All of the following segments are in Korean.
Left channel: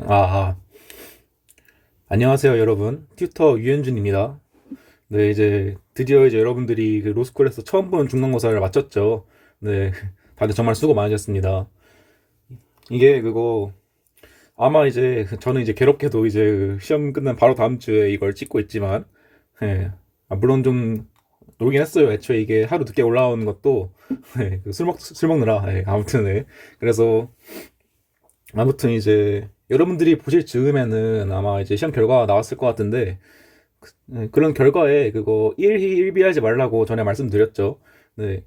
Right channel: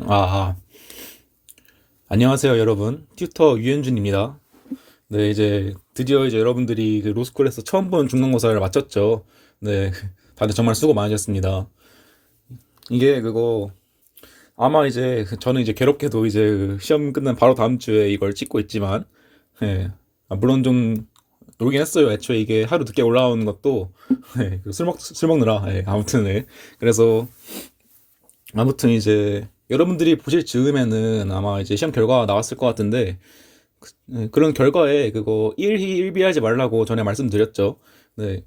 아, 안녕하세요, 여러분. 튜터 유현준입니다. 네, 이제 드디어 이제 여러분들이 그 로스쿨에서 처음 본 중간고사를 마쳤죠. 네, 다들 정말 수고 많으셨습니다. 이게 그거 아마 이제 저는 이제 괴롭게도 이제 그 시험 끝난 바로 다음 주에 이걸 찍고 있지만, 예, 물론 좀 놀긴 했어요. 애초에 이게 하루 늦게 올라오는 것도 예, 술 먹느라 아무튼 그래서 아무튼 이제 여러분들이 보실 즈음에는 아마 이제 시험 결과가 나왔을 것 같은데 그런 결과에 그거 일희일비하지 말라고 전에 말씀드렸죠. 네,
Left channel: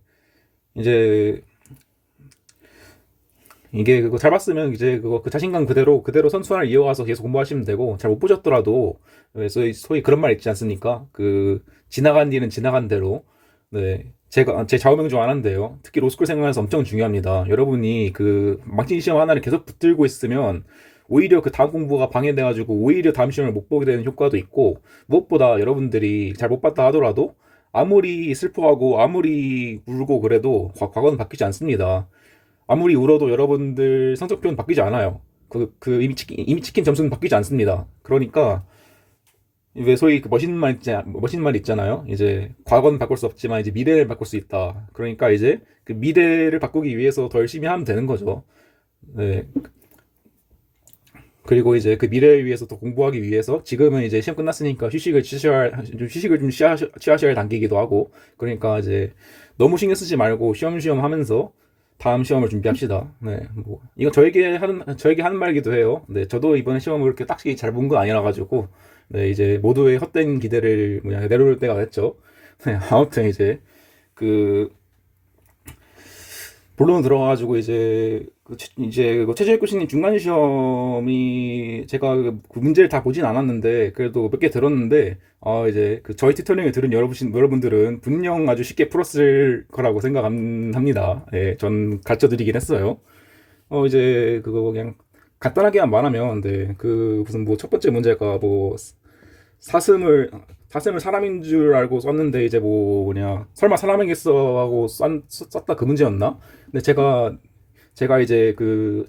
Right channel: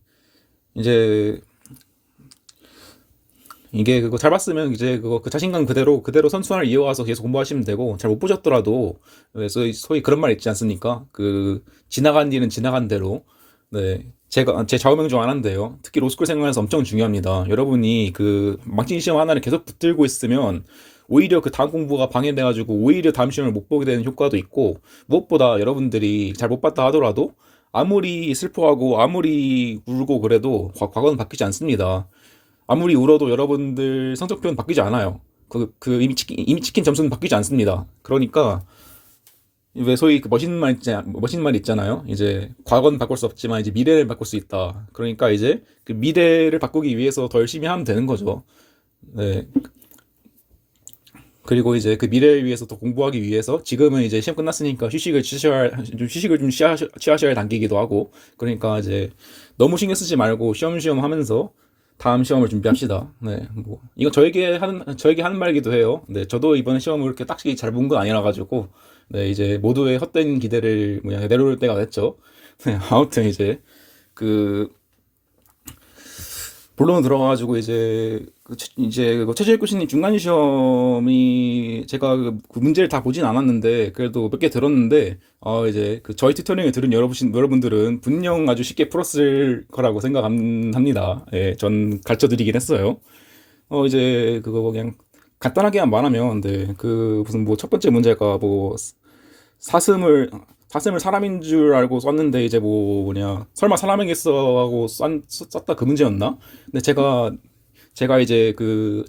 이제 이게 그거 잘 봤으면 이제 그거 그 자신감 그대로 선수를 이어가서 계속 공부하시면 되고 잘 못 보셨더라도 소위 그런 말 있지 않습니까? 그 지나간 일은 지나간 대로. 네, 제가 제 좌우명 중 하나인데요. 특히 로스쿨 생활에서 엄청 중요합니다. 여러분이 그 망친 시험 하나를 계속 붙들고 있으면 오히려 그 다음 공부가 방해돼가지고 오히려 다음 시험을 못 보게 되는 효과도 있고, 무엇보다 여러분들이 잘 못 봤다 하더라도 아무리 슬퍼하고 아무리 울고 그래도 과거는 바뀌지 않습니다. 아무리 울어도 여러분들 성적표는 바뀌지 않아요. 이미 찍힌 점수는 바뀌지 않습니다. 그러니까, 왜 소위 그 멋있는 말 있잖아요. 이제, 과거는 바꿀 수 없지만 이제 미래를 바꿀 수 있다. 그러니까 이제, 그 미래를 바꾸기 위해서 더 열심히 하면 되는 거죠. 네. 그리고 이제 그 미래를 위해서 더 공부하기 위해서 지금은 이제 시험 끝났으니까 휴식을 좀 취하셔야 할 단계이기도 하고, 그러니까 이제 너무 신경 쓰지 말고 쉬엄쉬엄 하면서 다음 시험을 준비합시다. 네, 뭐 이건 저에게 하는 말이기도 해요. 네, 저도 이번에 시험을 그렇게 딱히 잘 본 건 아니라 가지고 네, 이제 모두의 헛된 기대를 내려놓을 때가 됐죠. 네, 아무튼 이제 그 본론 들어가가지고 이제 그 최재일 교수님 중간 시험이 제가 그 문제를 다 보진 않았는데 그래도 몇 개 들었는데 이제 그 저희 튜토링을 들은 여러분들은 분명 아주 쉽게 풀었을 거라고 생각합니다. 예, 전 가르쳐 드리긴 했어요. 이제 그거 그냥 간단하게만 말하면 그 무슨 뭐 첫 번째 문제가 뭐 사슴을 사슴을 사람인 줄 알고 썼는데 이제 뭐 뭐냐 설마 사람이겠어 하고 썼다 그 문제였나? 근데 제가 이제 그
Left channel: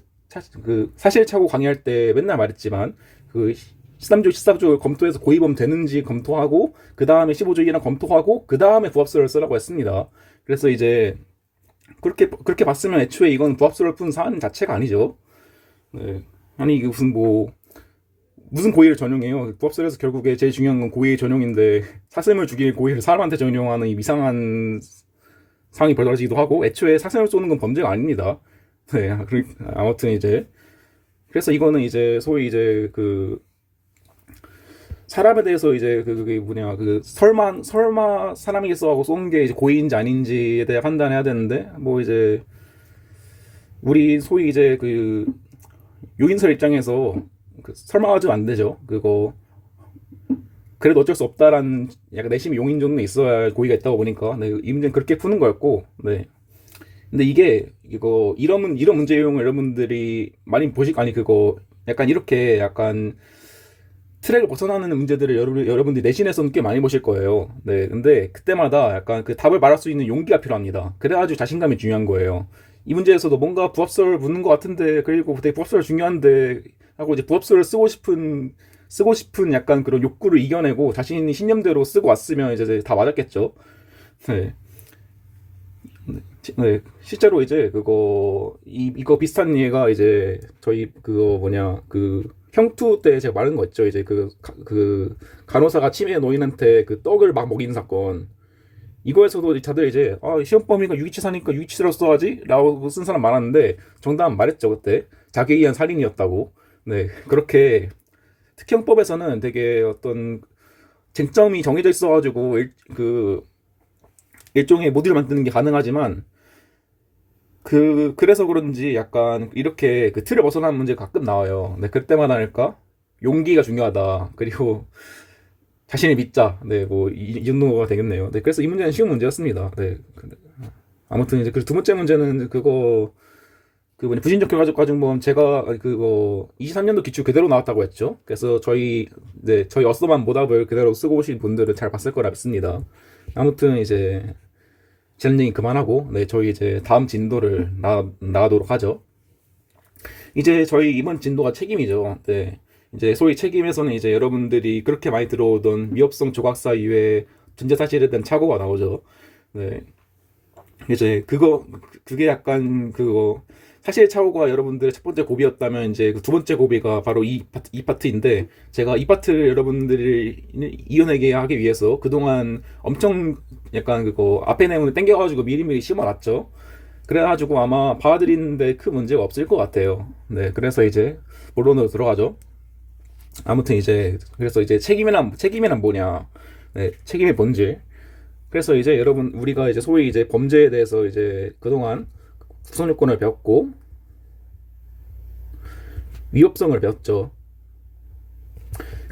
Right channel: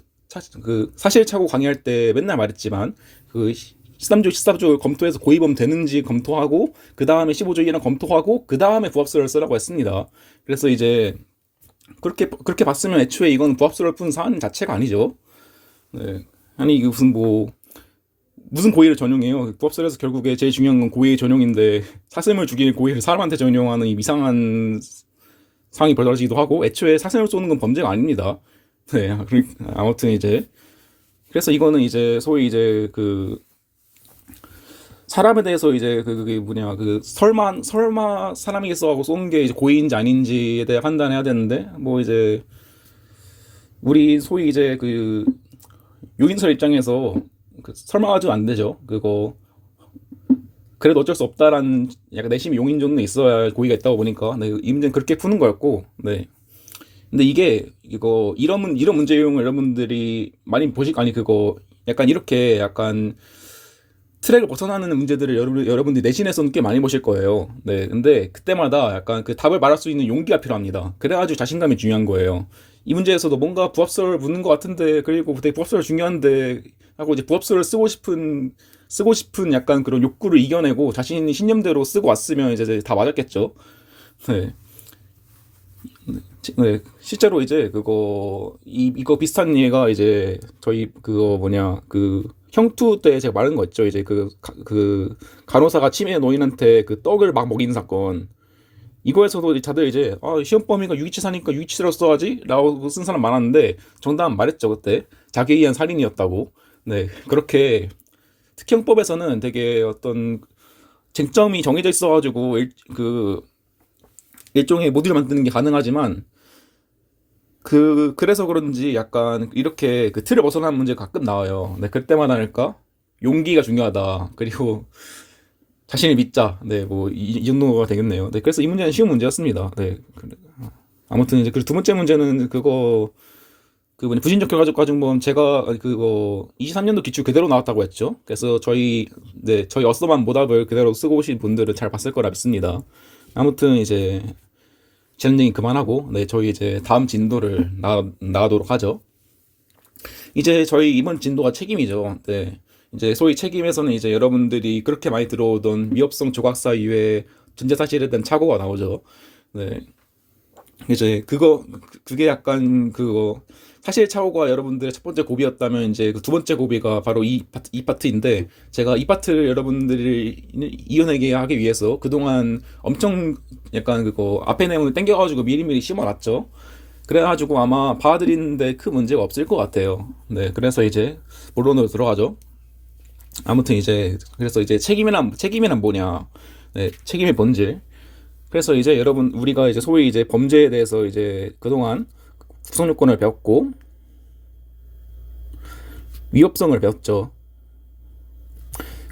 사실착오 강의할 때 맨날 말했지만 그 13조 14조 검토해서 고의범 되는지 검토하고 그 다음에 15조이랑 검토하고 그 다음에 부합수를 쓰라고 했습니다. 그래서 이제 그렇게 봤으면 애초에 이건 부합수를 푼 사안 자체가 아니죠. 네. 아니 이게 무슨 고의를 전용해요? 부합설에서 결국에 제일 중요한 건 고의 전용인데 사슴을 죽일 고의를 사람한테 전용하는 이 이상한 상황이 벌어지기도 하고, 애초에 사슴을 쏘는 건 범죄가 아닙니다. 네, 아무튼 이제 그래서 이거는 이제 소위 이제 그 사람에 대해서 이제 그게 뭐냐 그 설마 사람이겠어 하고 쏘는 게 이제 고의인지 아닌지에 대해 판단해야 되는데, 뭐 이제 우리 소위 이제 그 용인설 입장에서 설마도 안 되죠. 그거 그래도 어쩔 수 없다라는 약간 내심 용인 정도는 있어야 고의가 있다고 보니까 네, 이 문제는 그렇게 푸는 거였고. 네. 근데 이런 문제 유형을 여러분들이 많이 아니 그거 약간 이렇게 약간 트랙을 벗어나는 문제들을 여러분들이 내신에서는 꽤 많이 보실 거예요. 네. 근데 그때마다 약간 그 답을 말할 수 있는 용기가 필요합니다. 그래가지고 자신감이 중요한 거예요. 이 문제에서도 뭔가 부합설을 묻는 것 같은데, 그리고 되게 부합설 중요한데 하고 이제 부합설을 쓰고 싶은 약간 그런 욕구를 이겨내고 자신이 신념대로 쓰고 왔으면 이제 다 맞았겠죠. 네. 네, 실제로 이제 이거 비슷한 예가 이제 저희 그거 뭐냐 그 형투 때 제가 말한 거 있죠. 이제 그 간호사가 치매 노인한테 그 떡을 막 먹인 사건. 이거에서도 다들 이제 시험 범위가 유기치사니까 유기치사로 써야지라고 쓴 사람 많았는데 정답은 말했죠 그때 자기에 의한 살인이었다고. 네, 그렇게 특형법에서는 되게 어떤 쟁점이 정해져 있어가지고 그 일종의 모듈을 만드는 게 가능하지만 그래서 그런지 약간 이렇게 그 틀을 벗어나는 문제가 가끔 나와요. 네, 그때마다 할까? 용기가 중요하다. 그리고 자신을 믿자. 네, 뭐 이 정도가 되겠네요. 네, 그래서 이 문제는 쉬운 문제였습니다. 네, 아무튼 이제 그 두 번째 문제는 그 뭐냐 부진적 결과적 가중범 제가 그거 23년도 기출 그대로 나왔다고 했죠. 그래서 저희 어서만 모답을 그대로 쓰고 오신 분들은 잘 봤을 거라 믿습니다. 아무튼 이제 챌린징 그만하고 네 저희 이제 다음 진도를 나가도록 하죠. 이제 저희 이번 진도가 책임이죠. 네. 이제 소위 책임에서는 이제 여러분들이 그렇게 많이 들어오던 위협성 조각사 이외에 전제 사실에 대한 착오가 나오죠. 네. 이제 그게 약간 그거 사실 착오가 여러분들의 첫 번째 고비였다면 이제 그 두 번째 고비가 바로 이 파트인데 제가 이 파트를 여러분들이 이겨내게 하기 위해서 그동안 엄청 약간 그거 앞에 내용을 땡겨가지고 미리미리 심어놨죠. 그래가지고 아마 받아들이는데 큰 문제가 없을 것 같아요. 네, 그래서 이제 본론으로 들어가죠. 아무튼 이제 그래서 이제 책임이란 뭐냐? 네, 책임의 본질. 그래서 이제 여러분 우리가 이제 소위 이제 범죄에 대해서 이제 그동안 구성 요건을 배웠고 위협성을 배웠죠.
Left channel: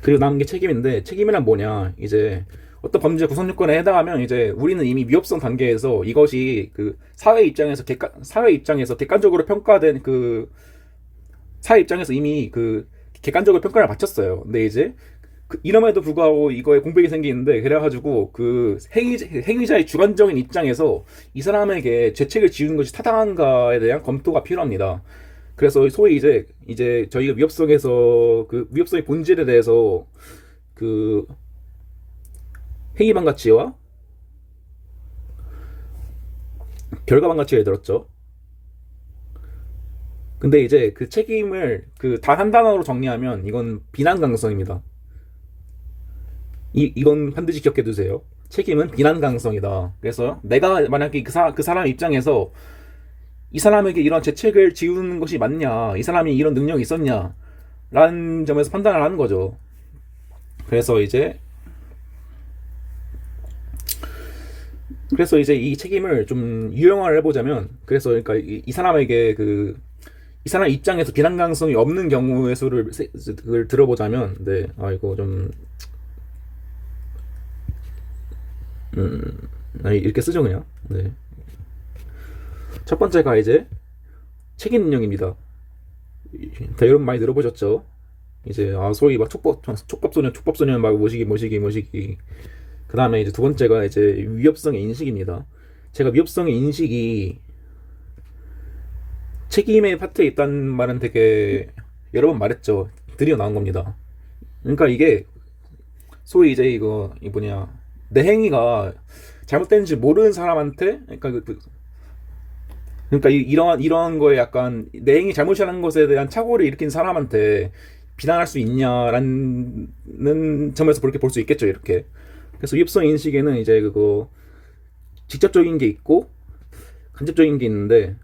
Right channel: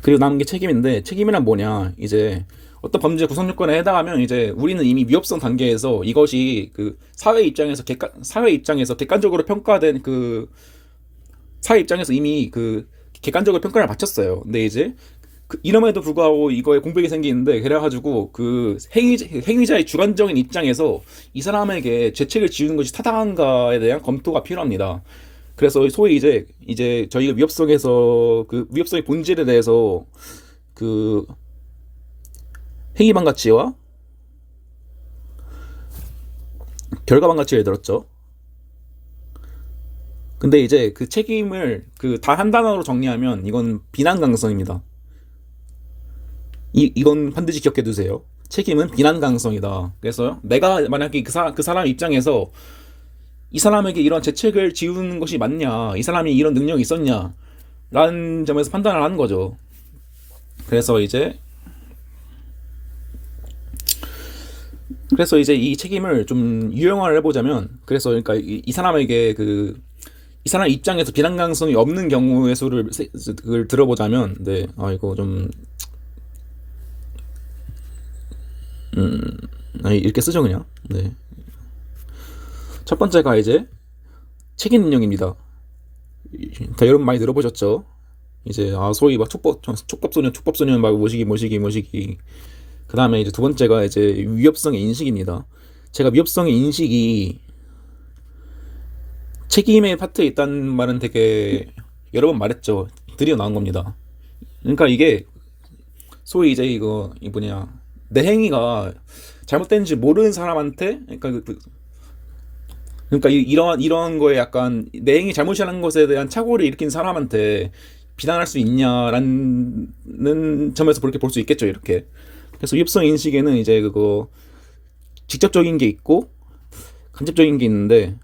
그리고 남은 게 책임인데 책임이란 뭐냐? 이제 어떤 범죄 구성 요건에 해당하면 이제 우리는 이미 위협성 단계에서 이것이 그 사회 입장에서 객관적으로 평가된 그 사회 입장에서 이미 그 객관적으로 평가를 마쳤어요. 근데 이제 이럼에도 불구하고 이거에 공백이 생기는데 그래가지고 그 행위자의 주관적인 입장에서 이 사람에게 죄책을 지우는 것이 타당한가에 대한 검토가 필요합니다. 그래서 소위 이제 저희가 위협성에서 그 위협성의 본질에 대해서 그 행위반 가치와 결과반 가치를 들었죠. 근데 이제 그 책임을 그 단 한 단어로 정리하면 이건 비난 가능성입니다. 이건 반드시 기억해 두세요. 책임은 비난 가능성이다. 그래서 내가 만약에 그 사람 입장에서 이 사람에게 이런 죄책을 지우는 것이 맞냐, 이 사람이 이런 능력이 있었냐, 라는 점에서 판단을 하는 거죠. 그래서 이제 이 책임을 좀 유형화를 해보자면, 그래서 그러니까 이 사람에게 이 사람 입장에서 비난 가능성이 없는 경우의 수를 그걸 들어보자면, 네, 이거 좀 이렇게 쓰죠 그냥. 네. 첫 번째가 이제 책임 능력입니다. 다 여러분 많이 들어보셨죠? 이제 소위 막 촉법소년 막 모시기. 그 다음에 이제 두 번째가 이제 위협성의 인식입니다. 제가 위협성의 인식이 책임의 파트에 있다는 말은 되게 여러 번 말했죠. 드디어 나온 겁니다. 그러니까 이게 소위 이제 이 뭐냐 내 행위가 잘못된지 모르는 사람한테 그러니까 이런 거에 약간 내 행위 잘못이라는 것에 대한 착오를 일으킨 사람한테 비난할 수 있냐라는 점에서 그렇게 볼 수 있겠죠 이렇게. 그래서 위협성 인식에는 이제 그거 직접적인 게 있고 간접적인 게 있는데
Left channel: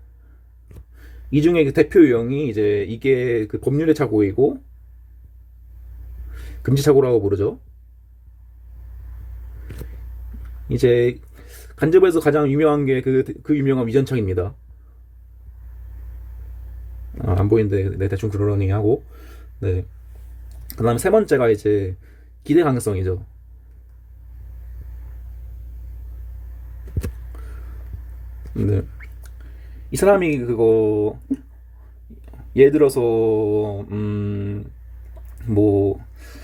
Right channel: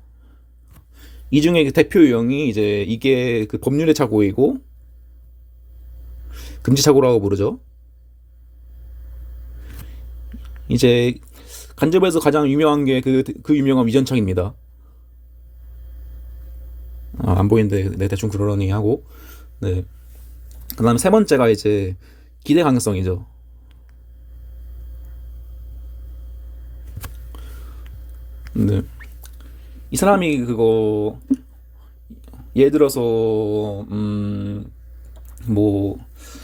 이 중에 그 대표 유형이 이제 이게 그 법률의 착오이고 금지 착오라고 부르죠. 이제 간접에서 가장 유명한 게 그 유명한 위전착입니다. 안 보이는데 네, 대충 그러려니 하고. 네. 그다음에 세 번째가 이제 기대 가능성이죠. 네. 이 사람이 그거 예를 들어서 뭐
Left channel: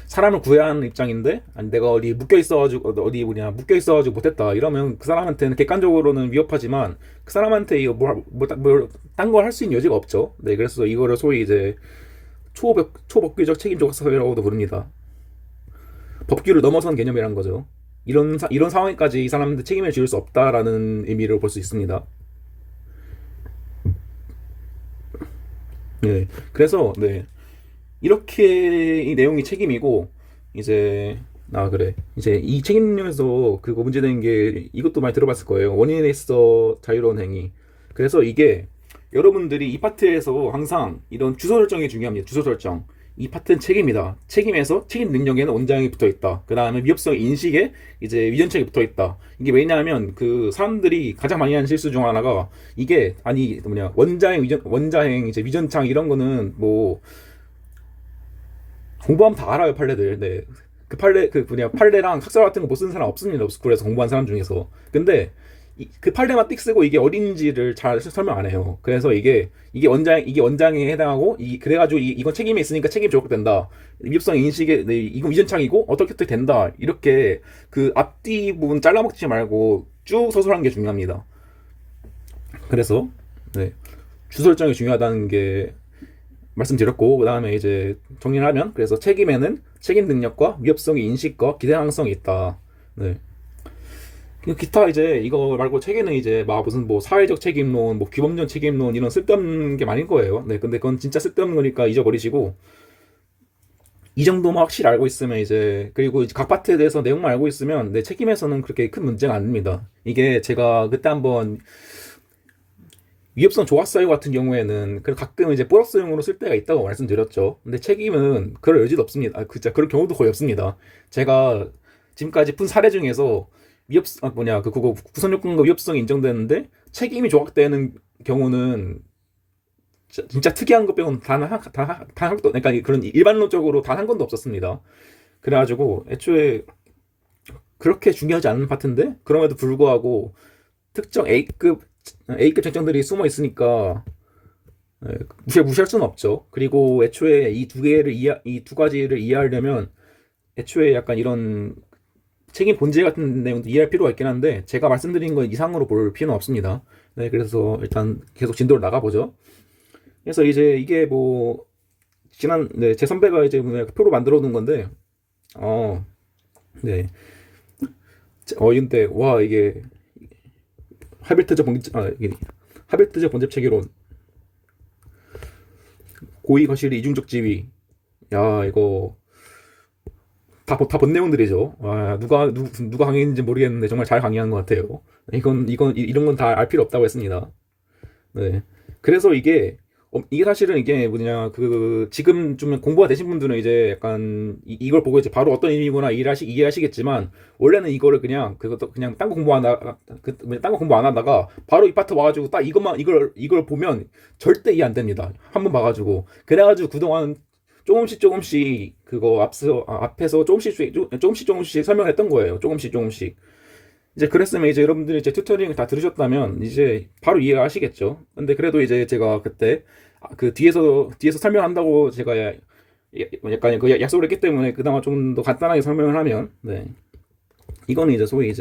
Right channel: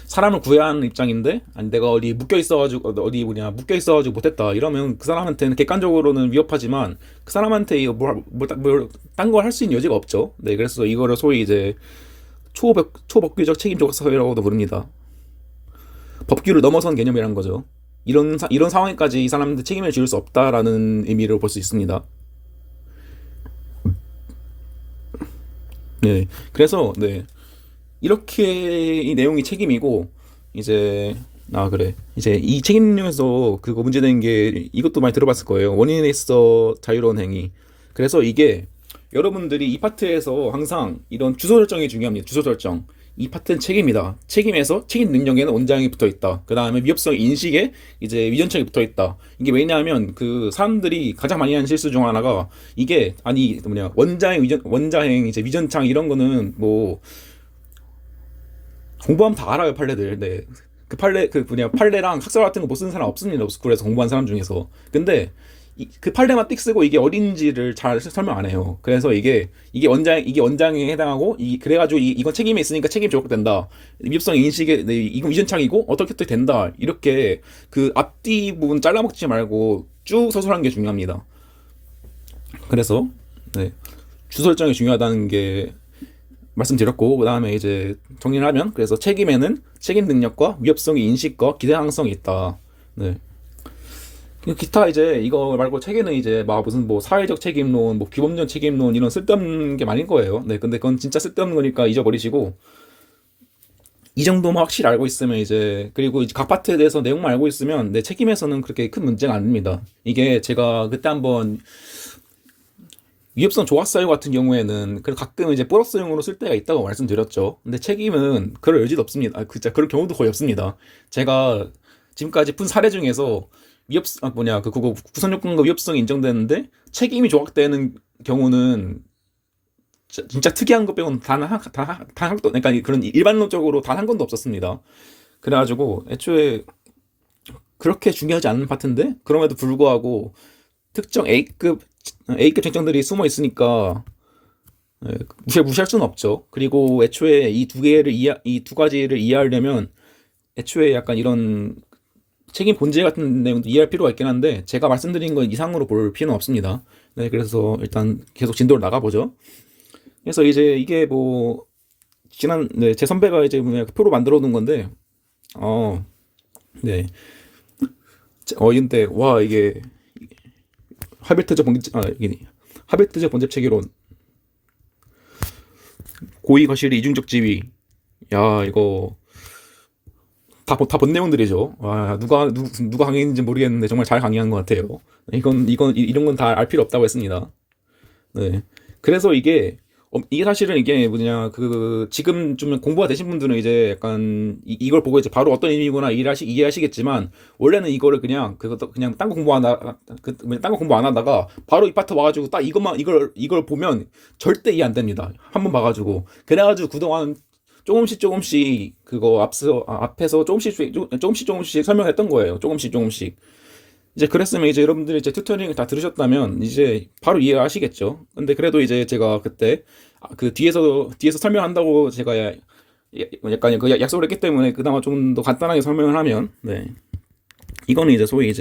사람을 구해야 하는 입장인데 아니 내가 묶여 있어가지고 못했다 이러면 그 사람한테는 객관적으로는 위협하지만 그 사람한테 이거 딴 걸 할 수 있는 여지가 없죠. 네, 그래서 이거를 소위 이제 초법규적 책임 조각사회라고도 부릅니다. 법규를 넘어선 개념이란 거죠. 이런 상황까지 이 사람한테 책임을 지을 수 없다라는 의미를 볼 수 있습니다. 네, 그래서 네. 이렇게 이 내용이 책임이고 이제 그래 이제 이 책임론에서 그거 문제되는 게 이것도 많이 들어봤을 거예요. 원인에 있어 자유로운 행위. 그래서 이게 여러분들이 이 파트에서 항상 이런 주소 설정이 중요합니다. 주소 설정. 이 파트는 책임이다. 책임에서 책임 능력에는 원장이 붙어 있다. 그 다음에 위협성 인식에 이제 위전책이 붙어 있다. 이게 왜냐하면 그 사람들이 가장 많이 하는 실수 중 하나가 이게 원자행 이제 위전창 이런 거는 뭐 공부하면 다 알아요 판례들. 네. 판례랑 학설 같은 거 못 쓰는 사람 없습니다. 그래서 공부한 사람 중에서. 근데 그 판례만 띡 쓰고 이게 어딘지를 잘 설명 안 해요. 그래서 이게 원장에 해당하고 그래가지고 이건 책임이 있으니까 책임이 적용된다. 위협성 인식에 네, 이건 위전창이고 어떻게 된다. 이렇게 그 앞뒤 부분 잘라먹지 말고 쭉 서술하는 게 중요합니다. 그래서 네. 주설정이 중요하다는 게 말씀드렸고, 그 다음에 이제 정리를 하면, 그래서 책임에는 책임 능력과 위협성의 인식과 기대가능성이 있다. 네. 기타 이제 이거 말고 책에는 이제 막 무슨 뭐 사회적 책임론, 뭐 규범적 책임론 이런 쓸데없는 게 많은 거예요. 네, 근데 그건 진짜 쓸데없는 거니까 잊어버리시고 이 정도만 확실히 알고 있으면 이제 그리고 이제 각 파트에 대해서 내용만 알고 있으면 내 책임에서는 그렇게 큰 문제가 안 됩니다. 이게 제가 그때 한번 위협성 조각사유 같은 경우에는 그 가끔 이제 플러스용으로 쓸 때가 있다고 말씀드렸죠. 근데 책임은 그럴 여지도 없습니다. 진짜 그럴 경우도 거의 없습니다. 제가 지금까지 푼 사례 중에서 그 그거 구성 요건과 위협성이 인정되는데 책임이 조각되는 경우는 진짜 특이한 것 빼고는 단 한 건도, 그러니까 그런 일반론적으로 단 한 건도 없었습니다. 그래가지고 애초에 그렇게 중요하지 않은 파트인데 그럼에도 불구하고 특정 A급 쟁점들이 숨어 있으니까 무시할 수는 없죠. 그리고 애초에 이 두 가지를 이해하려면 애초에 약간 이런 책임 본질 같은 내용도 이해할 필요가 있긴 한데 제가 말씀드린 건 이상으로 볼 필요는 없습니다. 네, 그래서 일단 계속 진도를 나가보죠. 그래서 이제 이게 뭐 제 선배가 이제 뭐냐 표로 만들어 놓은 건데 어, 네. 근데 와 이게 이게 하베트적 번잡 체계론 고의 과실의 이중적 지위. 야 이거 다 본 내용들이죠. 와 누가 강의했는지 모르겠는데 정말 잘 강의한 것 같아요. 이런 건 다 알 필요 없다고 했습니다. 네. 그래서 이게 사실은 이게 뭐냐, 지금 좀 공부가 되신 분들은 이제 약간 이걸 보고 이제 바로 어떤 의미구나 이해하시겠지만, 원래는 이거를 그냥 딴 거 딴 거 공부 안 하다가 바로 이 파트 와가지고 딱 이걸 보면 절대 이해 안 됩니다. 한번 봐가지고. 그래가지고 그동안 조금씩 앞에서 조금씩 설명했던 거예요. 조금씩. 이제 그랬으면 이제 여러분들이 이제 튜토링을 다 들으셨다면 이제 바로 이해하시겠죠. 근데 그래도 이제 제가 그때 그 뒤에서 설명한다고 제가 약간 그 약속을 했기 때문에 그나마 좀 더 간단하게 설명을 하면, 네, 이거는 이제 소위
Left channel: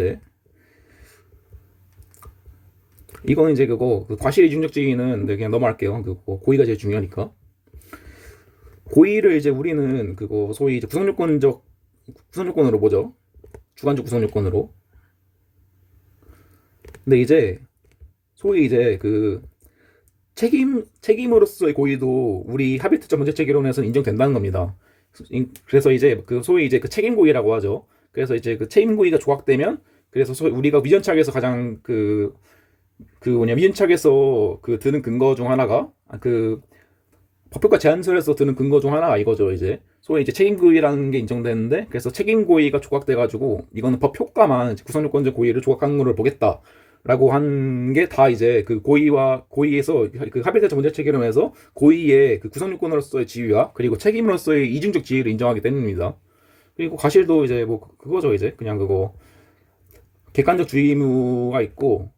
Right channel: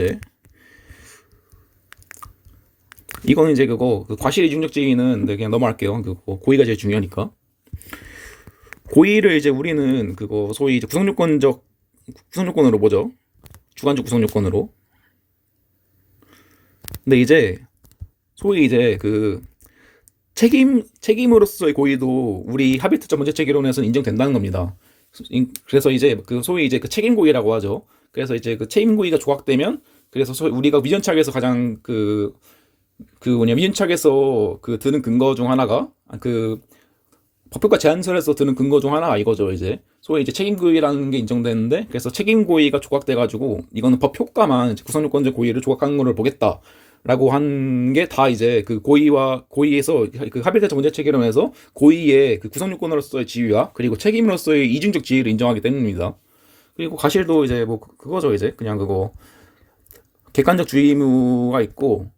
이거는 이제 그 과실의 중력지위는, 네, 그냥 넘어갈게요. 그거 고의가 제일 중요하니까. 고의를 이제 우리는 그거 소위 이제 구성요건으로 보죠. 주관적 구성요건으로. 근데 이제 소위 이제 책임으로서의 고의도 우리 하비트적 문제체계론에서는 인정된다는 겁니다. 그래서 이제 소위 이제 책임 고의라고 하죠. 그래서 이제 책임 고의가 조각되면, 그래서 소위 우리가 위전착에서 가장 위전착에서 드는 근거 중 하나가 법효과 제한설에서 드는 근거 중 하나가 이거죠. 이제 소위 이제 책임 고의라는 게 인정되는데, 그래서 책임 고의가 조각돼가지고 이거는 법 효과만 구성요건적 고의를 조각한 거를 보겠다. 라고 한 게 다 이제 고의에서 하빌타적 문제 체계론에서 고의의 구성요건으로서의 지위와 그리고 책임으로서의 이중적 지위를 인정하기 때문입니다. 그리고 과실도 이제 뭐 그거죠. 이제 그냥 객관적 주의 의무가 있고,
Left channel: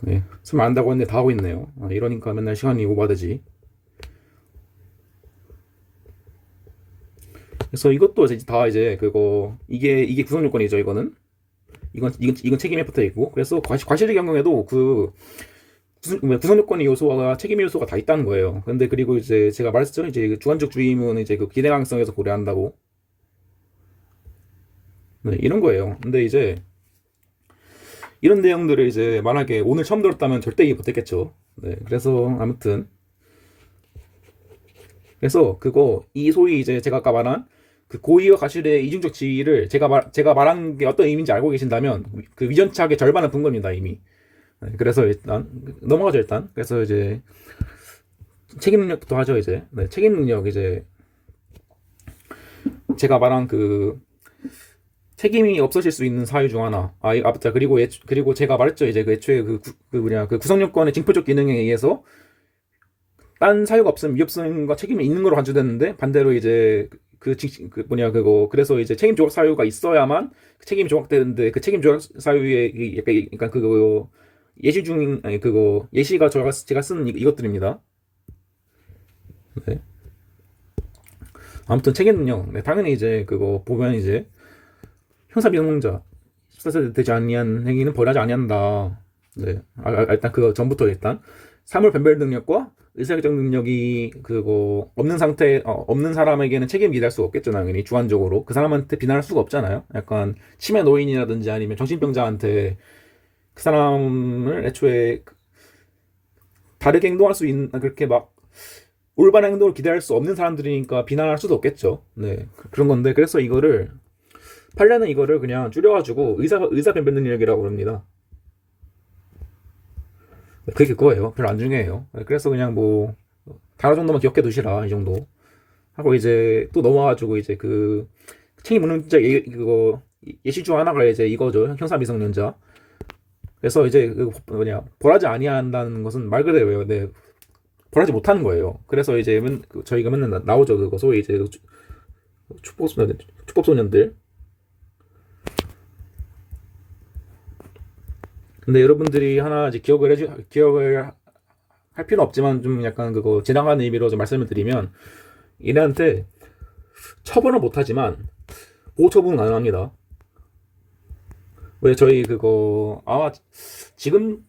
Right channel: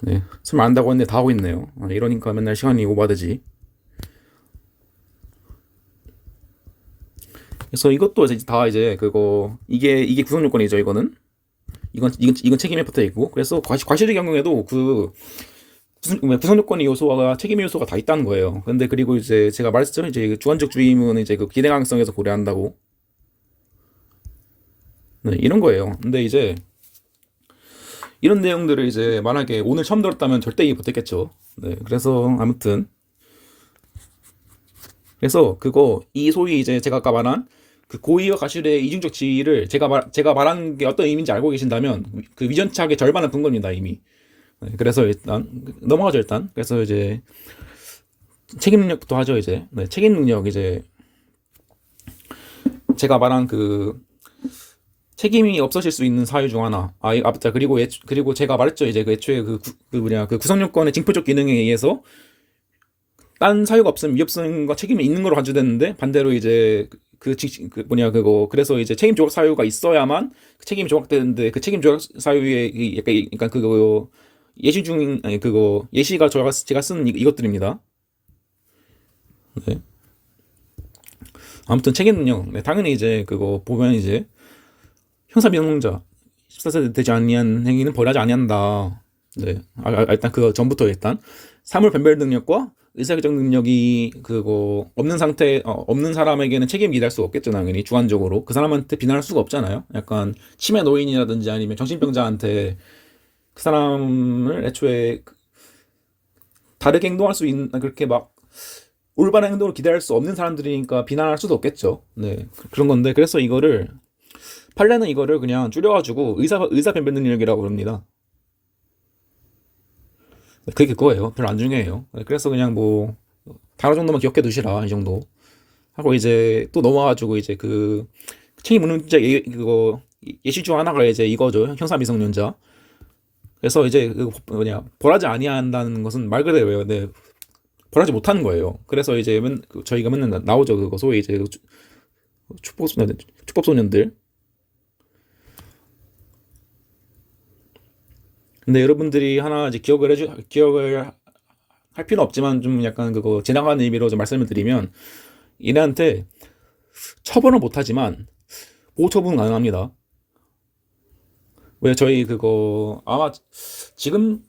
네, 설명 안 한다고 했는데 다 하고 있네요. 이러니까 맨날 시간이 오바되지. 그래서 이것도 이제 다 이제 이게 구성요건이죠. 이건 책임에 붙어 있고, 그래서 과실의 경우에도 구성 요건의 요소와 책임 요소가 다 있다는 거예요. 근데 그리고 이제 제가 말했죠. 이제 주관적 주의 의무는 이제 기대 가능성에서 고려한다고. 네, 이런 거예요. 근데 이제 이런 내용들을 이제 만약에 오늘 처음 들었다면 절대 이해 못했겠죠. 네, 그래서 아무튼 그래서 이 소위 이제 제가 아까 말한 고의와 과실의 이중적 지위를 제가 말한 게 어떤 의미인지 알고 계신다면 위전착의 절반은 푼 겁니다, 이미. 네, 그래서 일단 넘어가죠. 일단 그래서 이제 책임 능력부터 하죠. 이제 네, 책임 능력, 이제 제가 말한 책임이 없어질 수 있는 사유 중 하나. 맞다. 그리고 제가 말했죠. 이제 애초에 구성 요건의 징표적 기능에 의해서 딴 사유가 없으면 위협성과 책임이 있는 걸로 간주되는데, 반대로 이제 그래서 이제 책임 조각 사유가 있어야만 책임이 조각되는데, 책임 조각 사유의 약간 예시 중 아니 예시가 제가 쓴 이것들입니다. 네. 아무튼 책임 능력. 네, 당연히 이제 보면 이제 형사 미성년자 14세 되지 아니한 행위는 벌하지 아니한다. 네. 일단 전부터 일단 사물 변별 능력과 의사결정 능력이 그거 없는 상태 없는 사람에게는 책임 기대할 수 없겠죠. 당연히 주관적으로 그 사람한테 비난할 수가 없잖아요. 약간 치매 노인이라든지 아니면 정신병자한테 그 사람을 애초에 다르게 행동할 수 있는 그렇게 막 올바른 행동을 기대할 수 없는 사람들이니까 비난할 수도 없겠죠. 네, 그런 건데 그래서 이거를 판례는 이거를 그냥 줄여가지고 의사 변변 능력이라고 그럽니다. 그게 그거예요. 별로 안 중요해요. 네, 그래서 그냥 뭐 단어 정도만 기억해 두시라 이 정도 하고 이제 또 넘어가지고 이제 그 책임 문제 그거 예시 중 하나가 이제 이거죠. 형사 미성년자. 그래서 이제 그 뭐냐 벌하지 아니한다는 것은 말 그대로예요. 네, 벌하지 못하는 거예요. 그래서 이제 저희가 맨날 나오죠. 그거 소위 이제 축법소년들. 근데 여러분들이 하나 이제 기억을 할 필요는 없지만 좀 약간 그거 지나가는 의미로 좀 말씀을 드리면 얘네한테 처벌은 못하지만 보호 처분은 가능합니다. 왜 저희 그거 아마 지금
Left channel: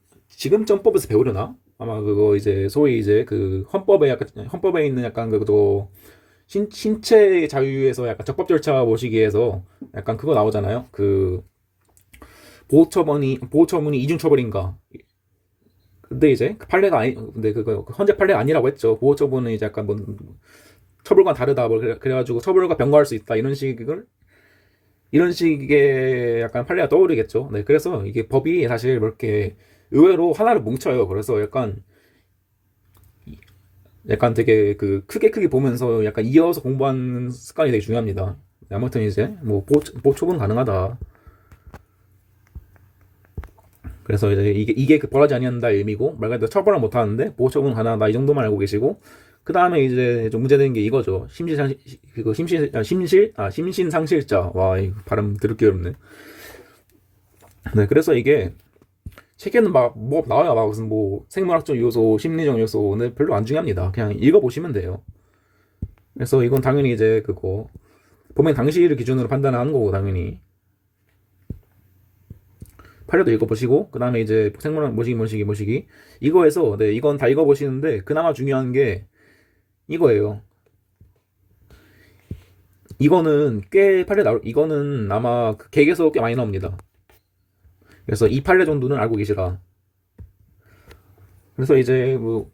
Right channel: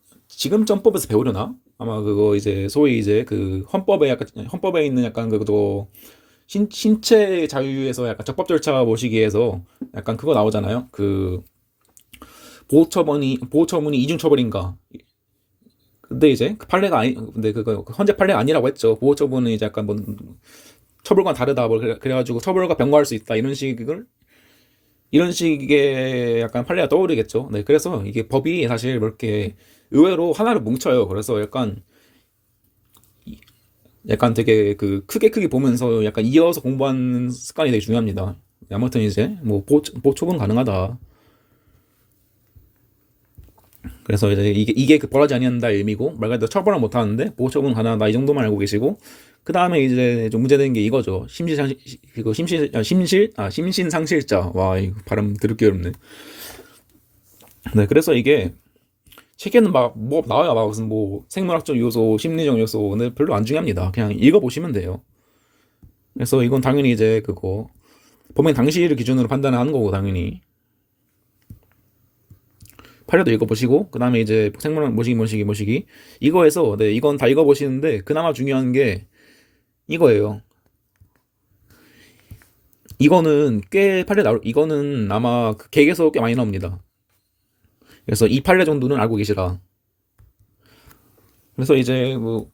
전법에서 배우려나? 아마 그거 이제 소위 이제 그 헌법에 있는 약간 그거 신체 자유에서 약간 적법 절차 모시기에서 약간 그거 나오잖아요. 그 보호 처분이 이중 처벌인가? 근데 이제 그 판례가 아니 근데 그거 헌재 판례가 아니라고 했죠. 보호 처분은 이제 약간 뭐 처벌과 다르다 뭐 그래가지고 처벌과 병과할 수 있다 이런 식의 약간 판례가 떠오르겠죠. 네, 그래서 이게 법이 사실 뭐 이렇게 의외로 하나를 뭉쳐요. 그래서 약간 되게 그 크게 보면서 약간 이어서 공부하는 습관이 되게 중요합니다. 네, 아무튼 이제 뭐 보초분 가능하다. 그래서 이제 이게 그 벌하지 아니한다 의미고 말 그대로 처벌을 못 하는데 보호처분 가능하다 이 정도만 알고 계시고 그 다음에 이제 좀 문제되는 게 이거죠. 심신상실자. 와, 이거 발음 더럽게 어렵네. 네, 그래서 이게 책에는 막 뭐 나와요. 막 무슨 뭐 생물학적 요소, 심리적 요소, 근데 별로 안 중요합니다. 그냥 읽어보시면 돼요. 그래서 이건 당연히 이제 그거 범행 당시를 기준으로 판단하는 거고 당연히 판례도 읽어보시고 그 다음에 이제 생물학 모시기 이거에서 네 이건 다 읽어보시는데 그나마 중요한 게 이거예요. 이거는 이거는 아마 그 객에서 꽤 많이 나옵니다. 그래서 이 판례 정도는 알고 계시라. 그래서 이제 뭐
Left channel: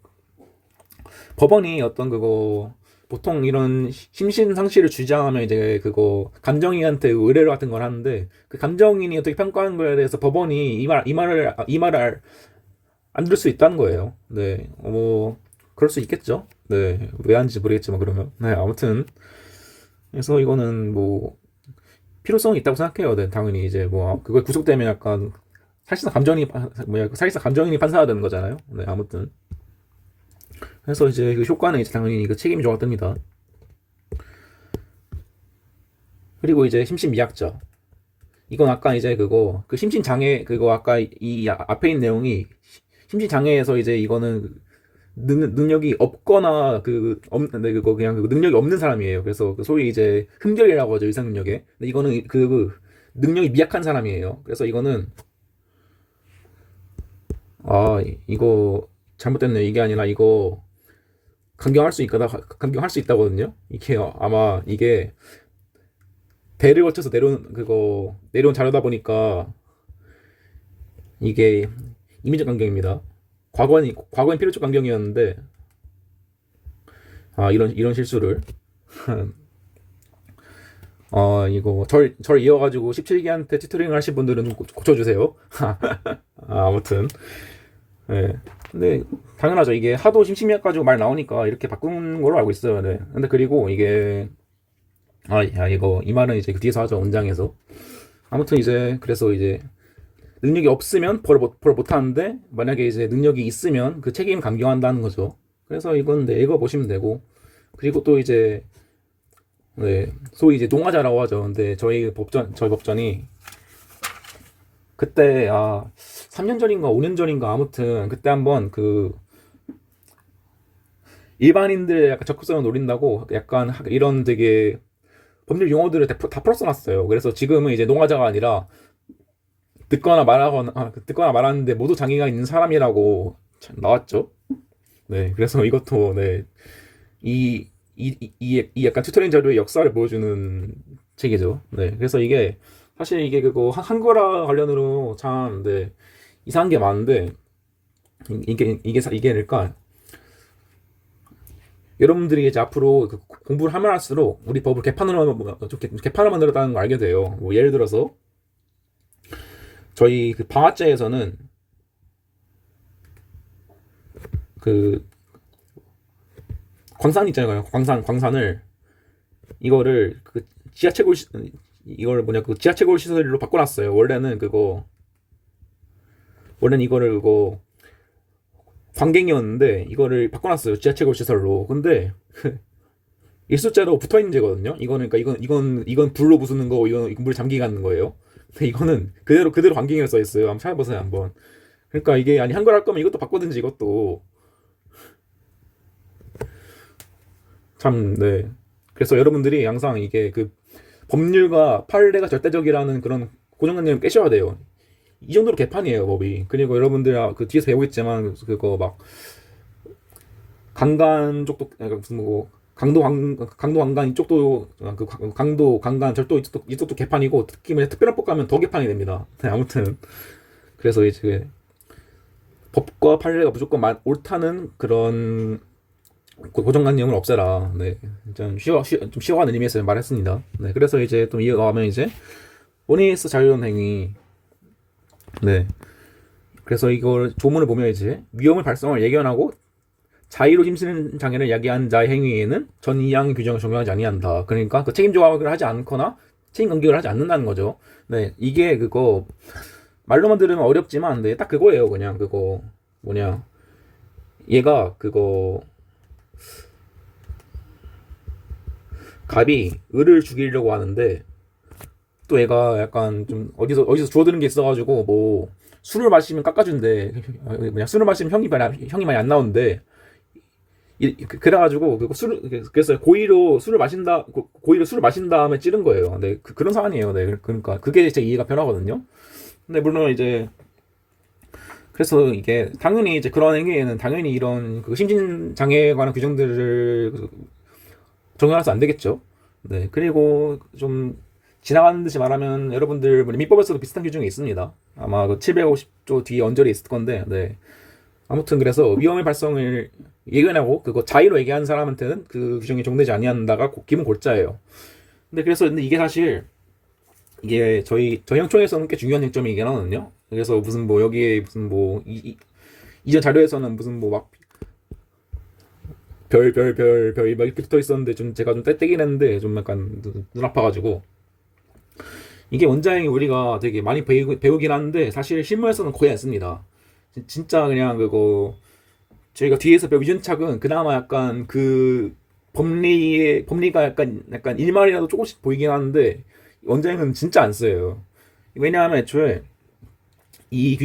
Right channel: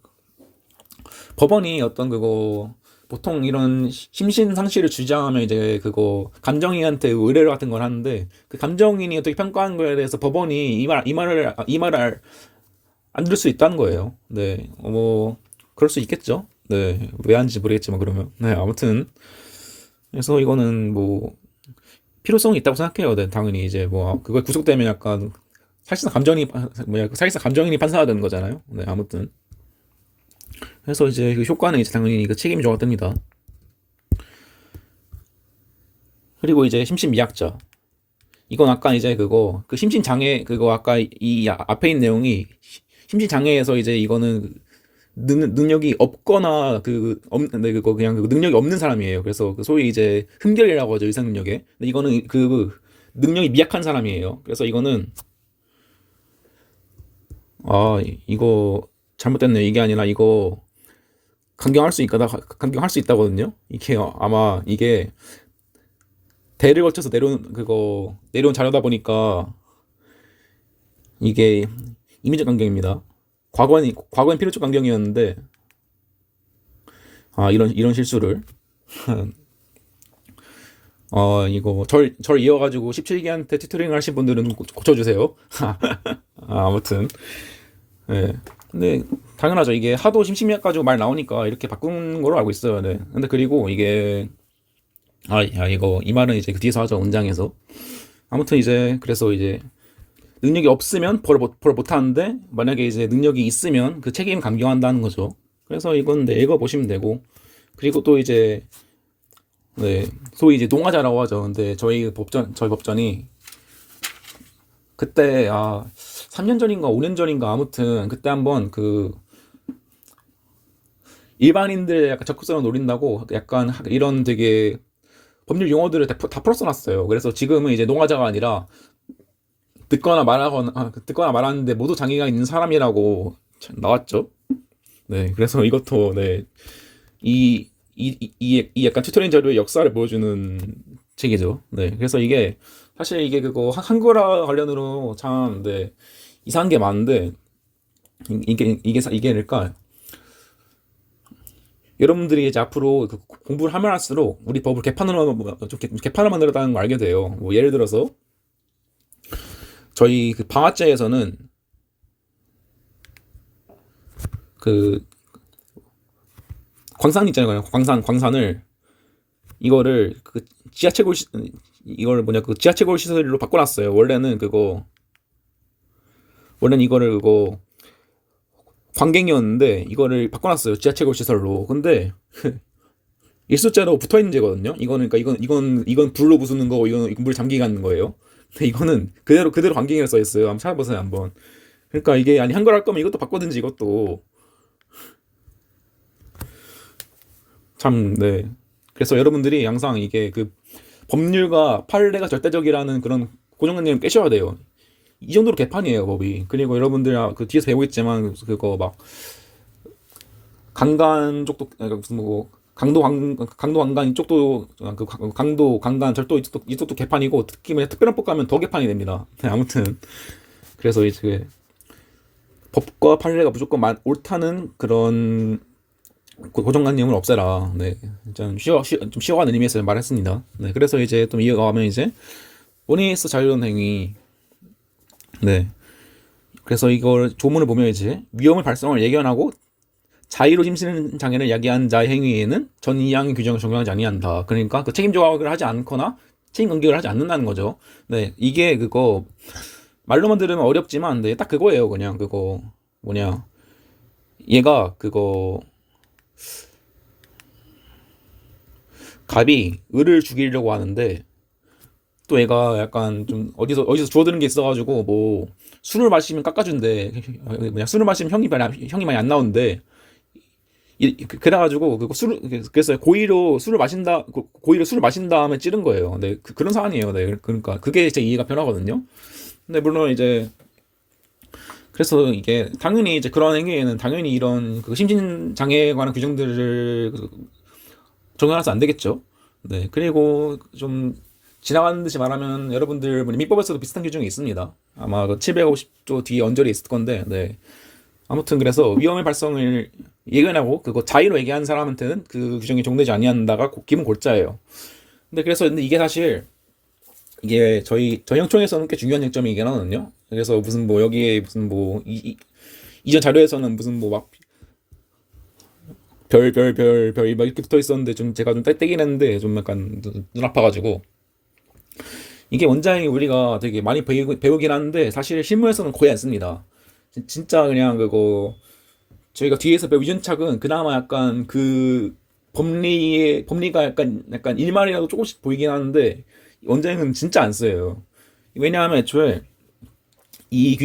법원이 어떤 그거 보통 이런 심신 상실을 주장하면 이제 그거 감정인한테 의뢰를 같은 걸 하는데 그 감정인이 어떻게 평가하는 거에 대해서 법원이 이 말을 안 들을 수 있다는 거예요. 네, 뭐 그럴 수 있겠죠. 네, 왜 하는지 모르겠지만 그러면 네 아무튼 그래서 이거는 뭐 필요성이 있다고 생각해요. 네, 당연히 이제 뭐 그걸 구속되면 약간 사실상 감정인이 판사가 되는 거잖아요. 네, 아무튼 그래서 이제 그 효과는 이제 당연히 그 책임이 좋아집니다. 그리고 이제 심신미약자. 이건 아까 이제 그 심신장애 그거 아까 이 앞에 있는 내용이 심신장애에서 이제 이거는 능력이 없거나 네, 그거 그냥 그 능력이 없는 사람이에요. 그래서 그 소위 이제 흠결이라고 하죠 의사 능력에. 근데 이거는 그 능력이 미약한 사람이에요. 그래서 이거는 이거 잘못됐네. 이게 아니라 이거 강경할 수 있다거든요. 이게 아마 이게 대를 거쳐서 내려온 자료다 보니까 이게 임의적 강경입니다. 과거엔 필요적 강경이었는데 이런 실수를 이거 절 이어가지고 17기한테 튜토링을 하신 분들은 고쳐주세요. 아무튼 네. 근데 당연하죠. 이게 하도 심심해 가지고 말 나오니까 이렇게 바꾼 걸로 알고 있어요. 네. 근데 그리고 이게 이거 이 말은 이제 그 뒤에서 하죠. 원장에서. 아무튼 이제 그래서 이제 능력이 없으면 벌 못 하는데 만약에 이제 능력이 있으면 그 책임 감경한다는 거죠. 그래서 이건 네, 읽어 보시면 되고 그리고 또 이제 네, 소위 이제 농화자라고 하죠. 근데 저희 법전이 그때 3년 전인가 5년 전인가 아무튼 그때 한번 그 일반인들 약간 접근성을 노린다고 약간 이런 되게 법률 용어들을 다 풀어 써놨어요. 그래서 지금은 이제 농화자가 아니라 듣거나 말하는데 모두 장애가 있는 사람이라고 나왔죠. 네, 그래서 이것도 네, 이 약간 튜토리얼 자료의 역사를 보여주는 책이죠. 네, 그래서 이게 사실 이게 그거 한글화 관련으로 참 네, 이상한 게 많은데 이게니까 여러분들이 이제 앞으로 그 공부를 하면 할수록 우리 법을 개판을 만들었다는 걸 알게 돼요. 뭐 예를 들어서 저희 그 방화제에서는 그 광산 있잖아요. 광산을 이거를 그 지하채굴 이거를 뭐냐 그 지하채굴 시설로 바꿔놨어요. 원래는 이거를 그거 관갱이었는데 이거를 바꿔놨어요. 지하채굴 시설로. 근데 일수자로 붙어있는 제거든요. 이거는 그러니까 이건 불로 부수는 거고 이건 물 잠기 가는 거예요. 근데 이거는 그대로 관갱이라 써 있어요. 한번 찾아보세요 한번. 그러니까 이게 아니 한글 할 거면 이것도 바꿔든지 이것도 참 네. 그래서 여러분들이 항상 이게 그 법률과 판례가 절대적이라는 그런 고정관념을 깨셔야 돼요. 이 정도로 개판이에요 법이. 그리고 여러분들 그 뒤에서 배우겠지만 그거 막 강간 쪽도 무슨 뭐 강도 강간 이쪽도 그 강도 강간 절도 이쪽도 개판이고 특히 뭐 특별한 법 가면 더 개판이 됩니다. 네, 아무튼 그래서 이제 그 법과 판례가 무조건 옳다는 그런 고정관념을 없애라. 네, 좀 쉬워가는 의미에서 말했습니다. 네, 그래서 이제 좀 이어가면 이제 오네이스 자유로운 행위. 네, 그래서 이걸 조문을 보면 이제 위험의 발생을 예견하고 자의로 심신 장애를 야기한 자의 행위에는 전 이항의 규정을 적용하지 아니한다. 그러니까 그 책임 조각을 하지 않거나 책임 간격을 하지 않는다는 거죠. 네, 이게 그거 말로만 들으면 어렵지만 네, 딱 그거예요. 그냥 그거 뭐냐 얘가 그거 갑이 을을 죽이려고 하는데 또 얘가 약간 좀 어디서 주워드는 게 있어가지고 뭐 술을 마시면 깎아준대. 뭐냐 술을 마시면 형이 많이 안 나오는데 그래가지고 그래서 고의로 술을 마신 다음에 찌른 거예요. 네, 그런 사안이에요. 네, 그러니까 그게 제 이해가 편하거든요. 근데 물론 이제 그래서 이게 당연히 이제 그런 행위에는 당연히 이런 그 심신 장애에 관한 규정들을 적용해서 안 되겠죠. 네, 그리고 좀 지나가는 듯이 말하면 여러분들 민법에서도 비슷한 규정이 있습니다. 아마 그 750조 뒤에 언저리에 있을 건데, 네. 아무튼 그래서 위험의 발생을 예견하고 그거 자의로 얘기한 사람한테는 그 규정이 적용되지 아니한다가 기본 골자예요. 근데 이게 사실 이게 저희 형총에서는 꽤 중요한 쟁점이긴 하거든요. 그래서 무슨 뭐 여기에 무슨 뭐 이전 자료에서는 무슨 뭐 막 별 막 이렇게 붙어 있었는데 좀 제가 좀 떼떼긴 했는데 좀 약간 눈 아파가지고 이게 원장이 우리가 되게 많이 배우긴 하는데 사실 실무에서는 거의 안 씁니다. 진짜 그냥 그거 저희가 뒤에서 배운 유전착은 그나마 약간 그 법리가 약간 일말이라도 조금씩 보이긴 하는데 원장은 진짜 안 써요. 왜냐하면 애초에 이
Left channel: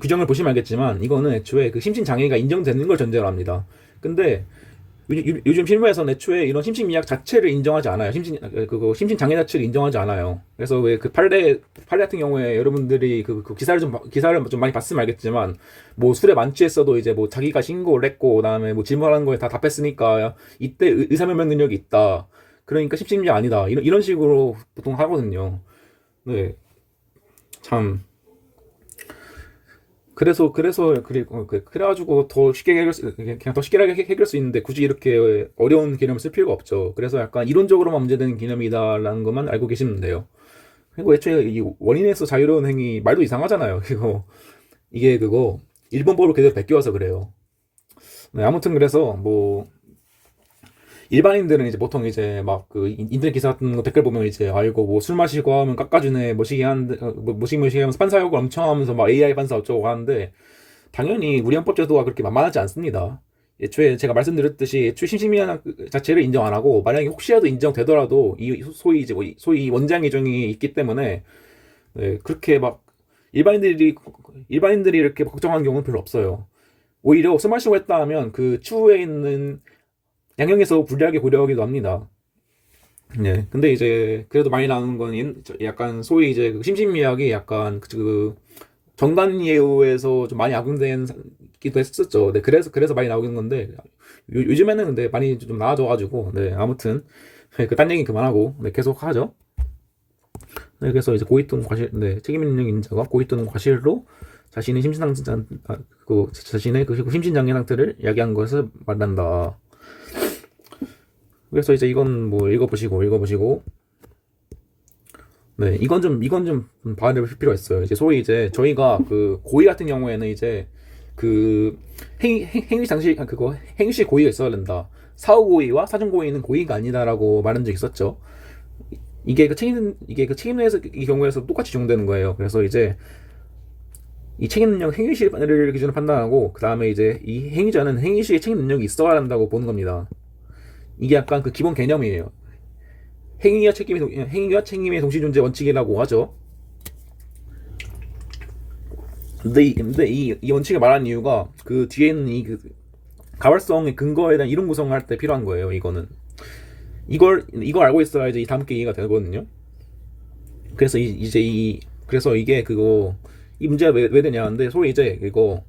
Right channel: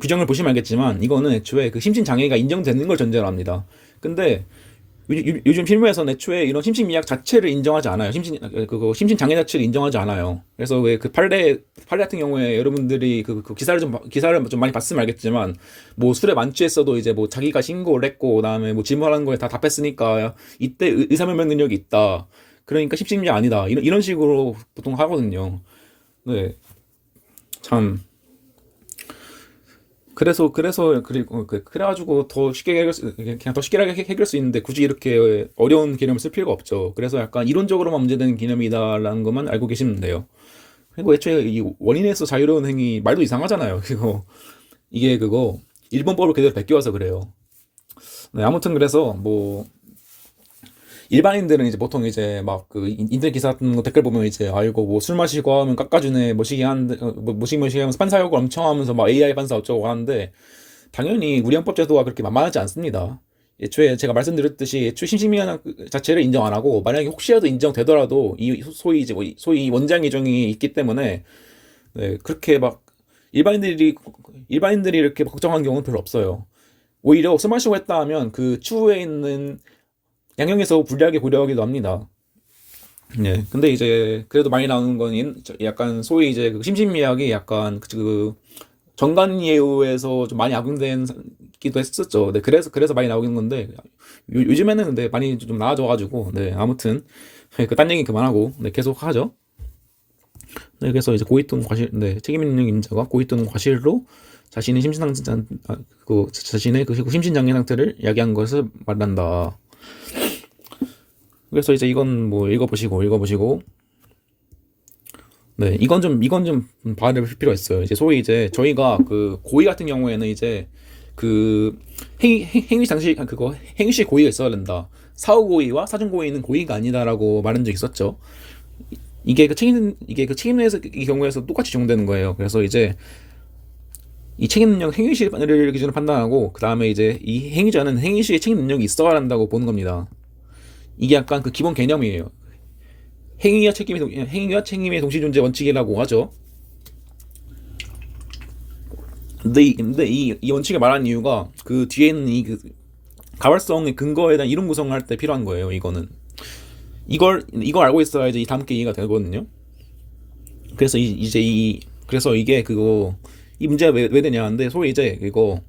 규정을 보시면 알겠지만 이거는 애초에 그 심신 장애가 인정되는 걸 전제로 합니다. 근데 요즘 실무에서는 애초에 이런 심신미약 자체를 인정하지 않아요. 심신 장애 자체를 인정하지 않아요. 그래서 왜 그 판례 같은 경우에 여러분들이 그 기사를 좀 많이 봤으면 알겠지만 뭐 술에 만취했어도 이제 뭐 자기가 신고를 했고 그다음에 뭐 질문하는 거에 다 답했으니까 이때 의사면면 능력이 있다. 그러니까 심신미약 아니다. 이런 식으로 보통 하거든요. 네, 참. 그래가지고 그냥 더 쉽게 해결할 수 있는데 굳이 이렇게 어려운 개념을 쓸 필요가 없죠. 그래서 약간 이론적으로만 문제되는 개념이다라는 것만 알고 계시면 돼요. 그리고 애초에 이 원인에서 자유로운 행위 말도 이상하잖아요. 이게 그거 일본법을 그대로 베껴와서 그래요. 네, 아무튼 그래서 뭐 일반인들은 이제 보통 이제 막 그 인터넷 기사 같은 거 댓글 보면 이제 아이고 뭐 술 마시고 하면 깎아주네 뭐시기 하는데 뭐 뭐시기 하면서 판사 욕을 엄청 하면서 막 AI 판사 어쩌고 하는데 당연히 우리 헌법 제도가 그렇게 만만하지 않습니다. 애초에 제가 말씀드렸듯이 애초에 심신미약 자체를 인정 안 하고 만약에 혹시라도 인정되더라도 이 소위 이제 뭐 소위 원장 규정이 있기 때문에 네, 그렇게 막 일반인들이 이렇게 걱정하는 경우는 별로 없어요. 오히려 술 마시고 했다 하면 그 추후에 있는 양형에서 불리하게 고려하기도 합니다. 예. 근데 이제 그래도 많이 나오는 건 약간 소위 이제 그 심신미약이 약간 정관예우에서 좀 많이 악용되기도 했었죠. 네, 그래서 많이 나오는 건데 요즘에는 근데 많이 좀 나아져가지고 네, 아무튼 그 딴 얘기 그만하고 네, 계속 하죠. 네, 그래서 이제 고의 또는 과실, 네, 책임 있는 인자가 고의 또는 과실로 자신의 자신의 그 심신장애 상태를 야기한 것을 말한다. 그래서 이제 이건 뭐 읽어보시고, 네, 이건 좀 봐야 필요가 있어요. 이제 소위 이제 저희가 그 고의 같은 경우에는 이제 그 행위 당시 그거 행위시 고의가 있어야 된다. 사후 고의와 사전 고의는 고의가 아니다라고 말한 적 있었죠. 이게 그 책임에서 이 경우에서 똑같이 적용되는 거예요. 그래서 이제 이 책임 능력 행위시를 기준으로 판단하고 그 다음에 이제 이 행위자는 행위시의 책임 능력이 있어야 한다고 보는 겁니다. 이게 약간 그 기본 개념이에요. 행위와 책임의 동시 존재 원칙이라고 하죠. 근데 이 원칙을 말하는 이유가 그 뒤에 있는 그 가발성의 근거에 대한 이론 구성을 할 때 필요한 거예요. 이걸 알고 있어야지 이 다음 게 이해가 되거든요. 그래서 그래서 이게 그거 이 문제가 왜 되냐는데 소위 이제 이거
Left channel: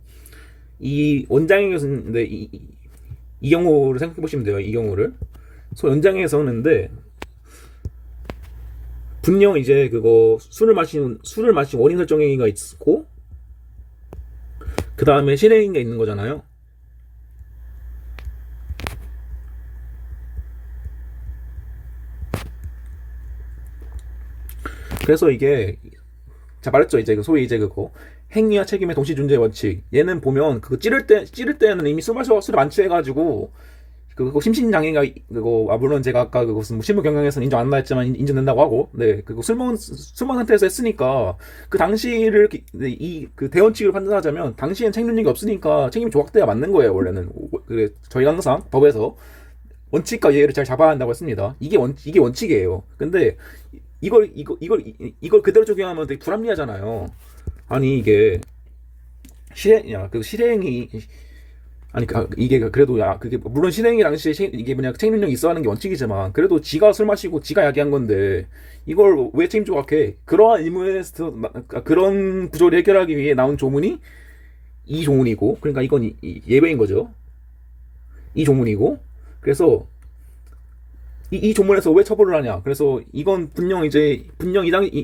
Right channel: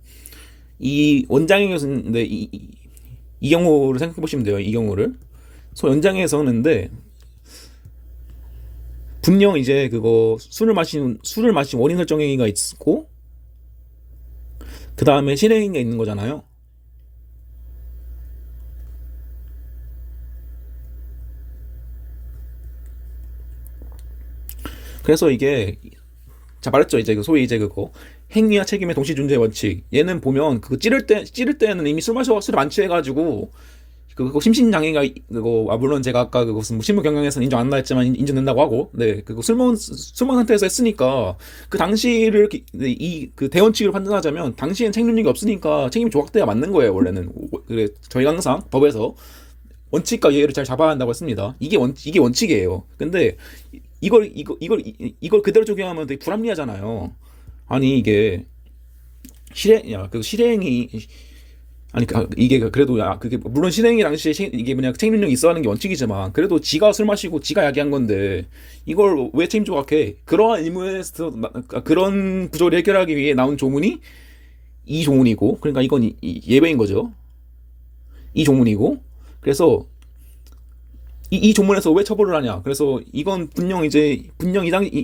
이 원장에서는 이 경우를 생각해 보시면 돼요. 이 경우를 연장에서는데 분명 이제 그거 술을 마신 원인 설정 행위가 있고 그 다음에 실행행위가 있는 거잖아요. 그래서 이게 자 말했죠. 이제 그 소위 이제 그거 행위와 책임의 동시 존재 원칙. 얘는 보면 그거 찌를 때는 이미 술을 만취해가지고 그거 심신장애가 그거 물론 제가 아까 그것은 뭐 실무 경영에서는 인정 안 나했지만 인정된다고 하고 네 그거 술먹은 상태에서 했으니까 그 당시를 이 그 대원칙으로 판단하자면 당시엔 책임력이 없으니까 책임이 조각돼야 맞는 거예요. 원래는 저희가 항상 법에서 원칙과 예의를 잘 잡아야 한다고 했습니다. 이게 원칙이에요. 근데 이걸 그대로 적용하면 되게 불합리하잖아요. 아니 이게 실행이 아니 이게 그래도 그게 물론 실행이 당시에 이게 뭐냐 책임력이 있어야 하는 게 원칙이지만 그래도 지가 술 마시고 지가 야기한 건데 이걸 왜 책임 조각해? 그러한 의무에서 그런 구조를 해결하기 위해 나온 조문이 이 조문이고 그러니까 이건 예외인 거죠. 이 조문이고 그래서 이 조문에서 왜 처벌을 하냐? 그래서 이건 분명 이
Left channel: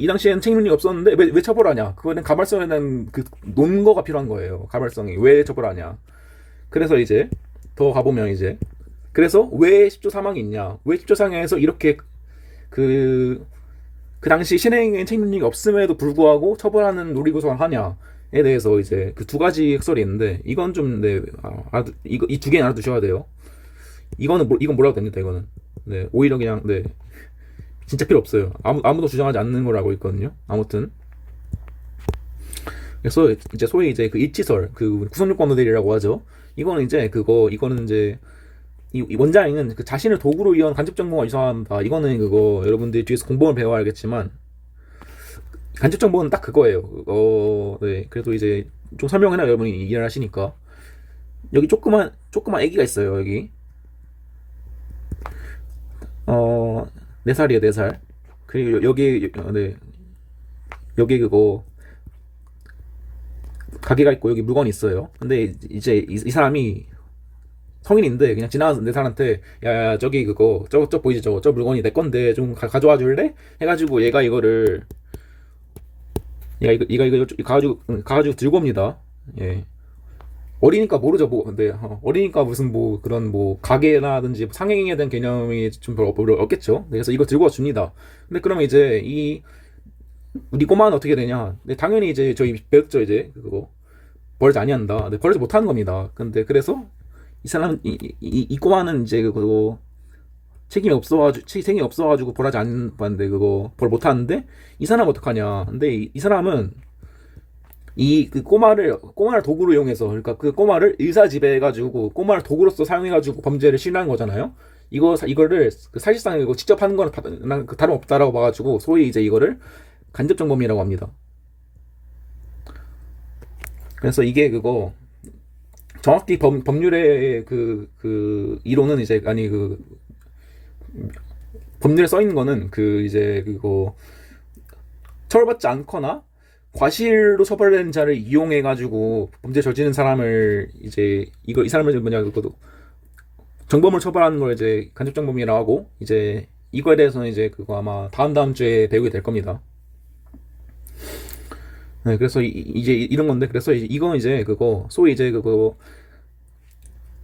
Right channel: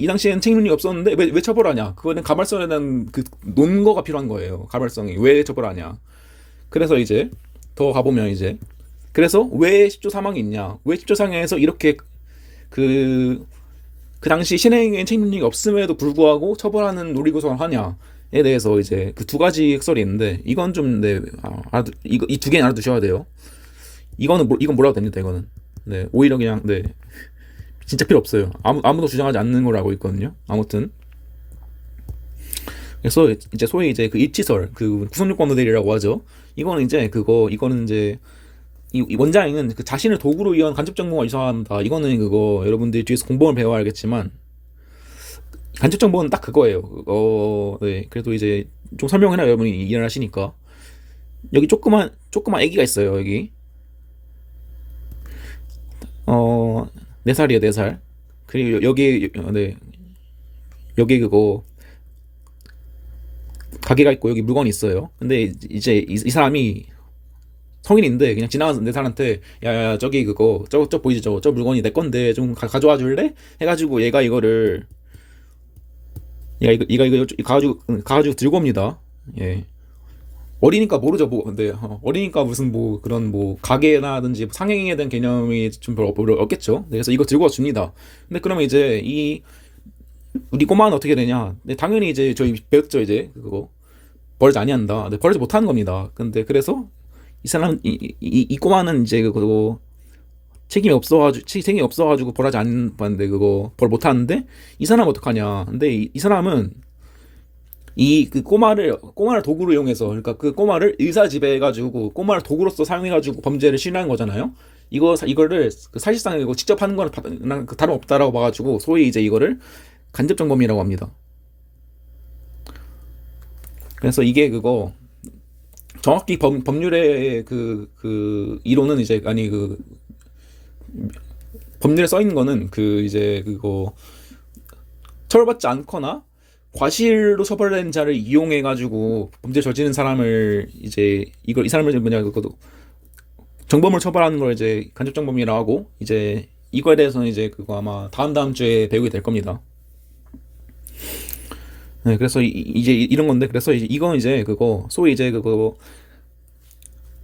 당시에는 책임력이 없었는데 왜 처벌하냐? 그거는 가발성에 대한 그 논거가 필요한 거예요. 가발성이 왜 처벌하냐? 그래서 이제 더 가보면 이제 그래서 왜 10조 사망이 있냐? 왜 10조 상해에서 이렇게 그 당시 신행의 책임력이 없음에도 불구하고 처벌하는 놀이구성을 하냐에 대해서 이제 그 두 가지 흑설이 있는데 이건 좀 이 두 개는 알아두셔야 돼요. 이건 뭐라고 됩니다. 이거는 네 오히려 그냥 네 진짜 필요 없어요. 아무도 주장하지 않는 걸 알고 있거든요. 아무튼 그래서 이제 소위 이제 그 입지설 그 구성요건 모델이라고 하죠. 이거는 이제 이 원장은 그 자신을 도구로 이용한 간접 정보가 이상합니다. 이거는 그거 여러분들이 뒤에서 공범을 배워야 알겠지만 간접 정보는 딱 그거예요. 네. 그래도 이제 좀 설명해라 여러분이 이해를 하시니까 여기 조그만 애기가 있어요. 여기 4살이에요. 4살. 그리고 여기 그거 가게가 있고 여기 물건이 있어요. 근데 이제 이 사람이 성인인데 그냥 지나가는 내 사람한테 야야 저기 그거 저 보이지 저 물건이 내 건데 좀 가져와 줄래? 해가지고 얘가 이거 가가지고 들고 옵니다. 예. 어리니까 모르죠. 뭐 근데 어리니까 무슨 뭐 그런 뭐 가게라든지 상행에 대한 개념이 좀 별로 없겠죠. 그래서 이거 들고 와 줍니다. 근데 그러면 이제 우리 꼬마는 어떻게 되냐? 근데 당연히 이제 저희 배웠죠. 이제 그거 버리지 아니한다. 근데 버리지 못하는 겁니다. 근데 그래서 이 꼬마는 이제 그거 책임이 없어가지고 벌하지 않는데 그거 벌 못하는데 이 사람은 어떡하냐? 근데 이 사람은 그 꼬마를 도구로 이용해서 그러니까 그 꼬마를 의사 지배해가지고 꼬마를 도구로서 사용해가지고 범죄를 실행한 거잖아요. 이거를 그 사실상 이거 직접 하는 거는 난 다름없다라고 봐가지고 소위 이제 이거를 간접정범이라고 합니다. 그래서 이게 그거 정확히 법률의 그 이론은 이제 아니 그 법률에 써 있는 거는 그 이제 그거 처벌받지 않거나 과실로 처벌된 자를 이용해 가지고 범죄 저지른 사람을 이제 이걸 이 사람을 뭐냐 그것도 정범을 처벌하는 걸 이제 간접정범이라고 하고 이제 이거에 대해서는 이제 그거 아마 다음 주에 배우게 될 겁니다. 네, 그래서 이제 이런 건데 그래서 이건 이제 그거 소위 이제 그거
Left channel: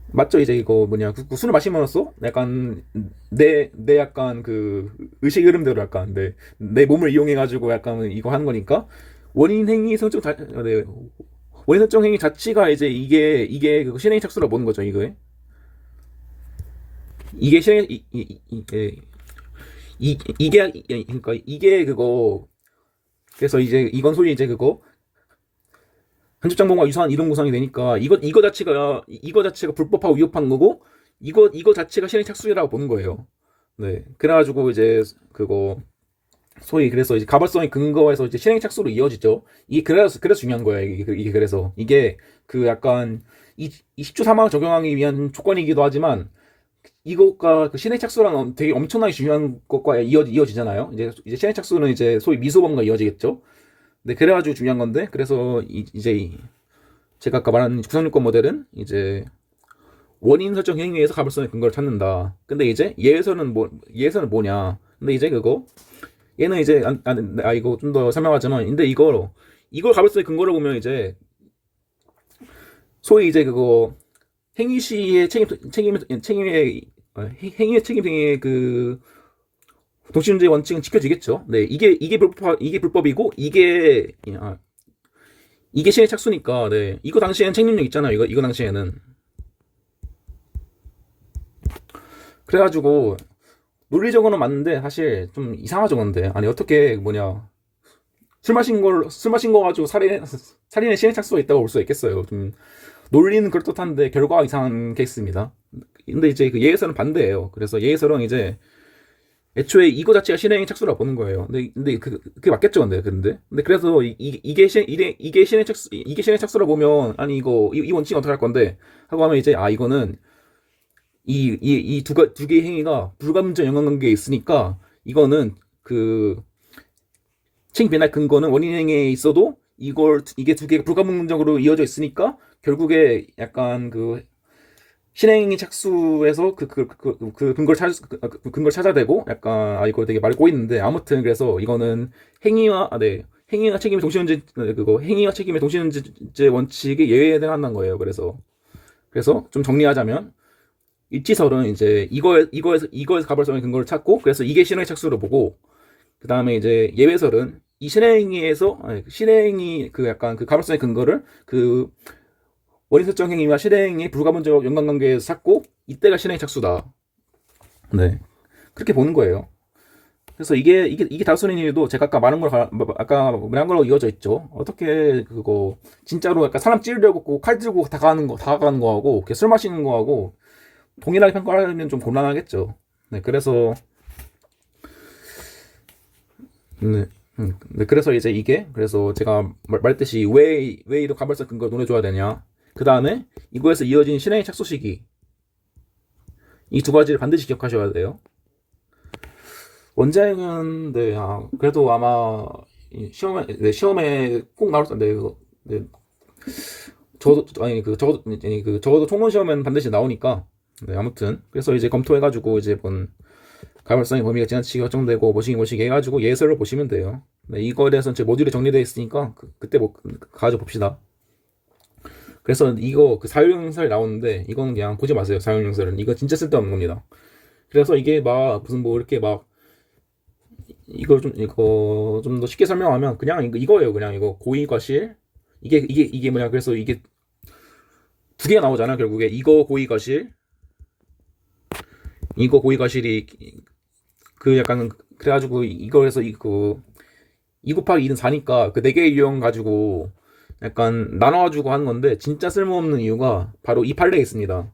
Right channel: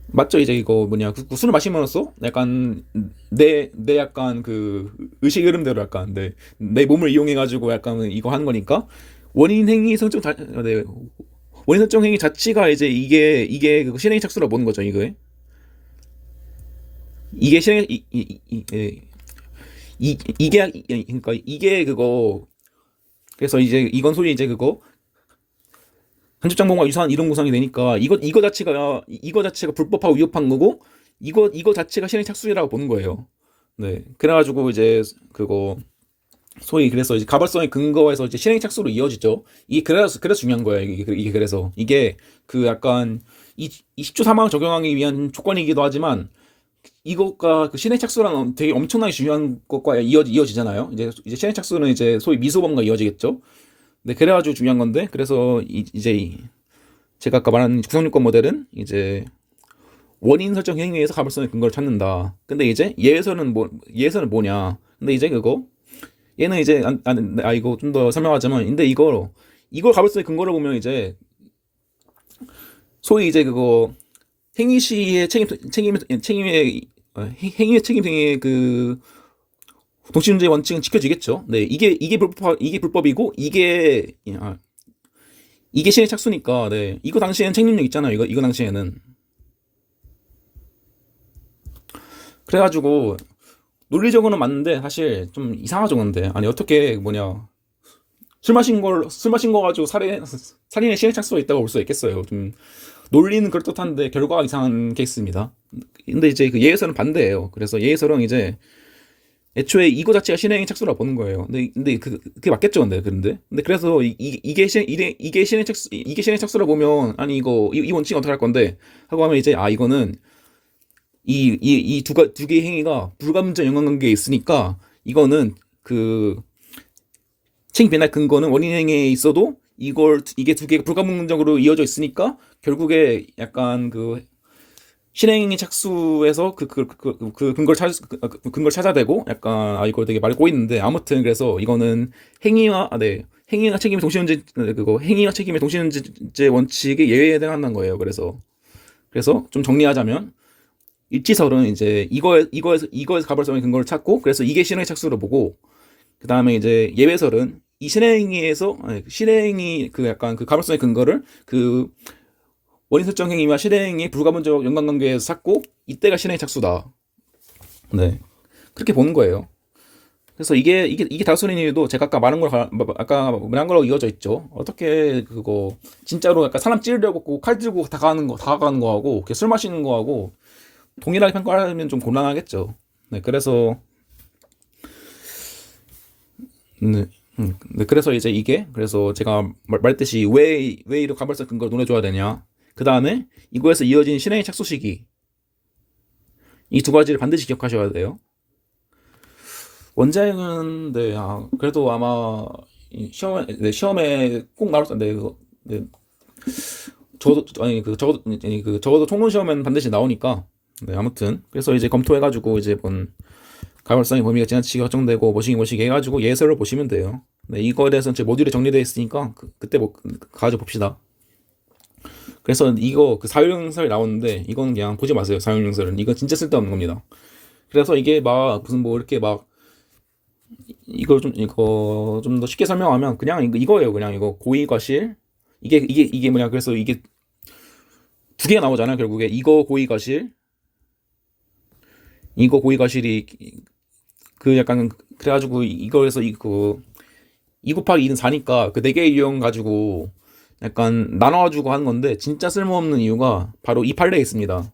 맞죠? 이제 이거 뭐냐 그 술을 마시면서 약간 내 약간 그 의식 흐름대로 약간 내 몸을 이용해 가지고 약간 이거 하는 거니까 원인 행위 성적 네, 원인 설정 행위 자체가 이제 이게 그 실행 착수라고 보는 거죠. 이게 실행 그러니까 이게 그거 그래서 이제 이건 소위 이제 그거 간접정범과 유사한 이론 구성이 되니까 이거 자체가 불법하고 위협한 거고 이거 자체가 실행 착수라고 보는 거예요. 네. 그래가지고 이제 그거 소위 그래서 이제 가벌성의 근거에서 이제 실행 착수로 이어지죠. 이게 그래서 중요한 거예요. 이게 그래서 이게 그 약간 이 10조 사망을 적용하기 위한 조건이기도 하지만 이것과 그 실행 착수랑 되게 엄청나게 중요한 것과 이어지잖아요. 이제 실행 착수는 이제 소위 미소범과 이어지겠죠. 네, 그래가지고 중요한 건데 그래서 이제 제가 아까 말한 구성요건 모델은 이제 원인 설정 행위에서 가불성의 근거를 찾는다. 근데 이제 얘에서는 뭐냐? 근데 이제 그거 얘는 이제 이거 좀 더 설명하자면 근데 이걸 가불성의 근거를 보면 이제 소위 이제 그거 행위 시의 행위의 책임 등의 그 동시문제 원칙은 지켜지겠죠. 네, 이게 불법이고 이게 실행 착수니까 네 이거 당시에는 책임력 있잖아요. 이거 당시에는 그래가지고 논리적으로는 맞는데 사실 좀 이상하죠. 근데 아니 어떻게 뭐냐 술 마신 거 가지고 살인의 실행 착수가 있다고 볼 수 있겠어요. 좀 논리는 그럴듯한데 결과가 이상한 케이스입니다. 근데 이제 그 예에서는 반대예요. 그래서 예에서는 이제 애초에 이거 자체가 실행 착수라고 보는 거예요. 근데 그게 맞겠죠, 근데 그래서 이게 실행 착수라 보면 아니 이 원칙 어떻게 할 건데 하고 하면 이제 이거는 두 개의 행위가 불가분적 연관관계에 있으니까 이거는 그 책임 변할 근거는 원인 행위에 있어도 이게 두 개가 불가분적으로 이어져 있으니까 결국에 약간 그 실행이 착수해서 그 근거를 찾아야 되고 약간 이거 되게 말이 꼬이는데 아무튼 그래서 이거는 행위와 책임의 동시현재 그거 행위와 책임의 동시현재 원칙의 예외에 해당한다는 거예요. 그래서 좀 정리하자면 일치설은 이제 이거에서 가벌성의 근거를 찾고 그래서 이게 실행의 착수로 보고 그 다음에 이제 예외설은 이 실행이 그 약간 그 가벌성의 근거를 그 원인 설정 행위와 실행이 불가분적 연관관계에서 찾고 이때가 실행 착수다. 네, 그렇게 보는 거예요. 그래서 이게 다수인 이유도 제가 아까 말한 거로 이어져 있죠. 어떻게 그거 진짜로 약간 사람 찌르려고 칼 들고 다가가는 거하고 이렇게 술 마시는 거하고 동일하게 평가하면 좀 곤란하겠죠. 네, 그래서 그래서 이제 그래서 제가 말했듯이 왜 이렇게 가벌성 근거를 논해줘야 되냐. 그 다음에 이거에서 이어진 실행의 착수 시기 이 두 가지를 반드시 기억하셔야 돼요. 원자행은 그래도 아마 시험에 꼭 나올 텐데 적어도 총론 시험에는 반드시 나오니까 아무튼 그래서 이제 검토해가지고 이제 가벌성의 범위가 지나치게 확정되고 뭐시기 해가지고 예설을 보시면 돼요. 이거에 대해서는 제 모듈에 정리되어 있으니까 그때 가져봅시다. 그래서 이거 그 사용용설이 나오는데 이거는 그냥 보지 마세요. 사용용설은 이거 진짜 쓸데없는 겁니다. 그래서 이게 막 무슨 뭐 이렇게 막 이거 좀 더 쉽게 설명하면 그냥 이거예요. 그냥 이거 고의과실 이게 뭐냐 그래서 이게 두 개가 나오잖아. 결국에 이거 고의과실이 그 약간 그래가지고 이거에서 이거 2 곱하기 2는 4니까 그 4개의 유형 가지고 약간 나눠가지고 하는 건데 진짜 쓸모없는 이유가 바로 이 판례에 있습니다.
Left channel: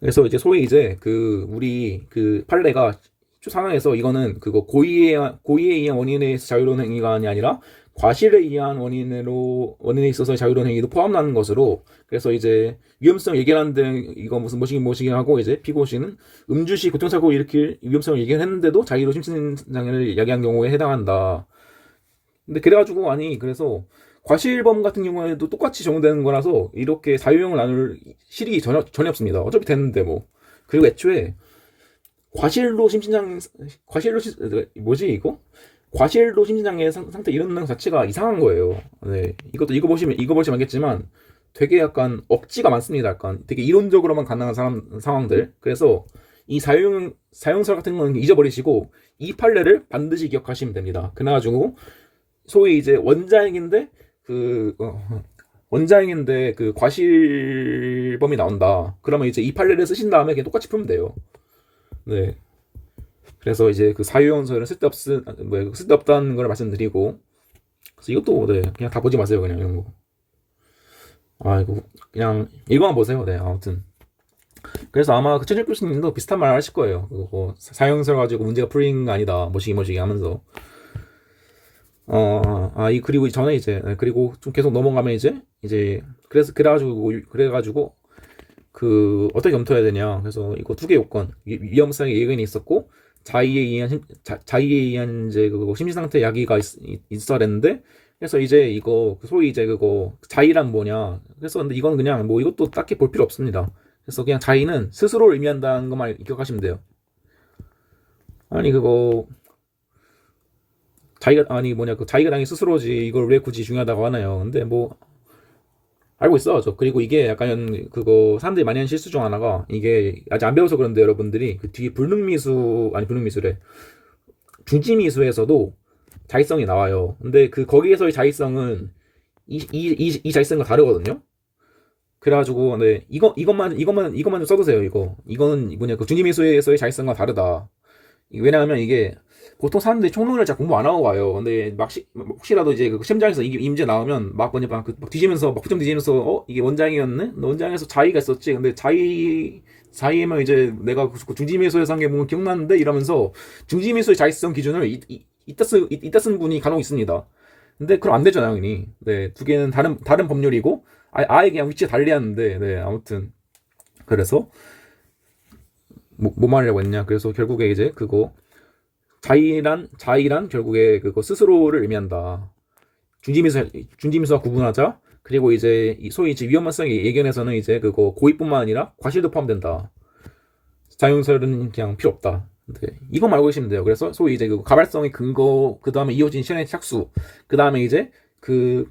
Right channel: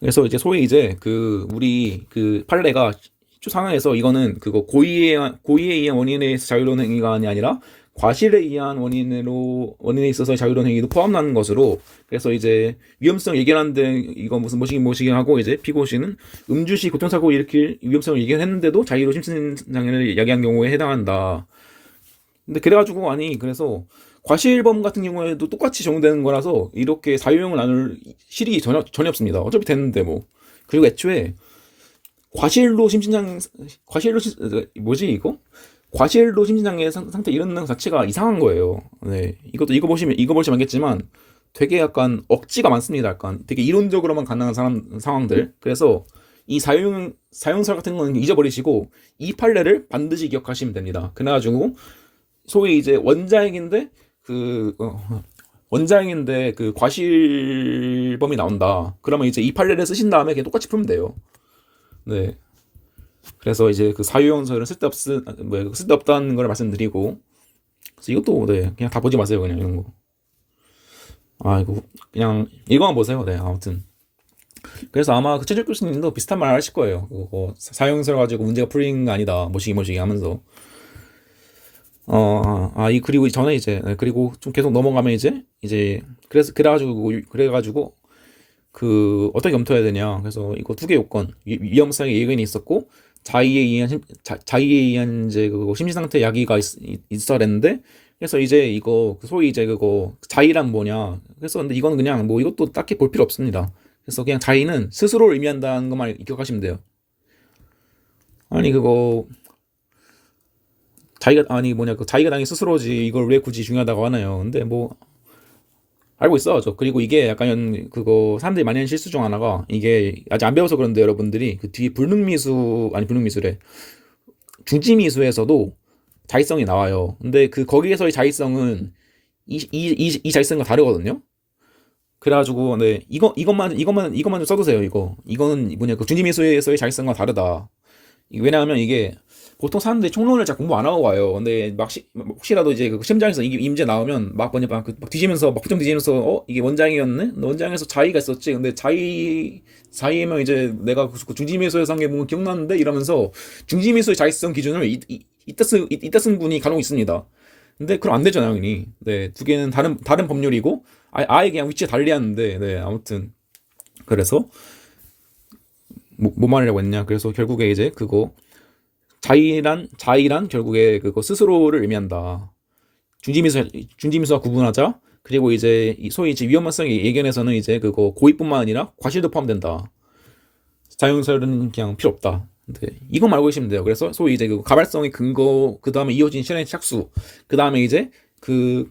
그래서 이제 소위 이제 우리 판례가 상황에서 이거는 그거 고의에 의한 원인에 의해서 자유로운 행위가 아니라 과실에 의한 원인에 있어서 자유로운 행위도 포함하는 것으로, 그래서 이제 위험성 예견하는데 이거 무슨 뭐시기 하고, 이제 피고 씨는 음주시 교통사고 일으킬 위험성을 예견했는데도 자유로 심신장애를 야기한 경우에 해당한다. 근데 그래가지고 아니 그래서 과실범 같은 경우에도 똑같이 적용되는 거라서 이렇게 사유형을 나눌 실익이 전혀 없습니다. 어차피 됐는데 뭐. 그리고 애초에 과실로 뭐지 이거? 과실로 심신장애 상태 이르는 것 자체가 이상한 거예요. 네, 이거 보시면 알겠지만 되게 약간 억지가 많습니다. 약간 되게 이론적으로만 가능한 상황들. 그래서 이 사용설 같은 건 잊어버리시고 이 판례를 반드시 기억하시면 됩니다. 그래가지고 소위 이제 원자행인데 그 과실범이 나온다. 그러면 이제 이 판례를 쓰신 다음에 그냥 똑같이 풀면 돼요. 네. 그래서 이제 그 사유형설은 쓸데없다는 걸 말씀드리고, 그래서 이것도 네 그냥 다 보지 마세요. 그냥 이런 거. 아 이거 그냥 이거만 보세요. 네 아무튼 그래서 아마 그 최철 교수님도 비슷한 말 하실 거예요. 그거 사유형설 가지고 문제가 풀린 거 아니다. 뭐시기 하면서. 그리고 전에 이제 그리고 좀 계속 넘어가면 이제 그래가지고 그 어떻게 검토해야 되냐. 그래서 이거 두 개 요건 위험성의 예견이 있었고 자의에 의한 이제 그거 심리 상태 야기가 있어야 되는데, 그래서 이제 이거 소위 이제 그거 자의란 뭐냐. 그래서 근데 이건 그냥 뭐 이것도 딱히 볼 필요 없습니다. 그래서 그냥 자의는 스스로를 의미한다는 것만 기억하시면 돼요. 아니 그거 자기가 당연히 스스로지 이걸 왜 굳이 중요하다고 하나요? 근데 뭐 알고 있어. 그리고 이게 약간 그거 사람들이 많이 하는 실수 중 하나가, 이게 아직 안 배워서 그런데 여러분들이 그 뒤에 불능미수래 중지미수에서도 자의성이 나와요. 근데 그 거기에서의 자의성은 이 자의성과 다르거든요. 그래가지고 네 이것만 좀 써두세요. 이거는 뭐냐 그 중지미수에서의 자의성과 다르다. 왜냐하면 이게 보통 사람들이 총론을 잘 공부 안 하고 와요. 근데 혹시라도 이제 그 시험장에서 이 문제 나오면 막 뒤지면서 막 표정 뒤지면서 이게 원장이었네? 원장에서 자의가 있었지. 근데 자의면 이제 내가 그 중지미수에서 한 게 뭐 기억나는데 이러면서 중지미수의 자의성 기준을 이따 쓴 분이 간혹 있습니다. 근데 그럼 안 되죠, 당연히. 네, 두 개는 다른 법률이고 아예 그냥 위치에 달리하는데, 네, 아무튼 그래서 뭐 말하려고 했냐. 그래서 결국에 이제 그거 자의란 결국에 그거 스스로를 의미한다. 중지미수와 구분하자. 그리고 이제 소위 이제 위험성의 예견에서는 이제 그거 고의뿐만 아니라 과실도 포함된다. 자유형설은 그냥 필요 없다. 네, 이거 말고 계시면 돼요. 그래서 소위 이제 그 가발성의 근거, 그 다음에 이어진 실행의 착수, 그 다음에 이제 그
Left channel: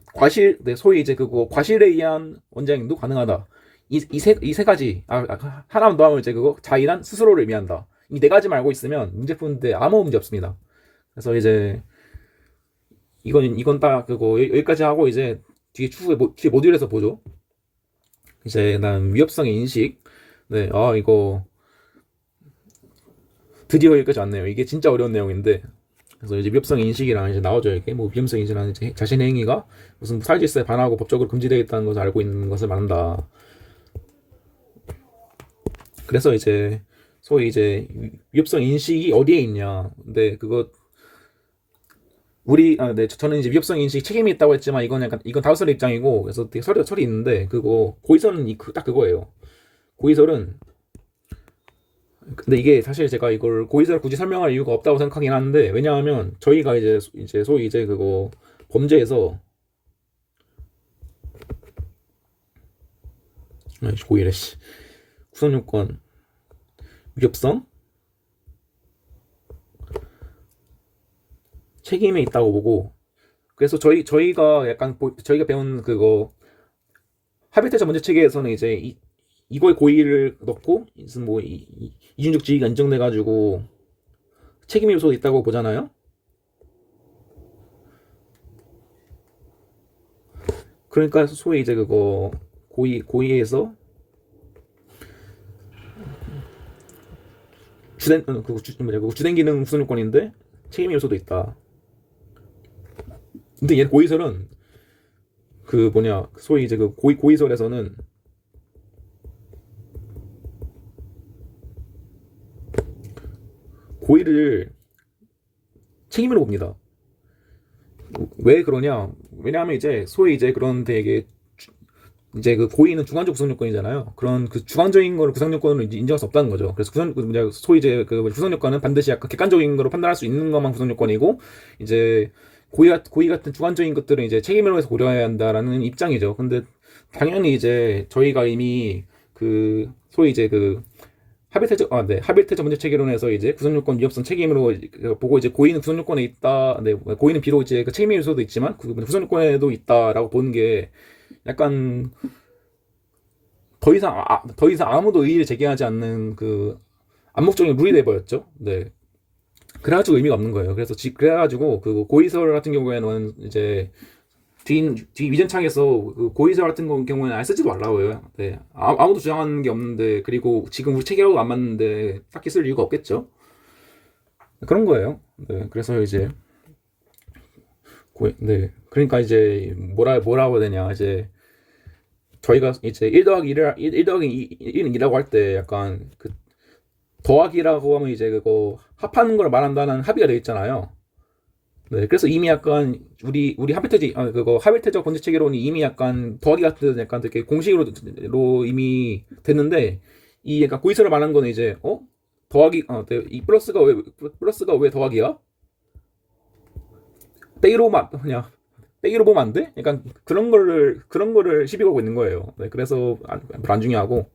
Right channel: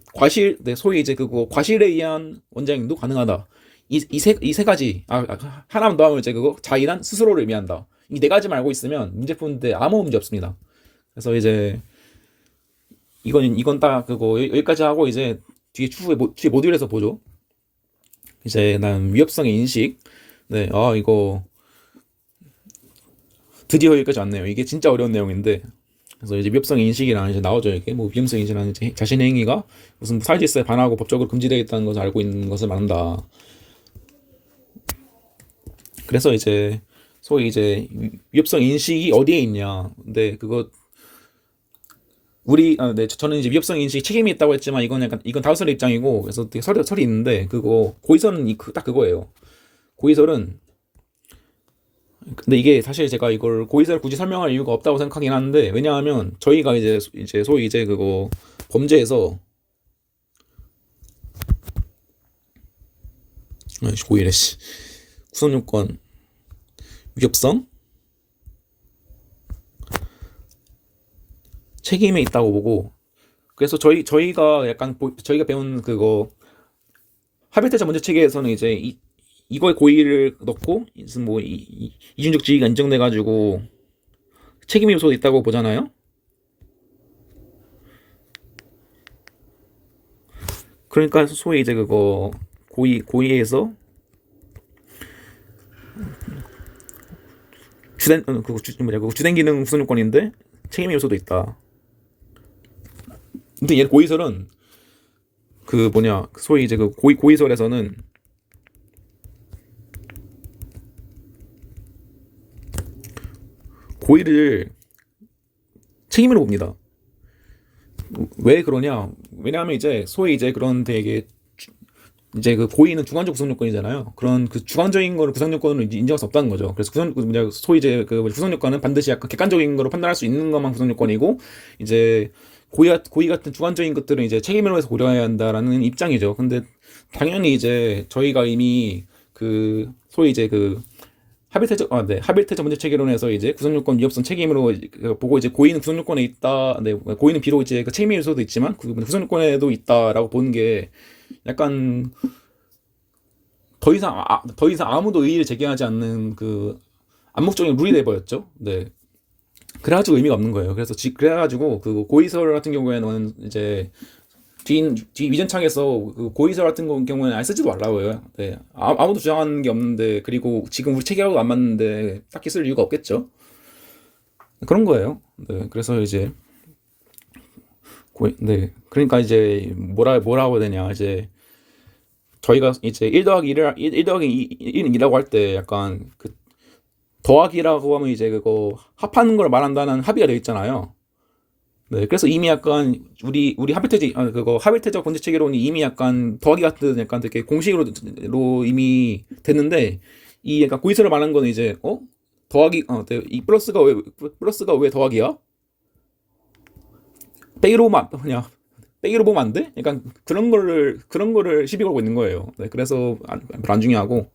소위 이제 그거 과실에 의한 원장행도 가능하다. 이 세 가지, 하나만 더 하면 이제 그거 자의란 스스로를 의미한다. 이 네 가지만 알고 있으면 문제 푸는데 아무 문제 없습니다. 그래서 이제 이건 딱 그거 여기까지 하고 이제 뒤에 모듈에서 보죠. 이제 난 위협성의 인식. 네, 이거 드디어 여기까지 왔네요. 이게 진짜 어려운 내용인데, 그래서 이제 위협성 인식이랑 이제 나오죠. 이게 뭐 위험성 인식이라는 이제 자신의 행위가 무슨 사회질서에 반하고 법적으로 금지되겠다는 것을 알고 있는 것을 말한다. 그래서 이제 소위 이제 위협성 인식이 어디에 있냐. 근데 그거 저는 이제 위협성 인식 책임이 있다고 했지만 이건 다우설의 입장이고, 그래서 되게 설이 있는데, 그거 고의설은 딱 그거예요. 고의설은 근데 이게 사실 제가 이걸 고의설 굳이 설명할 이유가 없다고 생각하긴 하는데, 왜냐하면 저희가 이제 소위 이제 그거 범죄에서 고의래 구성요건 위협성 책임에 있다고 보고, 그래서 저희가 배운 그거 합의태자 문제 체계에서는 이제 이거에 고의를 넣고 무슨 뭐 이중적 지위가 인정돼 가지고 책임 요소도 있다고 보잖아요. 그러니까 소위 이제 그거 고의에서 주된 기능 우선 요건인데 책임 요소도 있다. 근데 얘 고의설은 소위 이제 그 고의설에서는 고의를 책임으로 봅니다. 왜 그러냐? 왜냐하면 이제 소위 이제 그런 되게 이제 그 고의는 주관적 구성 요건이잖아요. 그런 그 주관적인 거를 구성 요건으로 인정할 수 없다는 거죠. 그래서 구성 그 뭐냐 소위 이제 그 구성 요건은 반드시 약간 객관적인 거로 판단할 수 있는 것만 구성 요건이고 이제 고의 같은 주관적인 것들은 이제 책임으로 해서 고려해야 한다라는 입장이죠. 근데 당연히 이제 저희가 이미 그 소위 이제 그 하빌테저 문제 체계론에서 이제 구성요건 위협성 책임으로 보고 이제 고의는 구성요건에 있다. 네, 고의는 비록 이제 그 책임의 요소도 있지만 그 구성요건에도 있다라고 보는 게 약간 더 이상 아무도 의의를 제기하지 않는 그 암묵적인 룰이 돼버렸죠. 네. 그래가지고 의미가 없는 거예요. 그래가지고 그 고의설 같은 경우에는 이제 뒤 위전창에서 그 고의설 같은 경우에는 안 쓰지도 말라고요. 네. 아무도 주장하는 게 없는데 그리고 지금 우리 체계하고 안 맞는데 딱히 쓸 이유가 없겠죠. 그런 거예요. 네. 그래서 이제 네. 그러니까 이제 뭐라고 해야 되냐 이제 저희가 이제 1 더하기 1 더하기 1은 2라고 할 때 약간 그 더하기라고 하면 이제 그거 합하는 걸 말한다는 합의가 되어 있잖아요. 네, 그래서 이미 약간 우리 그거 하빌테적 번째 체계론이 이미 약간 더하기 같은 약간 되게 공식으로 이미 됐는데 이 약간 고의서를 말한 거는 이제 이 플러스가 왜 더하기야? 빼기로 보면 안 돼? 약간 그런 거를 시비 걸고 있는 거예요. 네, 그래서 안 중요하고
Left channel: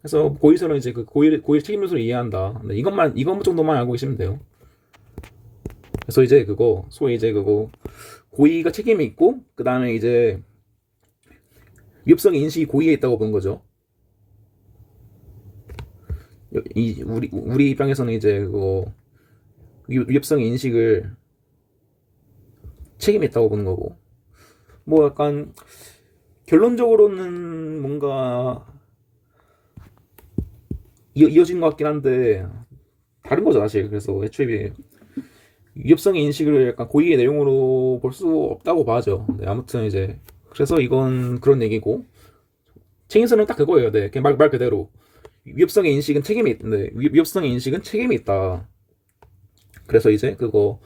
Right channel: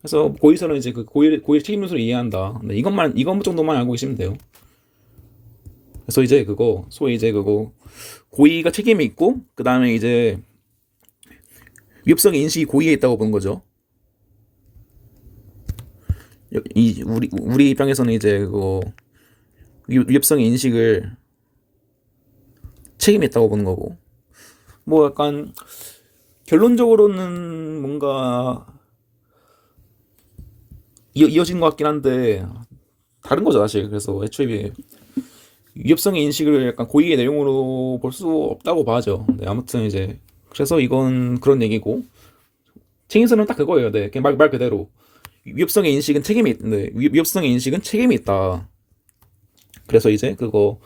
그래서 고의서는 이제 그 고의 책임 요소를 이해한다. 네, 이것 정도만 알고 계시면 돼요. 그래서 이제 그거 소위 이제 그거 고의가 책임이 있고 그 다음에 이제 위협성의 인식이 고의에 있다고 보는 거죠. 우리 입장에서는 이제 그거 위협성의 인식을 책임이 있다고 보는 거고 뭐 약간 결론적으로는 뭔가 이어진 것 같긴 한데 다른 거죠 사실. 그래서 애초에 위협성의 인식을 약간 고의의 내용으로 볼 수 없다고 봐죠. 네, 아무튼 이제 그래서 이건 그런 얘기고 책임서는 딱 그거예요. 네, 그냥 말 그대로 위협성의 인식은 책임이 있다. 그래서 이제 그거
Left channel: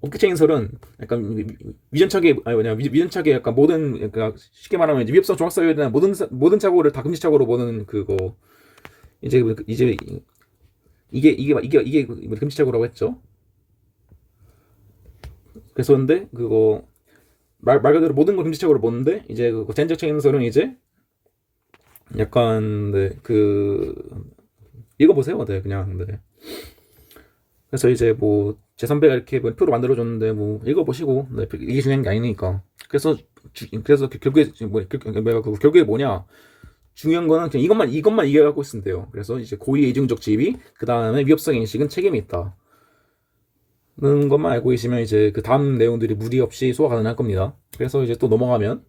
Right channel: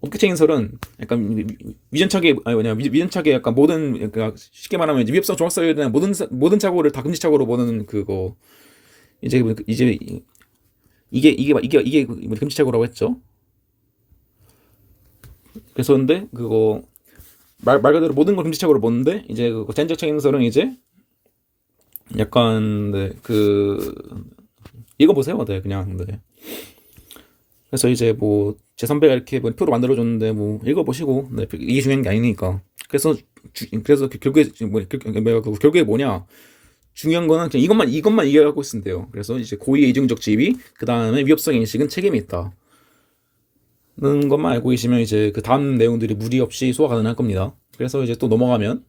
업계 책임설은 약간 위전착의 아니 뭐냐 위전착의 약간 모든 그냥 쉽게 말하면 이제 위협성 종합사유에 대한 모든 착오를 다 금지착오로 보는 그거 이제 이게 금지착오라고 했죠. 그래서 근데 그거 말 그대로 모든 걸 금지착오로 보는데 이제 그 제한적 책임설은 이제 약간 네, 그 읽어보세요. 네, 그냥 네. 그래서 이제 뭐 제 선배가 이렇게 뭐 표로 만들어줬는데 뭐 읽어보시고 네, 이게 중요한 게 아니니까. 그래서 결국에 뭐냐 중요한 거는 그냥 이것만 이해하고 있으면 돼요. 그래서 이제 고의의 이중적 지위 그 다음에 위협성 인식은 책임이 있다. 는 것만 알고 계시면 이제 그 다음 내용들이 무리 없이 소화 가능할 겁니다. 그래서 이제 또 넘어가면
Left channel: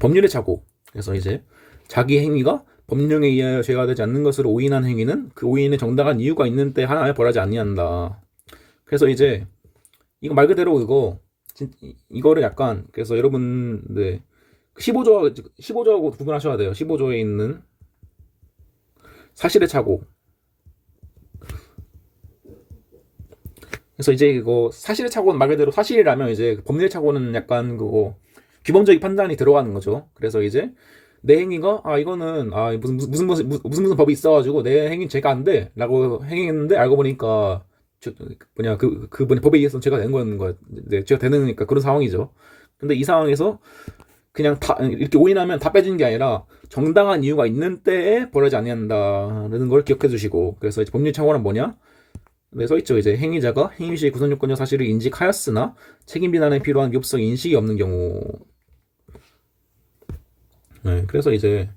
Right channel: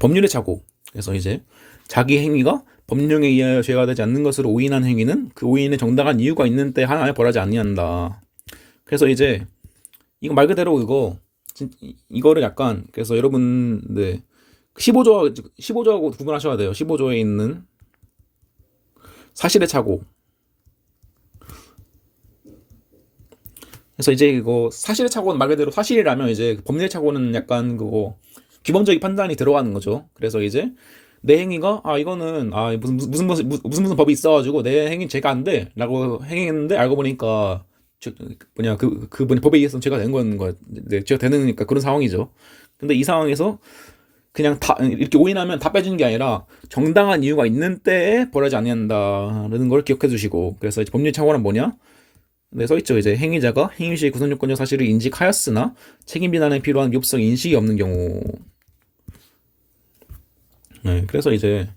법률의 착오. 그래서 이제 자기 행위가 법령에 의하여 죄가 되지 않는 것으로 오인한 행위는 그 오인에 정당한 이유가 있는 때 하나에 벌하지 아니한다. 그래서 이제 이거 말 그대로 이거를 약간 그래서 여러분 네 15조하고 구분하셔야 돼요. 15조에 있는 사실의 착오. 그래서 이제 이거 사실의 착오는 말 그대로 사실이라면 이제 법률의 착오는 약간 그거 규범적인 판단이 들어가는 거죠. 그래서 이제 내 행위가 이거는 무슨 법이 있어가지고 내 행위 죄가 안 돼라고 행했는데 알고 보니까 그 법에 의해서 죄가 된 거야. 네, 죄가 되니까 그런 상황이죠. 근데 이 상황에서 그냥 다 이렇게 오인하면 다 빼주는 게 아니라 정당한 이유가 있는 때에 벌하지 않는다는 걸 기억해 주시고 그래서 이제 법률 착오는 뭐냐? 네, 써있죠. 이제 행위자가 행위 시 구성 요건적 사실을 인식하였으나 책임 비난에 필요한 위협성 인식이 없는 경우. 네, 그래서 이제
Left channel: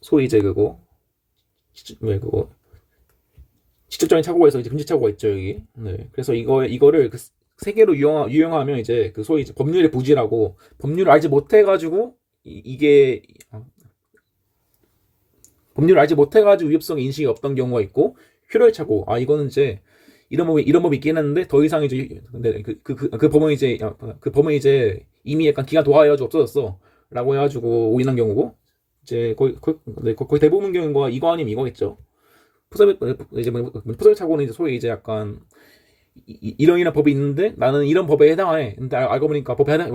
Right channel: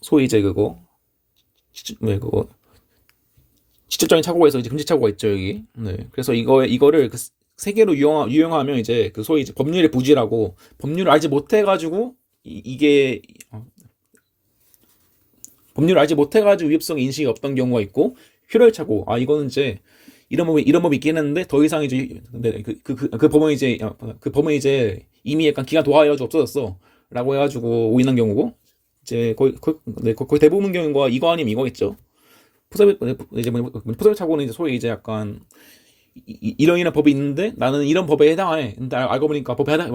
소위 이제 그거 직접적인 착오에서 이제 금지 착오가 있죠 여기. 네, 그래서 이거를 그 세 개로 유형하면 이제 그 소위 이제 법률의 부지라고 법률을 알지 못해가지고 이게 법률을 알지 못해가지고 위협성 인식이 없던 경우가 있고 필요의 착오. 이거는 이제 이런 법이 있긴 했는데 더 이상 이제 그 법은 이제 이미 약간 기간 도하해가지고 없어졌어라고 해가지고 오인한 경우고 이제 거의 대부분 경우가 이거 아니면 이거겠죠. 이제 포섭의 착오는 이제 소위 이제 약간 이런 법이 있는데 나는 이런 법에 해당해. 근데 알고 보니까 법에 해당,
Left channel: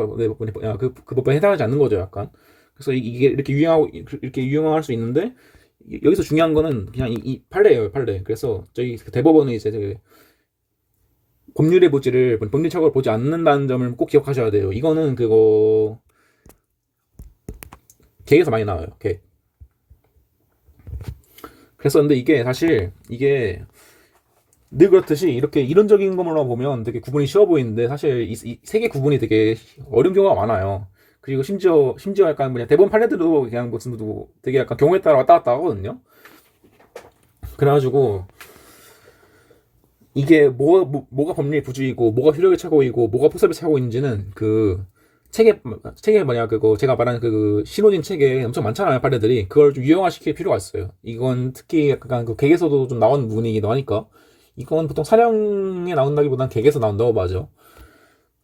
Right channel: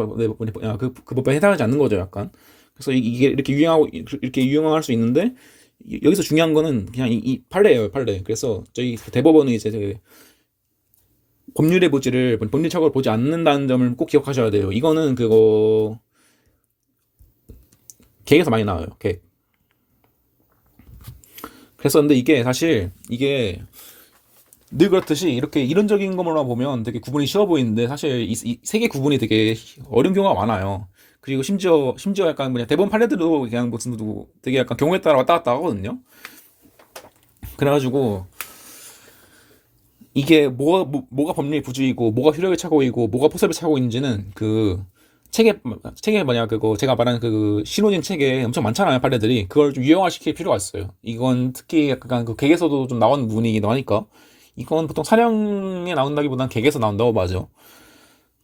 그 법에 해당하지 않는 거죠, 약간. 그래서 이게 이렇게 유용할 수 있는데 여기서 중요한 거는 그냥 이 판례예요, 판례. 그래서 저희 대법원은 이제 법률의 부지를 법률 착오를 보지 않는다는 점을 꼭 기억하셔야 돼요. 이거는 그거 계획에서 많이 나와요. 계획. 그래서 근데 이게 사실 이게 늘 그렇듯이 이렇게 이론적인 것만 보면 되게 구분이 쉬워 보이는데 사실 이 세 개 구분이 되게 어려운 경우가 많아요. 그리고 심지어 약간 뭐냐 대법원 판례들도 그냥 무슨 되게 약간 경우에 따라 왔다 갔다 하거든요. 그래가지고 이게 뭐가 법률 부주의고 뭐가 효력의 착오이고 뭐가 포섭의 착오인지는 그 책에 만약 그거 제가 말하는 그 신호진 책에 엄청 많잖아요, 판례들이. 그걸 좀 유형화시킬 필요가 있어요. 이건 특히 약간 그 객에서도 좀 나오는 부분이기도 하니까 이건 보통 사령에 나온다기보단 객에서 나온다고 봐죠.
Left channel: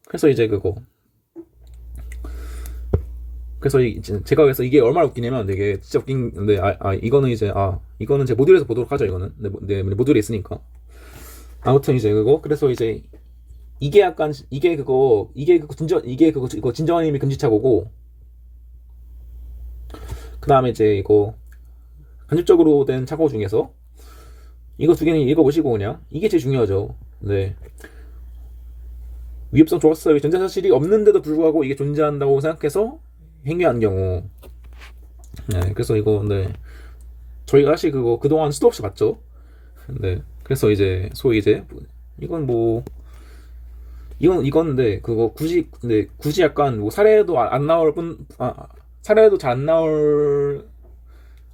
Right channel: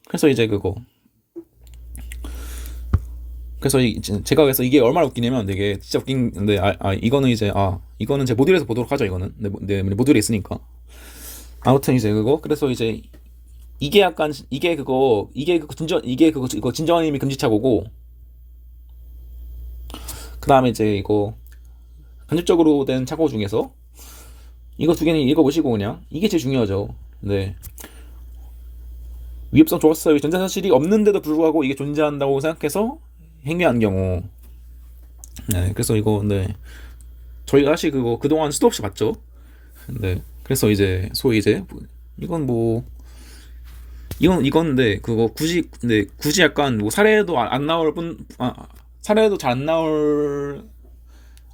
그래서 이제 그거 그래서 제가 그래서 이게 얼마나 웃기냐면 되게 진짜 웃긴데 이거는 이제 이거는 제 모듈에서 보도록 하죠. 이거는 내 모듈에 있으니까. 아무튼 이제 그거 그래서 이제 이게 약간 이거 진정한 의미 금지착오고 그 다음에 이제 이거 간접적으로 된 착오 중에서 이거 두 개는 읽어보시고 그냥 이게 제일 중요하죠. 네. 위협성 조각서의 존재 사실이 없는데도 불구하고 이게 존재한다고 생각해서 행위한 경우. 네. 그래서 이거 네. 저희가 사실 그거 그동안 수도 없이 봤죠. 네. 그래서 이제 소위 이제 이건 이건데 그거 굳이 약간 뭐 사례도 안 나올 사례도 잘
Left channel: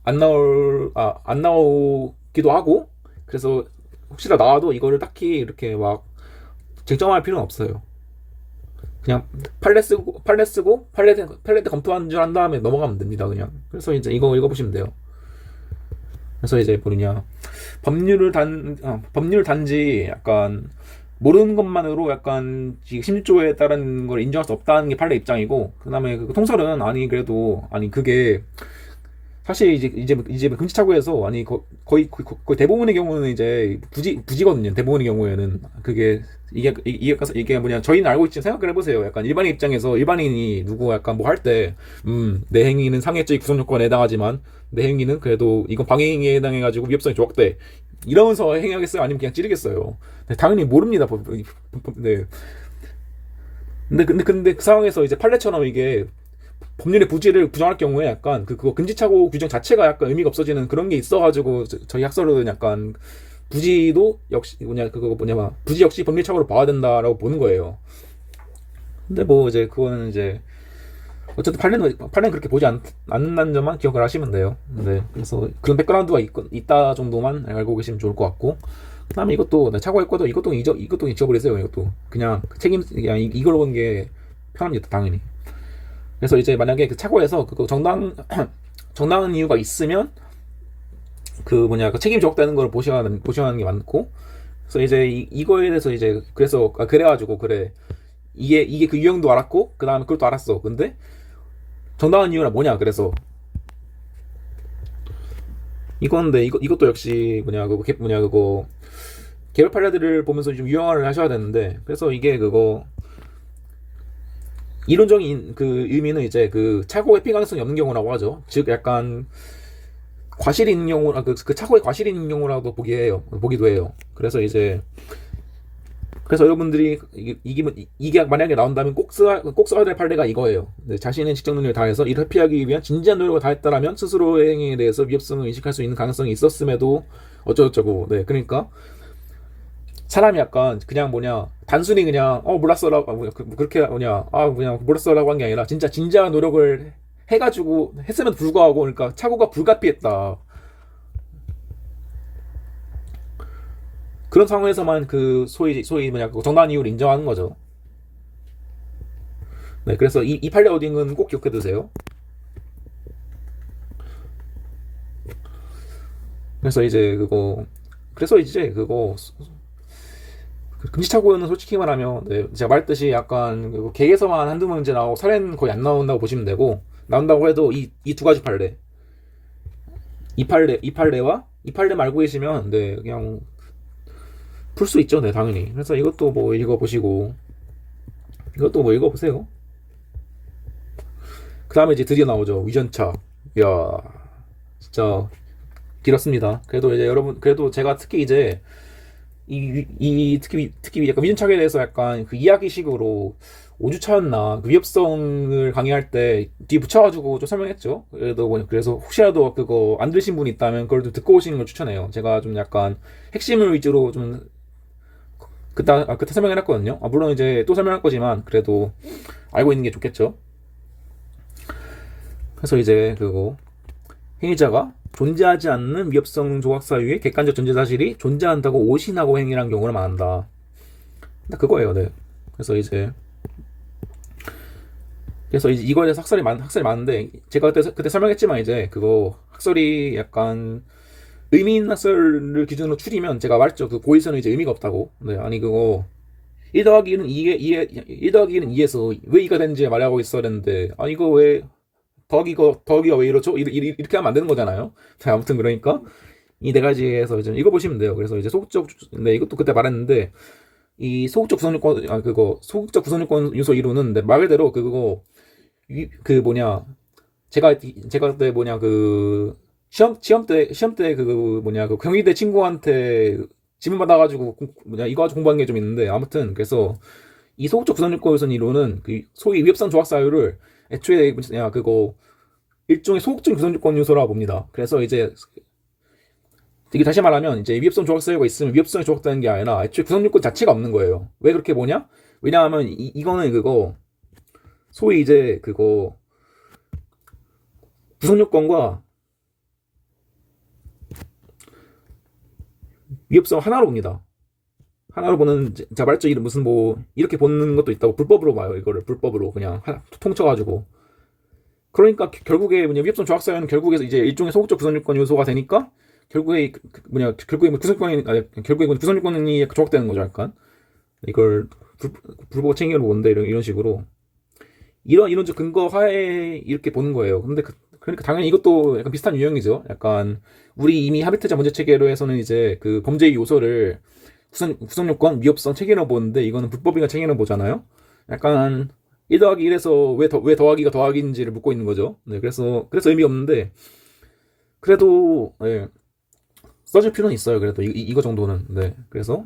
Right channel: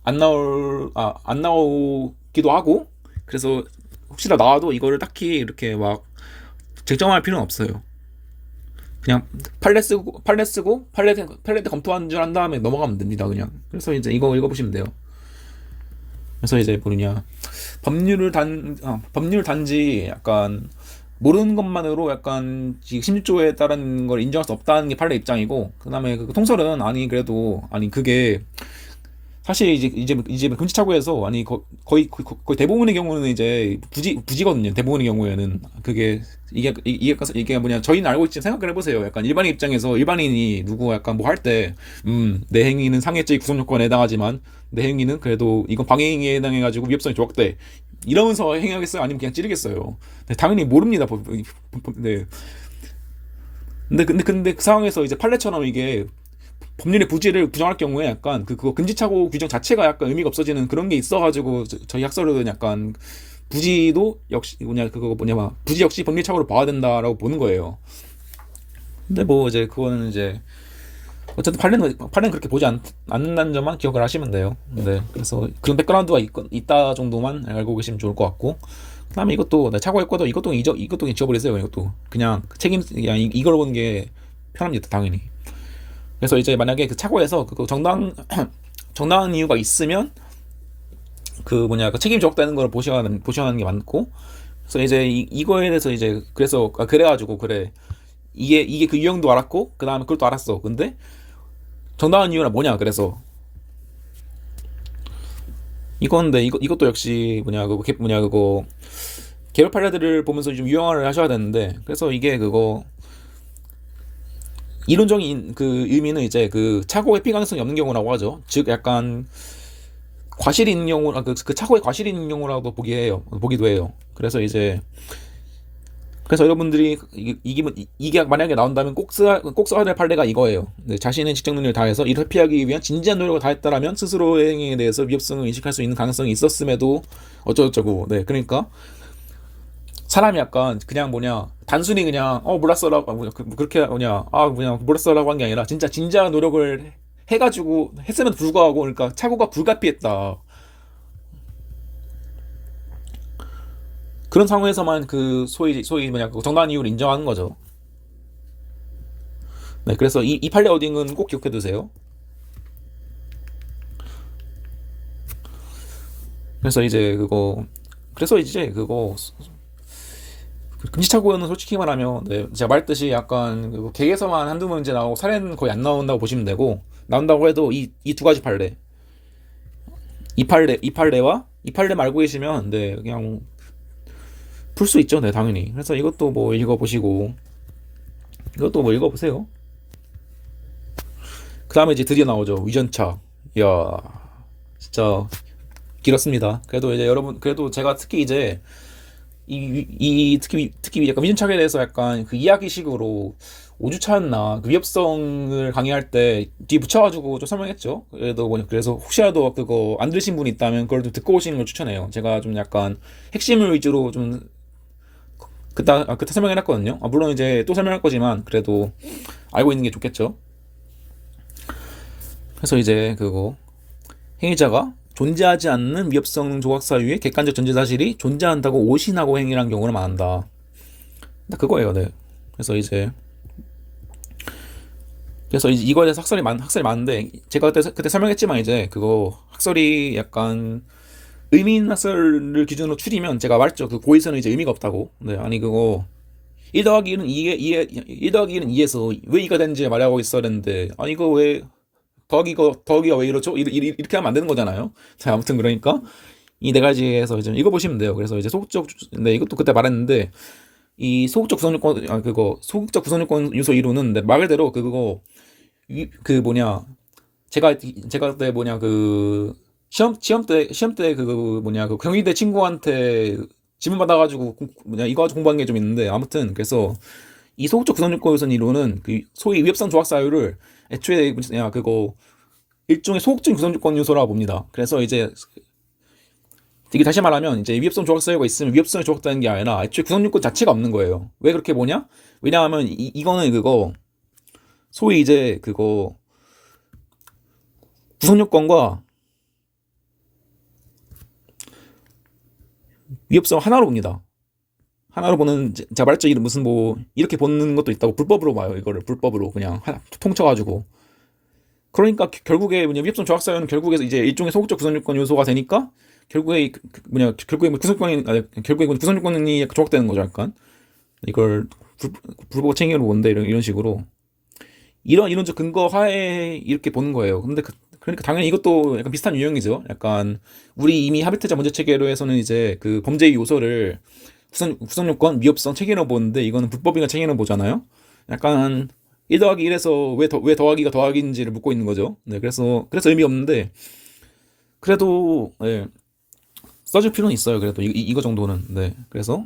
안 나오기도 하고 그래서 혹시나 나와도 이거를 딱히 이렇게 막 쟁점할 필요는 없어요. 그냥 판례 때 검토한 줄 한 다음에 넘어가면 됩니다, 그냥. 그래서 이제 이거 읽어보시면 돼요. 그래서 이제 뭐냐 법률 단지 약간 모르는 것만으로 약간 16조에 따른 걸 인정할 수 없다는 게 판례 입장이고 그다음에 그 통설은 그래도 그게 사실 이제 금지착오에서 거의 대부분의 경우는 이제 부지거든요. 대부분의 경우에는 그게 이게 뭐냐 저희는 알고 있지만 생각을 해보세요. 약간 일반인 입장에서 일반인이 누구 약간 뭐 할 때 내 행위는 상해죄 구성 요건에 해당하지만 내 행위는 그래도 이건 방해행위에 해당해가지고 위협성이 조각돼 이러면서 행위하겠어요? 아니면 그냥 찌르겠어요? 네, 당연히 모릅니다. 네. 근데 그 상황에서 이제 판례처럼 이게 법률의 부지를 부정할 경우에 약간 그거 금지착오 규정 자체가 약간 의미가 없어지는 그런 게 있어가지고 저희 학설은 약간 부지도 역시 부지 역시 법률착오를 봐야 된다라고 보는 거예요. 근데 뭐 이제 그거는 이제 어쨌든 판례는 그렇게 보지 않는다는 점만 기억을 하시면 돼요. 네, 그래서 그런 백그라운드가 있다 정도만 알고 계시면 좋을 것 같고 그다음에 이것도 착오했거든 이것도 잊어버리세요. 이것도 그냥 이걸 보는 게 편합니다, 당연히. 그래서 이제 만약에 그 착오에서 그 정당한 이유가 있으면 그 책임 적다는 걸 보셔야 하는 게 많고 그래서 이제 이거에 대해서 이제 그래가지고 이게 그 유형도 알았고 그 다음에 그것도 알았어. 근데 정당한 이유는 뭐냐? 그래서 이것도 역시 그거 개별 판례들을 보면서 좀 유형화를 하셔야 되는데 그래서 이게 그거 이론적인 그 의미는 이제 그 착오 회피 가능성이 없는 경우라고 하죠. 즉 약간 과실이 있는 경우 그 착오에 과실이 있는 경우라도 보기도 해요. 그래서 여러분들이 이게 만약에 나온다면 꼭 써야 될 판례가 이거예요. 네, 자신의 직접 능력을 다해서 이를 회피하기 위한 진지한 노력을 다했다라면 스스로의 행위에 대해서 위협성을 인식할 수 있는 가능성이 있었음에도 어쩌고저쩌고. 네, 그러니까 사람이 약간 그냥 단순히 그냥 몰랐어라고 그렇게 그냥 몰랐어라고 한 게 아니라 진짜 진지한 노력을 해가지고 했음에도 불구하고 그러니까 착오가 불가피했다. 그런 상황에서만 그 소위 정당한 이유를 인정하는 거죠. 네, 그래서 이 판례 어딩은 꼭 기억해 두세요. 그래서 이제 그거 금지착오는 솔직히 말하면 제가 말했듯이 약간 객에서만 한두 문제 나오고 사례는 거의 안 나온다고 보시면 되고 나온다고 해도 이 두 가지 판례 이 판례와 이 판례 알고 계시면 네 그냥 풀 수 있죠. 네 당연히. 그래서 이것도 뭐 읽어보시고 이것도 뭐 읽어보세요. 그 다음에 이제 드디어 나오죠. 위전차. 이야 진짜 길었습니다. 그래도 이제 여러분 그래도 제가 특히 이제 특히 약간 위전착에 대해서 약간 그 이야기식으로 5주차였나 그 위협성을 강의할 때 뒤에 붙여가지고 좀 설명했죠. 그래도 그래서 혹시라도 그거 안 들으신 분이 있다면 그걸 좀 듣고 오시는 걸 추천해요. 제가 좀 약간 핵심을 위주로 좀 그때 설명을 했거든요. 물론 이제 또 설명할 거지만 그래도 알고 있는 게 좋겠죠. 그래서 이제 그거 행위자가 존재하지 않는 위협성 조각 사유의 객관적 전제 사실이 존재한다고 오신하고 행위란 경우를 말한다. 그거예요. 네. 그래서 이제 이거에 대해서 학설이 많은데 제가 그때 설명했지만 이제 그거 학설이 약간 의미 있는 학설을 기준으로 추리면 제가 말했죠. 그 고의서는 이제 의미가 없다고. 네, 아니 그거 1 더하기 1은 1 더하기 1은 2에서 왜 2가 되는지 말하고 있어야 되는데 이거 왜 더하기가 왜 이러죠? 이렇게 하면 안 되는 거잖아요. 자, 아무튼 그러니까 이 네 가지에서 좀 읽어보시면 돼요. 그래서 이제 네, 이것도 그때 말했는데 이 소극적 구성요건 그거 소극적 구성요건 요소 이론은 네, 말 그대로 그거 그 뭐냐 제가 그때 뭐냐 그 시험 때 그 뭐냐 그 경희대 친구한테 질문 받아가지고 뭐냐 이거 가지고 공부한 게 좀 있는데 아무튼 그래서 이 소극적 구성요건 요소 이론은 그 소위 위협성 조각 사유를 애초에 뭐냐 그거 일종의 소극적 구성요건 요소라고 봅니다. 그래서 이제 이게 다시 말하면 이제 위협성 조각 사유가 있으면 위협성이 조각되는 게 아니라 애초에 구성요건 자체가 없는 거예요. 왜 그렇게 보냐? 왜냐하면 이거는 그거 소위 이제 그거 구성요건과 위협성 하나로 봅니다. 하나로 보는 제가 말했죠. 무슨 뭐 이렇게 보는 것도 있다고 불법으로 봐요. 이거를 불법으로 그냥 하나 통쳐가지고 그러니까 결국에 뭐냐 위협성 조각 사유는 결국에 이제 일종의 소극적 구성요건 요소가 되니까 결국에 결국에 뭐 구성요건이 결국에 구성요건이 조각되는 거죠. 약간 이걸 불법 챙겨로 본데 이런 식으로 이런 이론적 근거 하에 이렇게 보는 거예요. 근데 그러니까 당연히 이것도 약간 비슷한 유형이죠. 약간 우리 이미 하비트자 문제 체계로에서는 이제 그 범죄의 요소를 구성요건, 위협성 체계로 보는데 이거는 불법인가 체계로 보잖아요. 약간 1 더하기 1에서 왜 더하기가 더하기인지를 묻고 있는 거죠. 네, 그래서 의미 없는데 그래도 네, 써줄 필요는 있어요. 그래도 이거 정도는 네. 그래서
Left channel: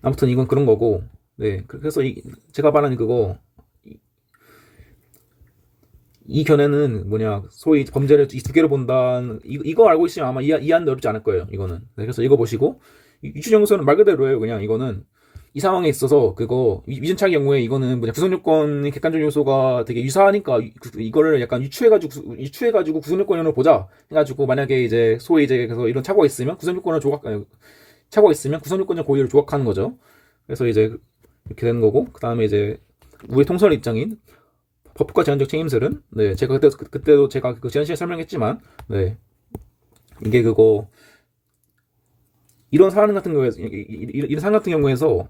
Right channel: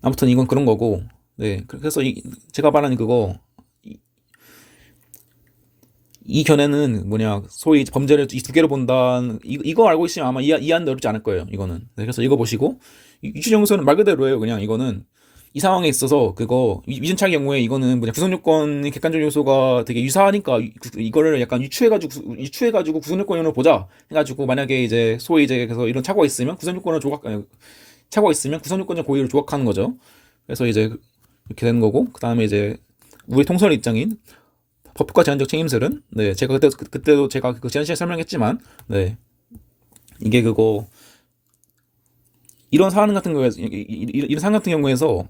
아무튼 이건 그런 거고 네. 그래서 제가 말하는 그거 이 견해는 뭐냐 소위 범죄를 이 두 개로 본다는 이거 알고 있으면 아마 이해하는데 어렵지 않을 거예요. 이거는 네, 그래서 읽어보시고 유추정서는 말 그대로예요. 그냥 이거는 이 상황에 있어서 그거 위전차의 경우에 이거는 뭐냐 구성요건 객관적 요소가 되게 유사하니까 이거를 약간 유추해가지고 구성요건을 보자 해가지고 만약에 이제 소위 이제 그래서 이런 착오가 있으면 착오가 있으면 구성요건적 고의를 조각하는 거죠. 그래서 이제 이렇게 되는 거고 그 다음에 이제 우리 통설 입장인 법과 제한적 책임설은 네 제가 그때도 제가 그 지난 시간에 설명했지만 네 이게 그거 이런 사안 같은 경우에서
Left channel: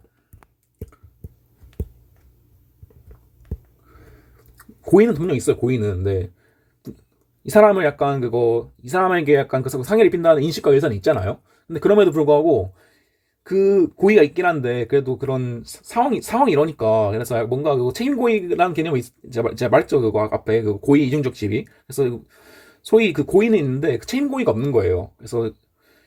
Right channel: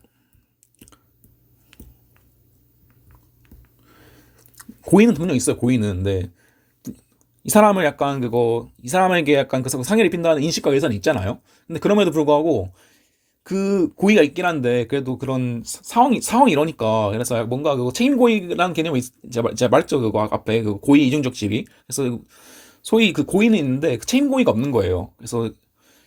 고의는 분명 있어요. 고의는 네. 이 사람을 약간 이 사람에게 약간 그 상해를 입힌다는 인식과 의사는 있잖아요. 근데 그럼에도 불구하고 그 고의가 있긴 한데 그래도 그런 상황이 이러니까 그래서 뭔가 그 책임 고의라는 개념이 제가 말했죠. 그거 앞에 그 고의 이중적 지위. 그래서 소위 그 고의는 있는데 그 책임 고의가 없는 거예요. 그래서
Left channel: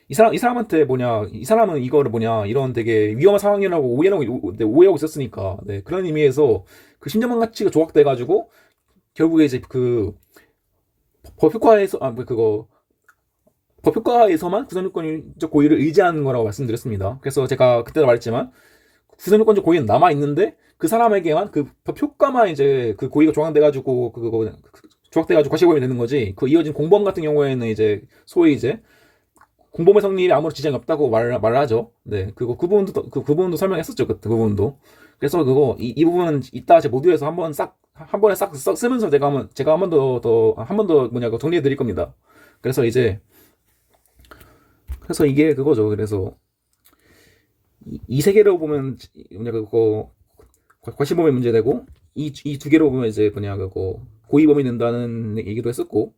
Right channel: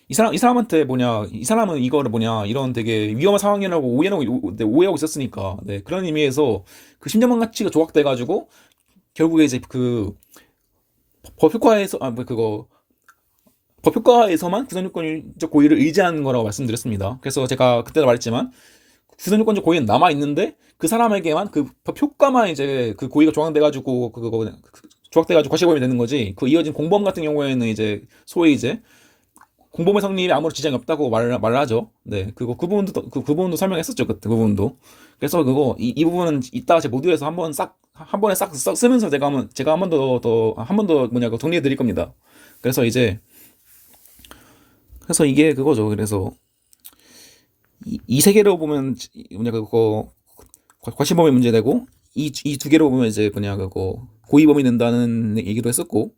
이 사람한테 이 사람은 이거를 이런 되게 위험한 상황이라고 오해하고 있었으니까 네, 그런 의미에서 그 심정만 가치가 조각돼가지고 결국에 이제 그 법효과에서 법효과에서만 구성요건적 고의를 의지하는 거라고 말씀드렸습니다. 그래서 제가 그때도 말했지만 구성요건적 고의는 남아 있는데 그 사람에게만 그 법효과만 이제 그 고의가 조각돼가지고 조각돼가지고 과실범이 되는 거지. 그 이어진 공범 같은 경우에는 이제 소위 이제 공범의 성립에 아무런 지장이 없다고 말하죠. 네, 그 부분도 설명했었죠. 그 부분도. 그래서 이 부분은 이따 제 모듈에서 한 번에 싹 쓰면서 제가 한 번 더 정리해 드릴 겁니다. 그래서 이게 그거죠. 그래서 이 세 개로 보면 과실범위 문제되고 이 두 개로 보면 이제 고의범위 된다는 얘기도 했었고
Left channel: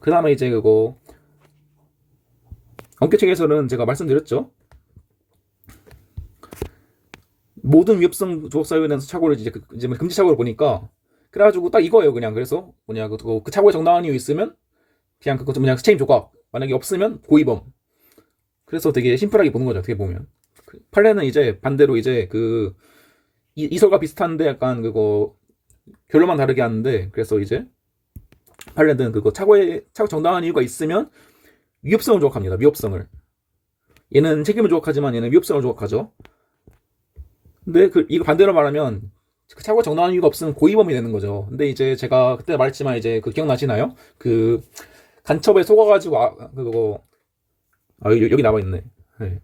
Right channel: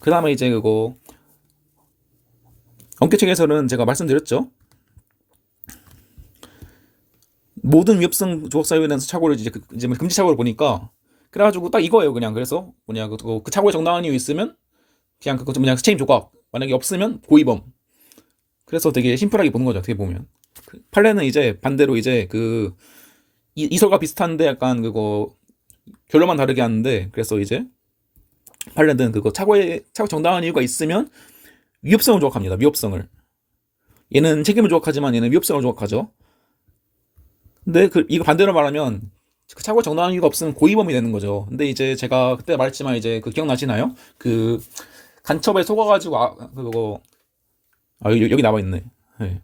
그 다음에 이제 원격책에서는 제가 말씀드렸죠. 모든 위협성 조각 사유에 대한 착오를 이제 뭐 금지 착오를 보니까 그래가지고 딱 이거예요. 그냥 그래서 뭐냐 그 착오에 정당한 이유 있으면 그냥 그거 좀 그냥 책임 조각, 만약에 없으면 고의범. 그래서 되게 심플하게 보는 거죠. 어떻게 보면 판례는 이제 반대로 이제 그 이설과 비슷한데 약간 그거 결론만 다르게 하는데, 그래서 이제 판례는 그거 착오 정당한 이유가 있으면 위협성을 조각합니다. 위협성을. 얘는 책임을 조각하지만 얘는 위협성을 조각하죠. 근데 이거 반대로 말하면 그 착오가 정당한 이유가 없으면 고의범이 되는 거죠. 근데 이제 제가 그때 말했지만 이제 그 기억나시나요? 그 간첩에 속아가지고 그거 여기 나와 있네. 네.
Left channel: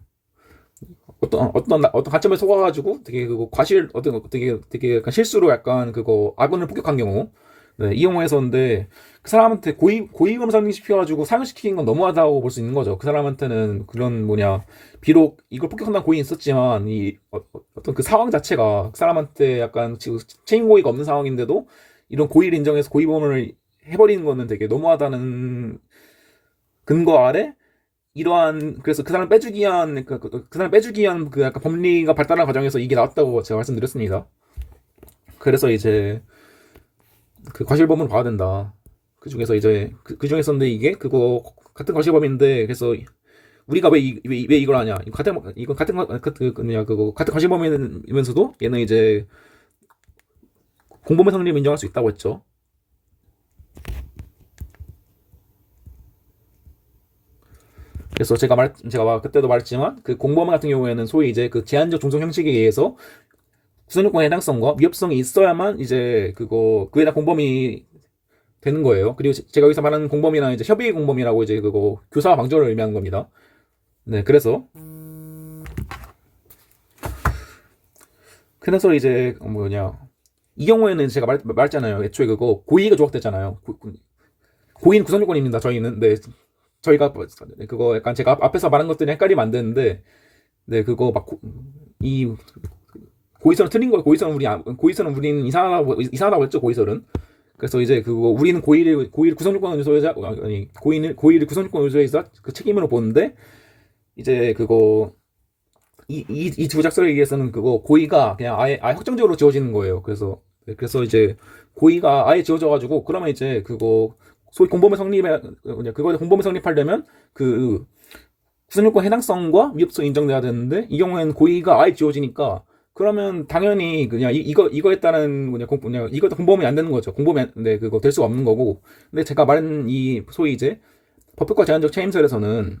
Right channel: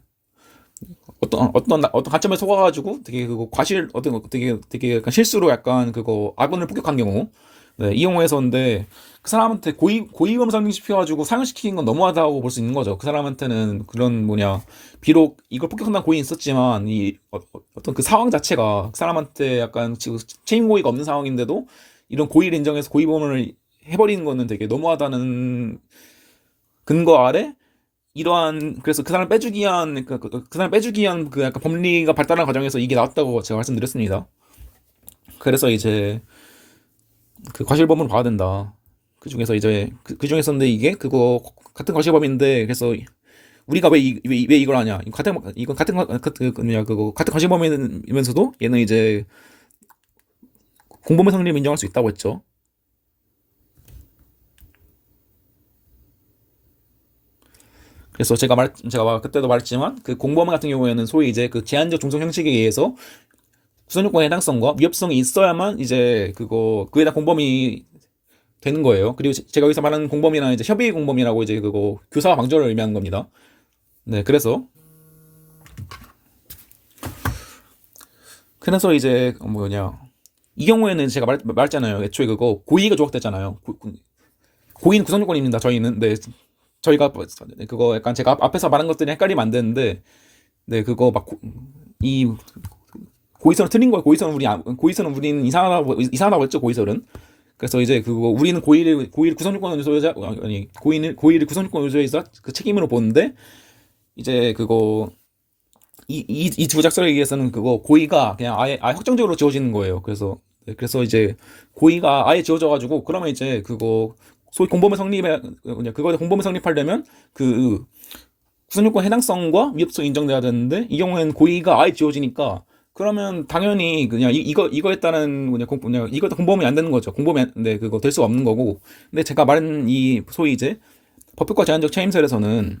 어떤 간첩에 속아가지고 되게 그거 과실 어떤 되게 약간 실수로 약간 그거 아군을 폭격한 경우, 네, 이 경우에서인데 그 사람한테 고의범 상승시켜가지고 상을시킨 건 너무하다고 볼 수 있는 거죠. 그 사람한테는 그런 뭐냐, 비록 이걸 폭격한다는 고의는 있었지만 어떤 그 상황 자체가 그 사람한테 약간 지금 책임 고의가 없는 상황인데도 이런 고의를 인정해서 고의범을 해버리는 거는 되게 너무하다는 근거 아래 이러한, 그래서 그 사람 빼주기 위한 그 사람 빼주기 위한 그 약간 법리가 발달한 과정에서 이게 나왔다고 제가 말씀드렸습니다. 그래서 이제 그 과실범으로 봐야 된다. 그 중에서 이제 그 중에서인데 이게 그거 같은 과실범인데, 그래서 우리가 왜 이걸 하냐? 이건 같은 뭐냐 그거 같은 과실범이면서도 얘는 이제 공범의 성립을 인정할 수 있다고 했죠. 그래서 제가 그때도 말했지만 그 공범 같은 경우에는 소위 이제 그 제한적 종속 형식에 의해서 구성 요건의 해당성과 위협성이 있어야만 이제 그에 대한 공범이 되는 거예요. 그리고 제가 여기서 말하는 공범이나 이제 협의 공범이라고 이제 그거 교사 방조를 의미하는 겁니다. 네, 그래서 이제 뭐냐, 이 경우에는 제가 말했잖아요. 애초에 그거 고의가 조각됐잖아요. 고의는 구성 요건입니다. 저희는. 네, 저희가 그거 약간 제가 앞에서 말한 것들이 헷갈리면 안 되는데, 네, 그거 이 고의설은 틀린 거예요. 고의설은 우리는 이상하다고 했죠. 고의설은. 그래서 이제 그거 우리는 고의를 구성 요건 요소에서, 아니 고의를 구성 요건 요소에서 그 책임으로 보는데, 이제 그거 이 두 작설에 의해서는 그거 고의가 그냥 아예 확정적으로 지어지는 거예요. 그래서 이제 고의가 아예 지어져가지고, 그러면 이제 그거 소위 공범의 성립에 그거에 공범의 성립하려면 그 구성요건 해당성과 위협성 인정돼야 되는데, 이 경우에는 고의가 아예 지어지니까 그러면 당연히 그냥 이거에 따른 이것도 공범이 안 되는 거죠. 네, 그거 될 수가 없는 거고. 근데 제가 말한 이 소위 이제 법효과 제한적 책임설에서는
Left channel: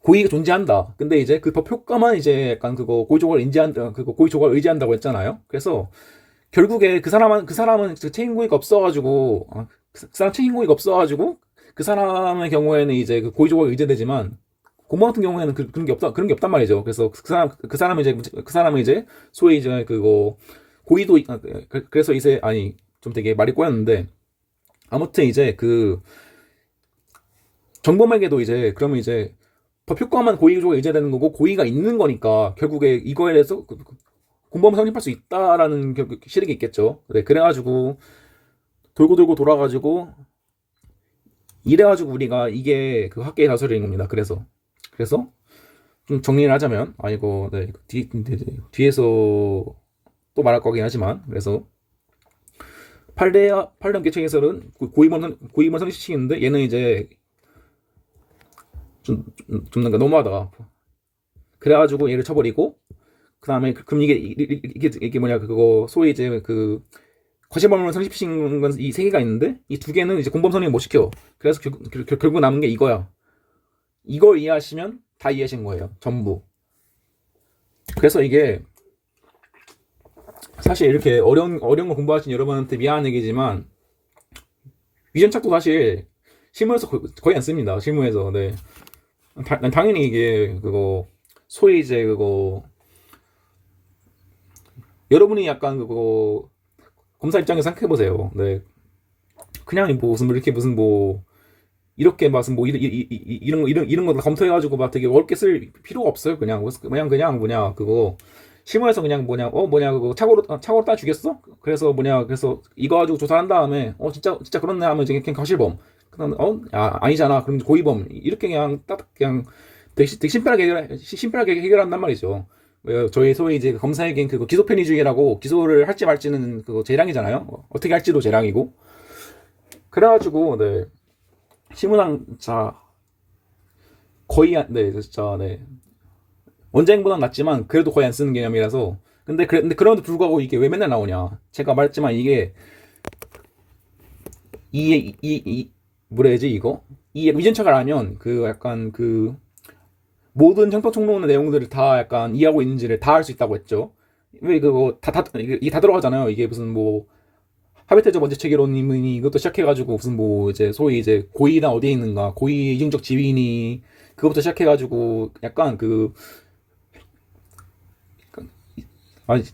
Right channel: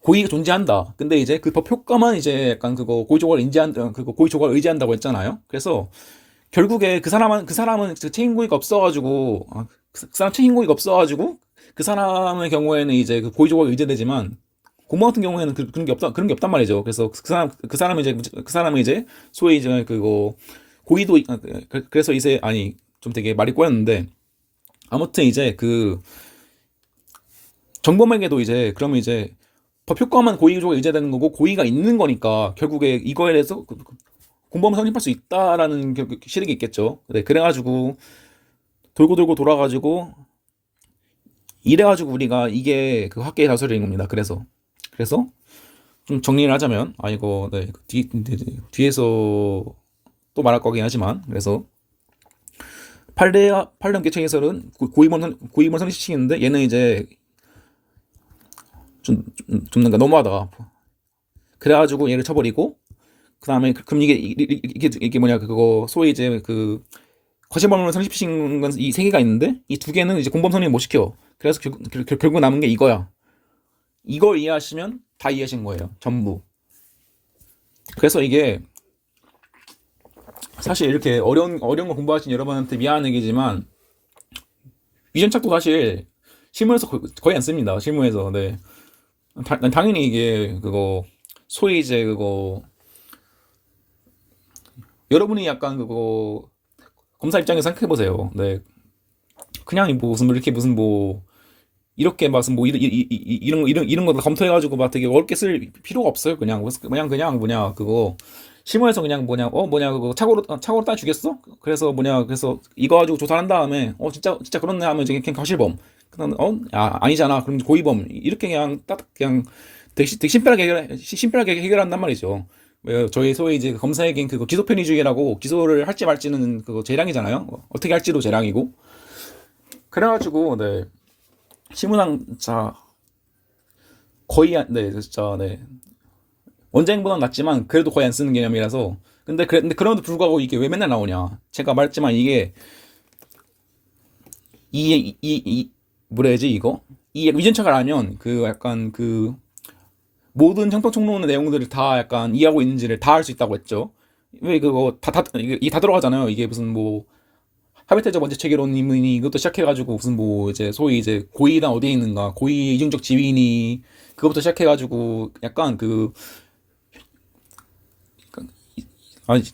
고의가 존재한다. 근데 이제 그 법 효과만 이제 약간 그거 고의 조각을 의지한다고 했잖아요. 그래서 결국에 그 사람은 그 책임 고의가 없어가지고, 그 사람 책임 고의가 없어가지고 그 사람의 경우에는 이제 그 고의 조각이 의제되지만, 공무원 같은 경우에는 그런 게 없단 말이죠. 그래서 그 사람은 이제 소위 이제 그거 고의도 그래서 이제 아니 좀 되게 말이 꼬였는데, 아무튼 이제 그 정범에게도 이제 그러면 이제 법 효과만 고의 조각이 의제되는 거고 고의가 있는 거니까 결국에 이거에 대해서 공범을 성립할 수 있다라는 실익이 있겠죠. 네, 그래가지고 돌고 돌고 돌아가지고 이래가지고 우리가 이게 그 학계의 자설인 겁니다. 그래서 좀 정리를 하자면, 이거 네, 뒤에서 또 말할 거긴 하지만, 그래서 판례 개체기설은 고의범 성립시키는데, 얘는 이제 좀 너무하다. 그래가지고 얘를 쳐버리고, 그 다음에 그럼 이게 뭐냐, 그거 소위 이제 그 과실범을 성립시킨 건 이 세 개가 있는데, 이 두 개는 이제 공범 성립 못 시켜. 그래서 결국 남은 게 이거야. 이걸 이해하시면 다 이해하신 거예요. 전부. 그래서 이게 사실 이렇게 어려운 거 공부하신 여러분한테 미안한 얘기지만, 위전착도 사실 실무에서 거의 안 씁니다. 실무에서. 네. 당연히 이게 그거 소위 이제 그거 여러분이 약간 그거 검사 입장에서 생각해 보세요. 네. 그냥 무슨 이렇게 무슨 이런 거 검토해가지고 막 되게 어렵게 쓸 필요가 없어요. 그냥 뭐냐 그거 실무에서 그냥 그거 착오로 따 주겠어? 그래서 이거 가지고 조사한 다음에 진짜 그렇네 하면 이제 그냥 과실범. 그냥 아니잖아. 그럼 고의범 이렇게 그냥 딱 그냥 되게 심플하게 해결한단 말이죠. 왜 저희 소위 이제 검사에겐 그거 기소 편의주의라고 기소를 할지 말지는 그거 재량이잖아요. 어떻게 할지도 재량이고. 그래가지고 네 신문상 자 거의 네 진짜 네 원자행보단 낫지만 그래도 거의 안 쓰는 개념이라서. 근데 그럼에도 불구하고 이게 왜 맨날 나오냐? 제가 말했지만 이게 이 뭐라 해야지 이거? 이 위전착을 알면 그 약간 그 모든 형평성론의 내용들을 다 약간 이해하고 있는지를 다 알 수 있다고 했죠. 왜 그거 이게 다 들어가잖아요. 이게 무슨 뭐 하베테적 원죄 체계론이니 이것도 시작해가지고 무슨 뭐 이제 소위 이제 고의나 어디에 있는가 고의 이중적 지위니 그것부터 시작해가지고 약간 그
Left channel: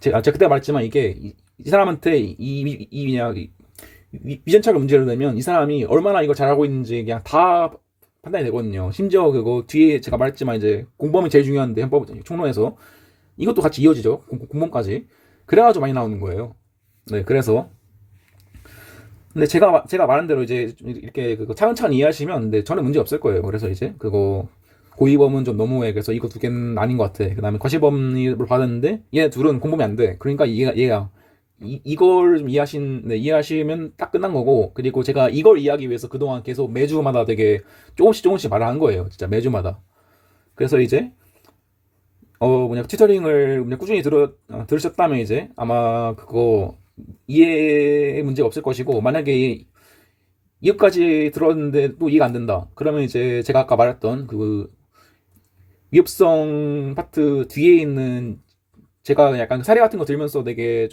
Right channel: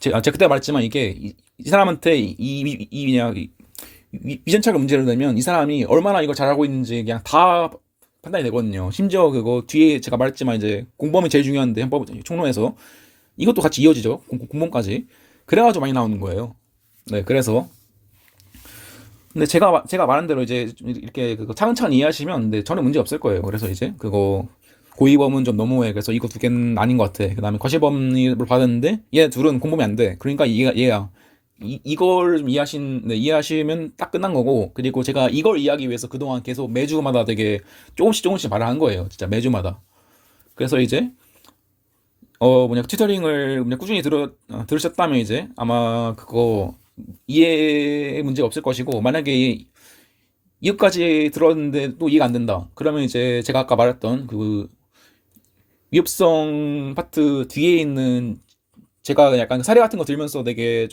제가 그때 말했지만 이게 이 사람한테 그냥 위전착을 문제를 내면 이 사람이 얼마나 이걸 잘하고 있는지 그냥 다 판단이 되거든요. 심지어 그거 뒤에 제가 말했지만 이제 공범이 제일 중요한데 헌법 총론에서 이것도 같이 이어지죠. 공범까지. 그래가지고 많이 나오는 거예요. 네, 그래서 근데 제가 말한 대로 이제 이렇게 그거 차근차근 이해하시면 근데 저는 문제 없을 거예요. 그래서 이제 그거 고의범은 좀 너무해. 그래서 이거 두 개는 아닌 것 같아. 그다음에 과실범을 받았는데 얘 둘은 공범이 안 돼. 그러니까 얘야 이걸 좀 네, 이해하시면 딱 끝난 거고. 그리고 제가 이걸 이해하기 위해서 그동안 계속 매주마다 되게 조금씩 말을 한 거예요. 진짜 매주마다. 그래서 이제 뭐냐 튜터링을 그냥 꾸준히 들으셨다면 이제 아마 그거 이해 문제가 없을 것이고, 만약에 이것까지 들었는데 또 이해가 안 된다. 그러면 이제 제가 아까 말했던 그 위협성 파트 뒤에 있는 제가 약간 사례 같은 거 들면서 되게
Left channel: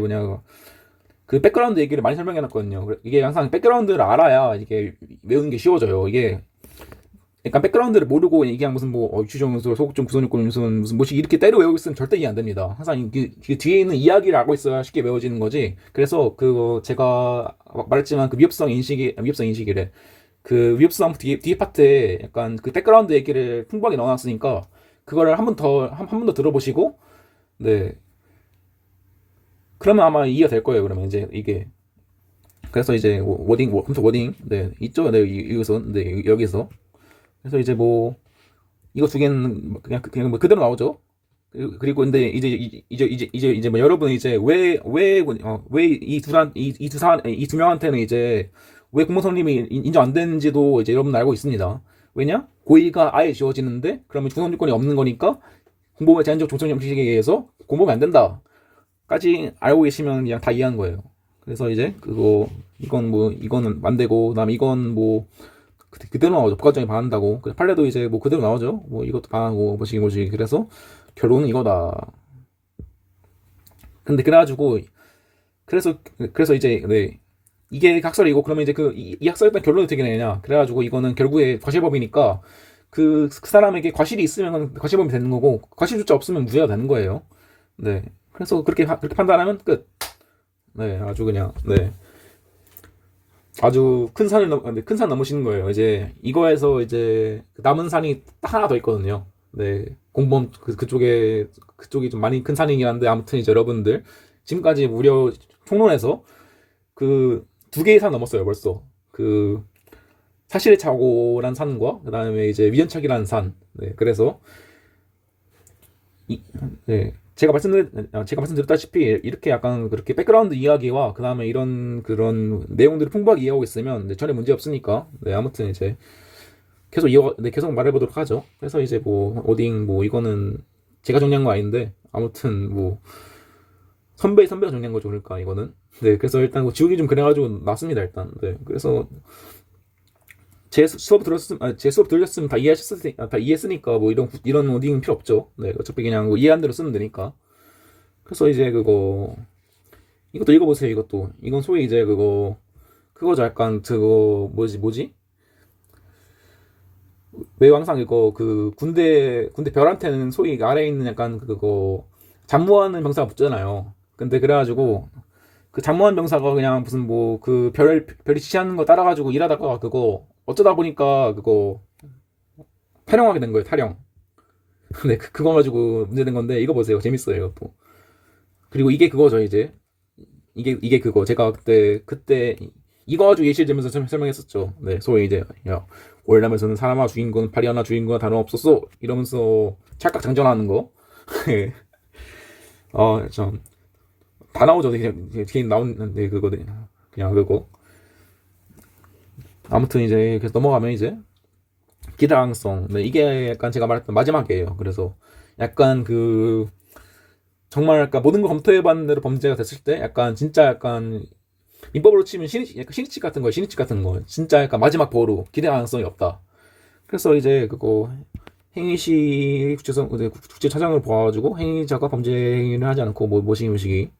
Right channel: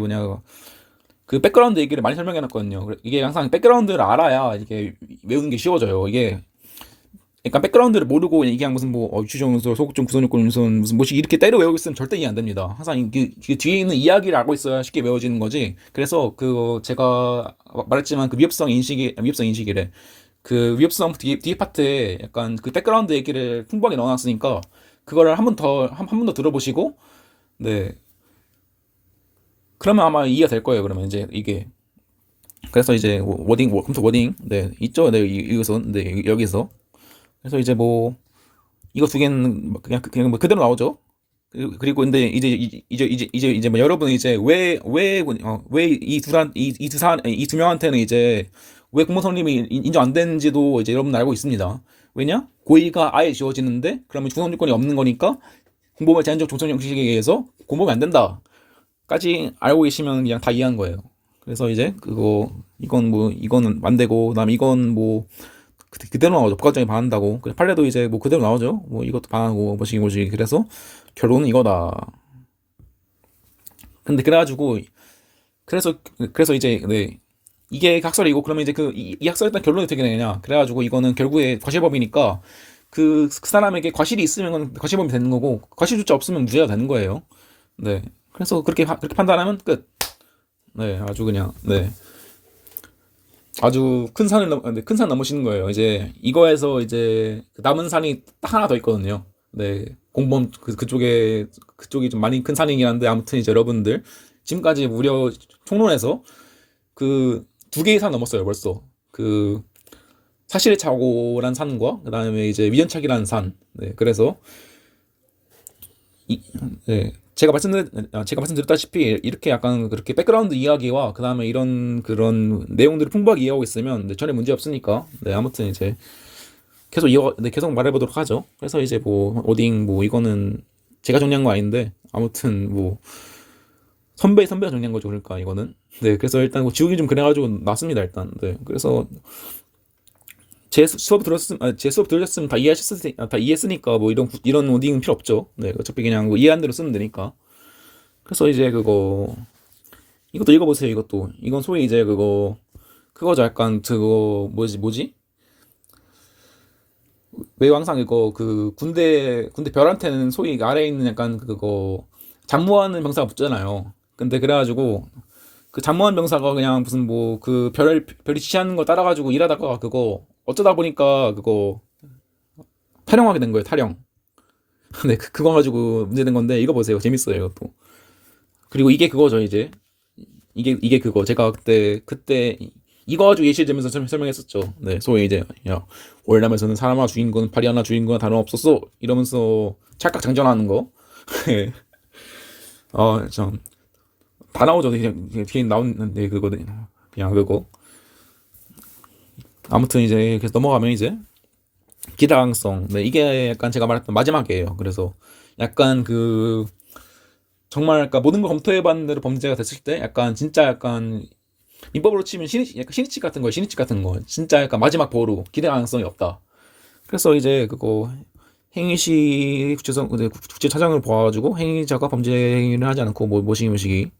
뭐냐 그 백그라운드 얘기를 많이 설명해 놨거든요. 이게 항상 백그라운드를 알아야 이게 외우는 게 쉬워져요. 이게 약간 백그라운드를 모르고 그냥 무슨 뭐 유추정서, 소극적 구성요건 무슨 뭐씩 이렇게 때려 외우고 있으면 절대 이해 안 됩니다. 항상 그 뒤에 있는 이야기를 알고 있어야 쉽게 외워지는 거지. 그래서 그 제가 말했지만 그 위협성 인식이래. 그 위협성 뒤에 파트에 약간 그 백그라운드 얘기를 풍부하게 넣어놨으니까 그거를 한 번 더 들어보시고 네 그러면 아마 이해가 될 거예요. 그러면 이제 이게 그래서 이제 컴퓨터 워딩 네 있죠. 네 이것은 네 여기서 그래서 이제 뭐 이거 두 개는 그냥 뭐 그대로 나오죠. 그리고 근데 이제 뭐 여러분 이제 왜 이 두 명한테는 이제 왜 공무원님이 인정 안 되는지도 이제 여러분 알고 있습니다. 왜냐? 고의가 아예 지워지는데 그러면 중성 조건이 없는 거니까 공범의 제한적 조성 형식에 의해서 공범이 안 된다까지 알고 계시면 그냥 다 이해한 거예요. 그래서 이제 그거 이거는 안 되고 그다음에 이건 뭐 그대로 나오죠. 부가정이 반한다고. 그래 판례도 이제 뭐 그대로 나오죠. 뭐 이것도 반하고 뭐시 그래서 결론은 이거다. 근데 그래가지고 그래서 이제 네 이게 학설이고 그러면 이제 이 학설에 따른 결론이 어떻게 되느냐. 그래가지고 이거는 결국에 과실법이니까 그 사람에게 과실이 있으면 과실법이 되는 거고 과실조차 없으면 무죄가 되는 거예요. 네. 그래서 그렇게 판단하면 끝. 네, 아주 그냥 네. 아주 큰 산 넘으시는 거예요. 이제 이거에서 이제 남은 산이 딱 하나 더 있거든요. 네, 공범 그쪽이 좀 많이 큰 산이긴 한데 아무튼 이제 여러분들 지금까지 무려 총론에서 그 두 개의 산 넘었어요 벌써. 그 사실의 착오란 산과 그다음에 이제 위헌착이라는 산. 네, 그래서 네, 제가 말씀드렸다시피 이렇게 약간 그렇게 백그라운드 이야기와 그다음에 이런 그런 내용들을 풍부하게 이해하고 있으면 네, 전혀 문제 없으니까. 네, 아무튼 이제 계속 말해보도록 하죠. 그래서 이제 뭐 오딩 뭐 이거는 제가 정리한 거 아닌데 아무튼 뭐 선배가 정리한 거죠. 그러니까 이거는 네, 그래서 일단 뭐 지우기 좀 그래가지고 났습니다 일단. 네, 그래서 제 수업 들으셨으면 다 이해했으니까 뭐 이런 오딩은 필요 없죠. 네, 어차피 그냥 뭐 이해한 대로 쓰면 되니까. 그래서 이제 이것도 읽어보세요. 이건 소위 이제 그거죠. 약간 그거 뭐지? 왜 항상 그 군대 별한테는 소위 아래에 있는 약간 그거 잠무하는 병사가 붙잖아요. 근데 그래가지고 그 잠무한 병사가 그냥 무슨 뭐 그 별이 지시하는 거 따라가지고 일하다가 그거 어쩌다 보니까 그거 탈영하게 된 거예요. 탈영. 네, 그거 가지고 문제된 건데 이거 보세요. 재밌어요. 이것도. 그리고 이게 그거죠. 이제 이게 그거 제가 그때 이거 가지고 예시를 들면서 설명했었죠. 네, 소위 이제 야 월남에서는 사람 하나 죽인 거는 파리 하나 죽인 거나 다름없었어 이러면서 찰칵 장전하는 거. 참 다 나오죠. 뒤에 나오는데 그거 그냥 그거. 아무튼 이제 계속 넘어가면 이제 기대가능성. 네, 이게 약간 제가 말했던 마지막이에요. 그래서 약간 그 정말 약간 모든 걸 검토해봤는 대로 범죄가 됐을 때 약간 진짜 약간 민법으로 치면 약간 신이치 같은 거예요. 신이치 같은 거. 진짜 약간 마지막 보루. 기대 가능성이 없다. 그래서 이제 그거 행위시 국제차장을 보아가지고 행위자가 범죄 행위를 하지 않고 모시기.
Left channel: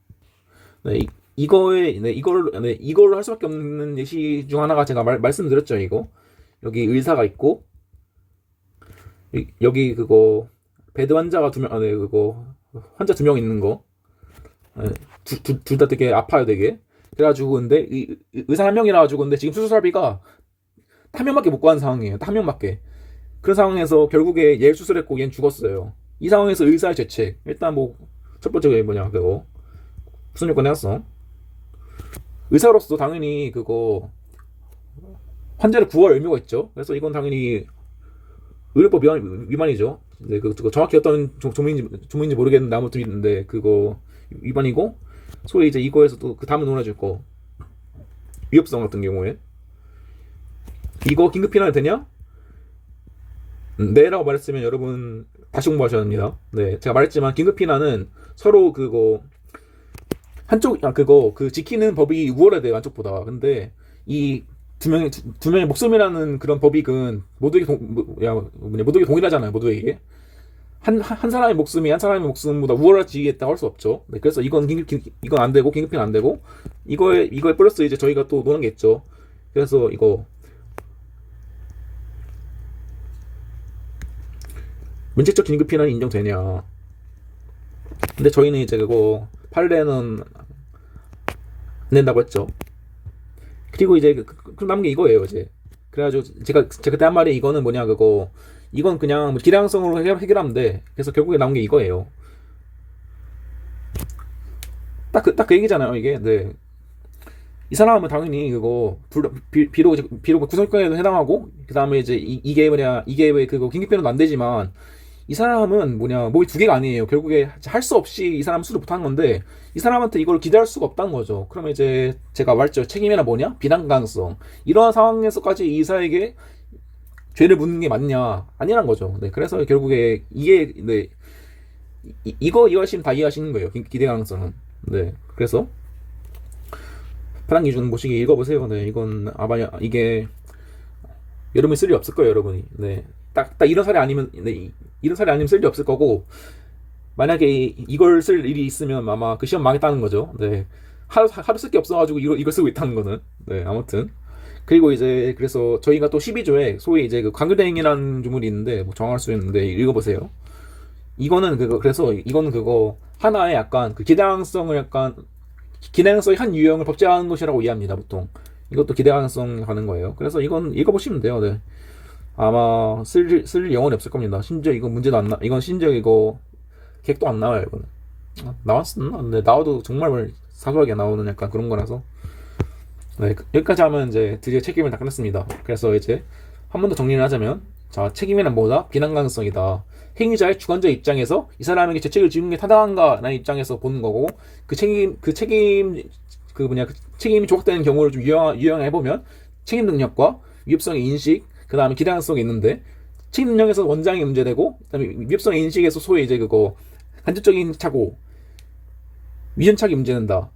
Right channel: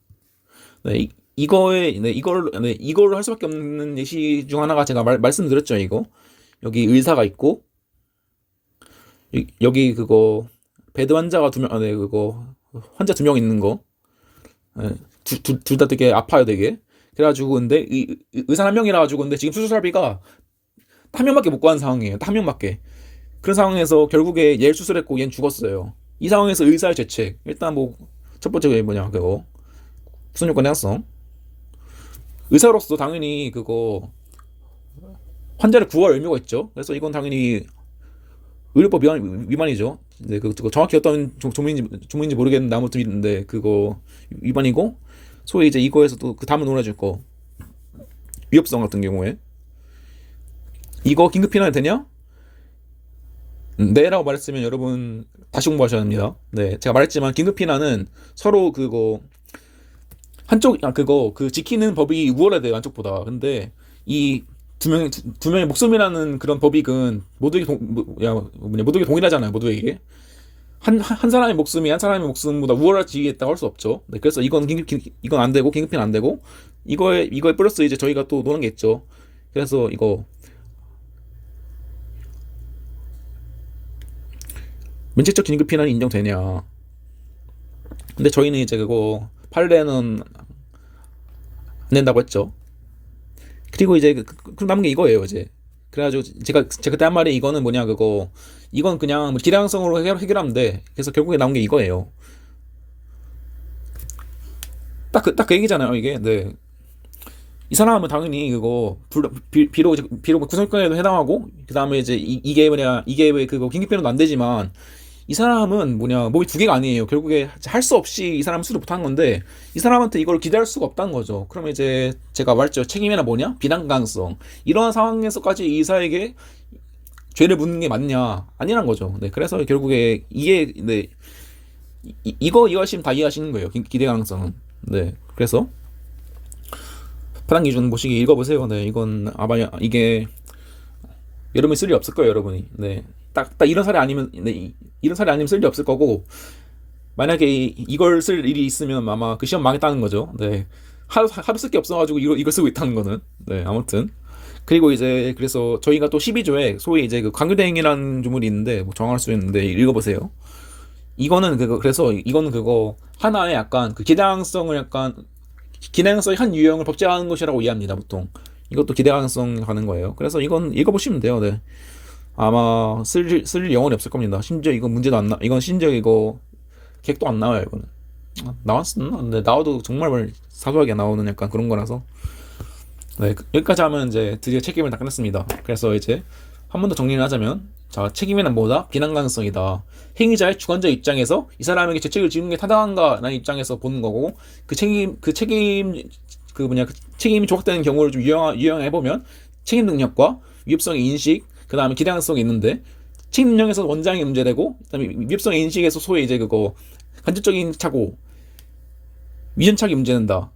네, 이거에 이걸로 할 수밖에 없는 예시 중 하나가 제가 말씀드렸죠. 이거 여기 의사가 있고 여기 그거 배드 환자가 두 명, 네, 그거 환자 두 명 있는 거. 둘 다 되게 아파요, 되게. 그래가지고 근데 의사 한 명이라 가지고 근데 지금 수술비가 한 명밖에 못 구한 상황이에요. 딱 한 명밖에. 그런 상황에서 결국에 얘를 수술했고 얘는 죽었어요. 이 상황에서 의사의 죄책. 일단 뭐 첫 번째 뭐냐 그거 무슨 요건 해놨어. 의사로서 당연히 그거 환자를 구할 의무가 있죠. 그래서 이건 당연히 의료법 위반이죠. 네, 그거 정확히 어떤 조문인지 모르겠는데 아무튼 있는데 그거 위반이고 소위 이제 이거에서도 그 다음은 놀아줄 거 위협성 같은 경우에 이거 긴급 피난이 되냐? 네라고 말했으면 여러분 다시 공부하셔야 합니다. 네, 제가 말했지만 긴급 피난은 서로 그거 그거 그 지키는 법이 우월해야 돼요 한쪽보다. 근데 이 두 명의 목숨이라는 그런 법익은 모두에게 동일하잖아요. 모두에게 한 사람의 목숨이 한 사람의 목숨보다 우월하지겠다고 할 수 없죠. 네, 그래서 이건 안 되고 긴급피는 안 되고 이거에 플러스 이제 저희가 또 노는 게 있죠. 그래서 이거 면책적 긴급피난이 인정되냐. 근데 저희는 이제 그거 판례는 안 된다고 했죠. 그리고 이제 그 남은 게 이거예요 이제. 그래가지고 제가 그때 한 말이 이거는 뭐냐 그거 이건 그냥 기량성으로 해결하면 돼. 그래서 결국에 나온 게 이거예요. 딱 그 얘기잖아요 이게. 네. 이 사람은 당연히 그거 비록 구성권에도 해당하고 그 다음에 이제 이게 왜 그거 긴급변호도 안 되지만 이 사람은 몸이 두 개가 아니에요. 결국에 할 수 없이 이 사람은 수를 못하는 건데 이 사람한테 이걸 기대할 수가 없다는 거죠. 그러면 이제 제가 말했죠. 책임이나 비난 가능성 이런 상황에서까지 이 이사에게 죄를 묻는 게 맞냐 아니란 거죠. 네, 그래서 결국에 이게 네, 이거 하시면 다 이해하시는 거예요. 기대 가능성은. 네, 그래서 파란 기준 보시기 읽어보세요. 네, 이건 아마 이게 여러분이 쓸 일 없을 거예요, 여러분이. 네, 딱 이런 사례 아니면 네, 이런 사례 아니면 쓸 일 없을 거고 만약에 이걸 쓸 일이 있으면 아마 그 시험 망했다는 거죠. 네, 하루 쓸 게 없어가지고 이걸 쓰고 있다는 거는. 네, 아무튼. 그리고 이제 그래서 저희가 또 12조에 소위 이제 그 강요대행이라는 조문이 있는데 뭐 정할 수 있는데 읽어보세요. 이거는 그래서 이거는 그거 하나의 약간 그 기대가능성을 약간 기대가능성의 한 유형을 법제화하는 것이라고 이해합니다 보통. 이것도 기대가능성 가는 거예요. 그래서 이건 읽어보시면 돼요. 네. 아마 쓸 영혼이 없을 겁니다. 심지어 이건 문제도 안 이건 심지어 이거 객도 안 나와요. 이거는 나왔었나? 근데 나와도 정말 사소하게 나오는 약간 그런 거라서. 네, 여기까지 하면 이제 드디어 책임을 다 끝냈습니다. 그래서 이제 한 번 더 정리를 하자면, 자, 책임이란 뭐다? 비난 가능성이다. 행위자의 주관자 입장에서 이 사람에게 죄책을 지는 게 타당한가라는 입장에서 보는 거고, 그 책임이 조각되는 경우를 좀 유형해 보면 책임 능력과 위협성의 인식, 그 다음에 기량성이 있는데, 책임 능력에서 원장이 문제되고, 그다음에 위협성의 인식에서 소위 이제 그거 간접적인 착오, 위전착이 문제된다.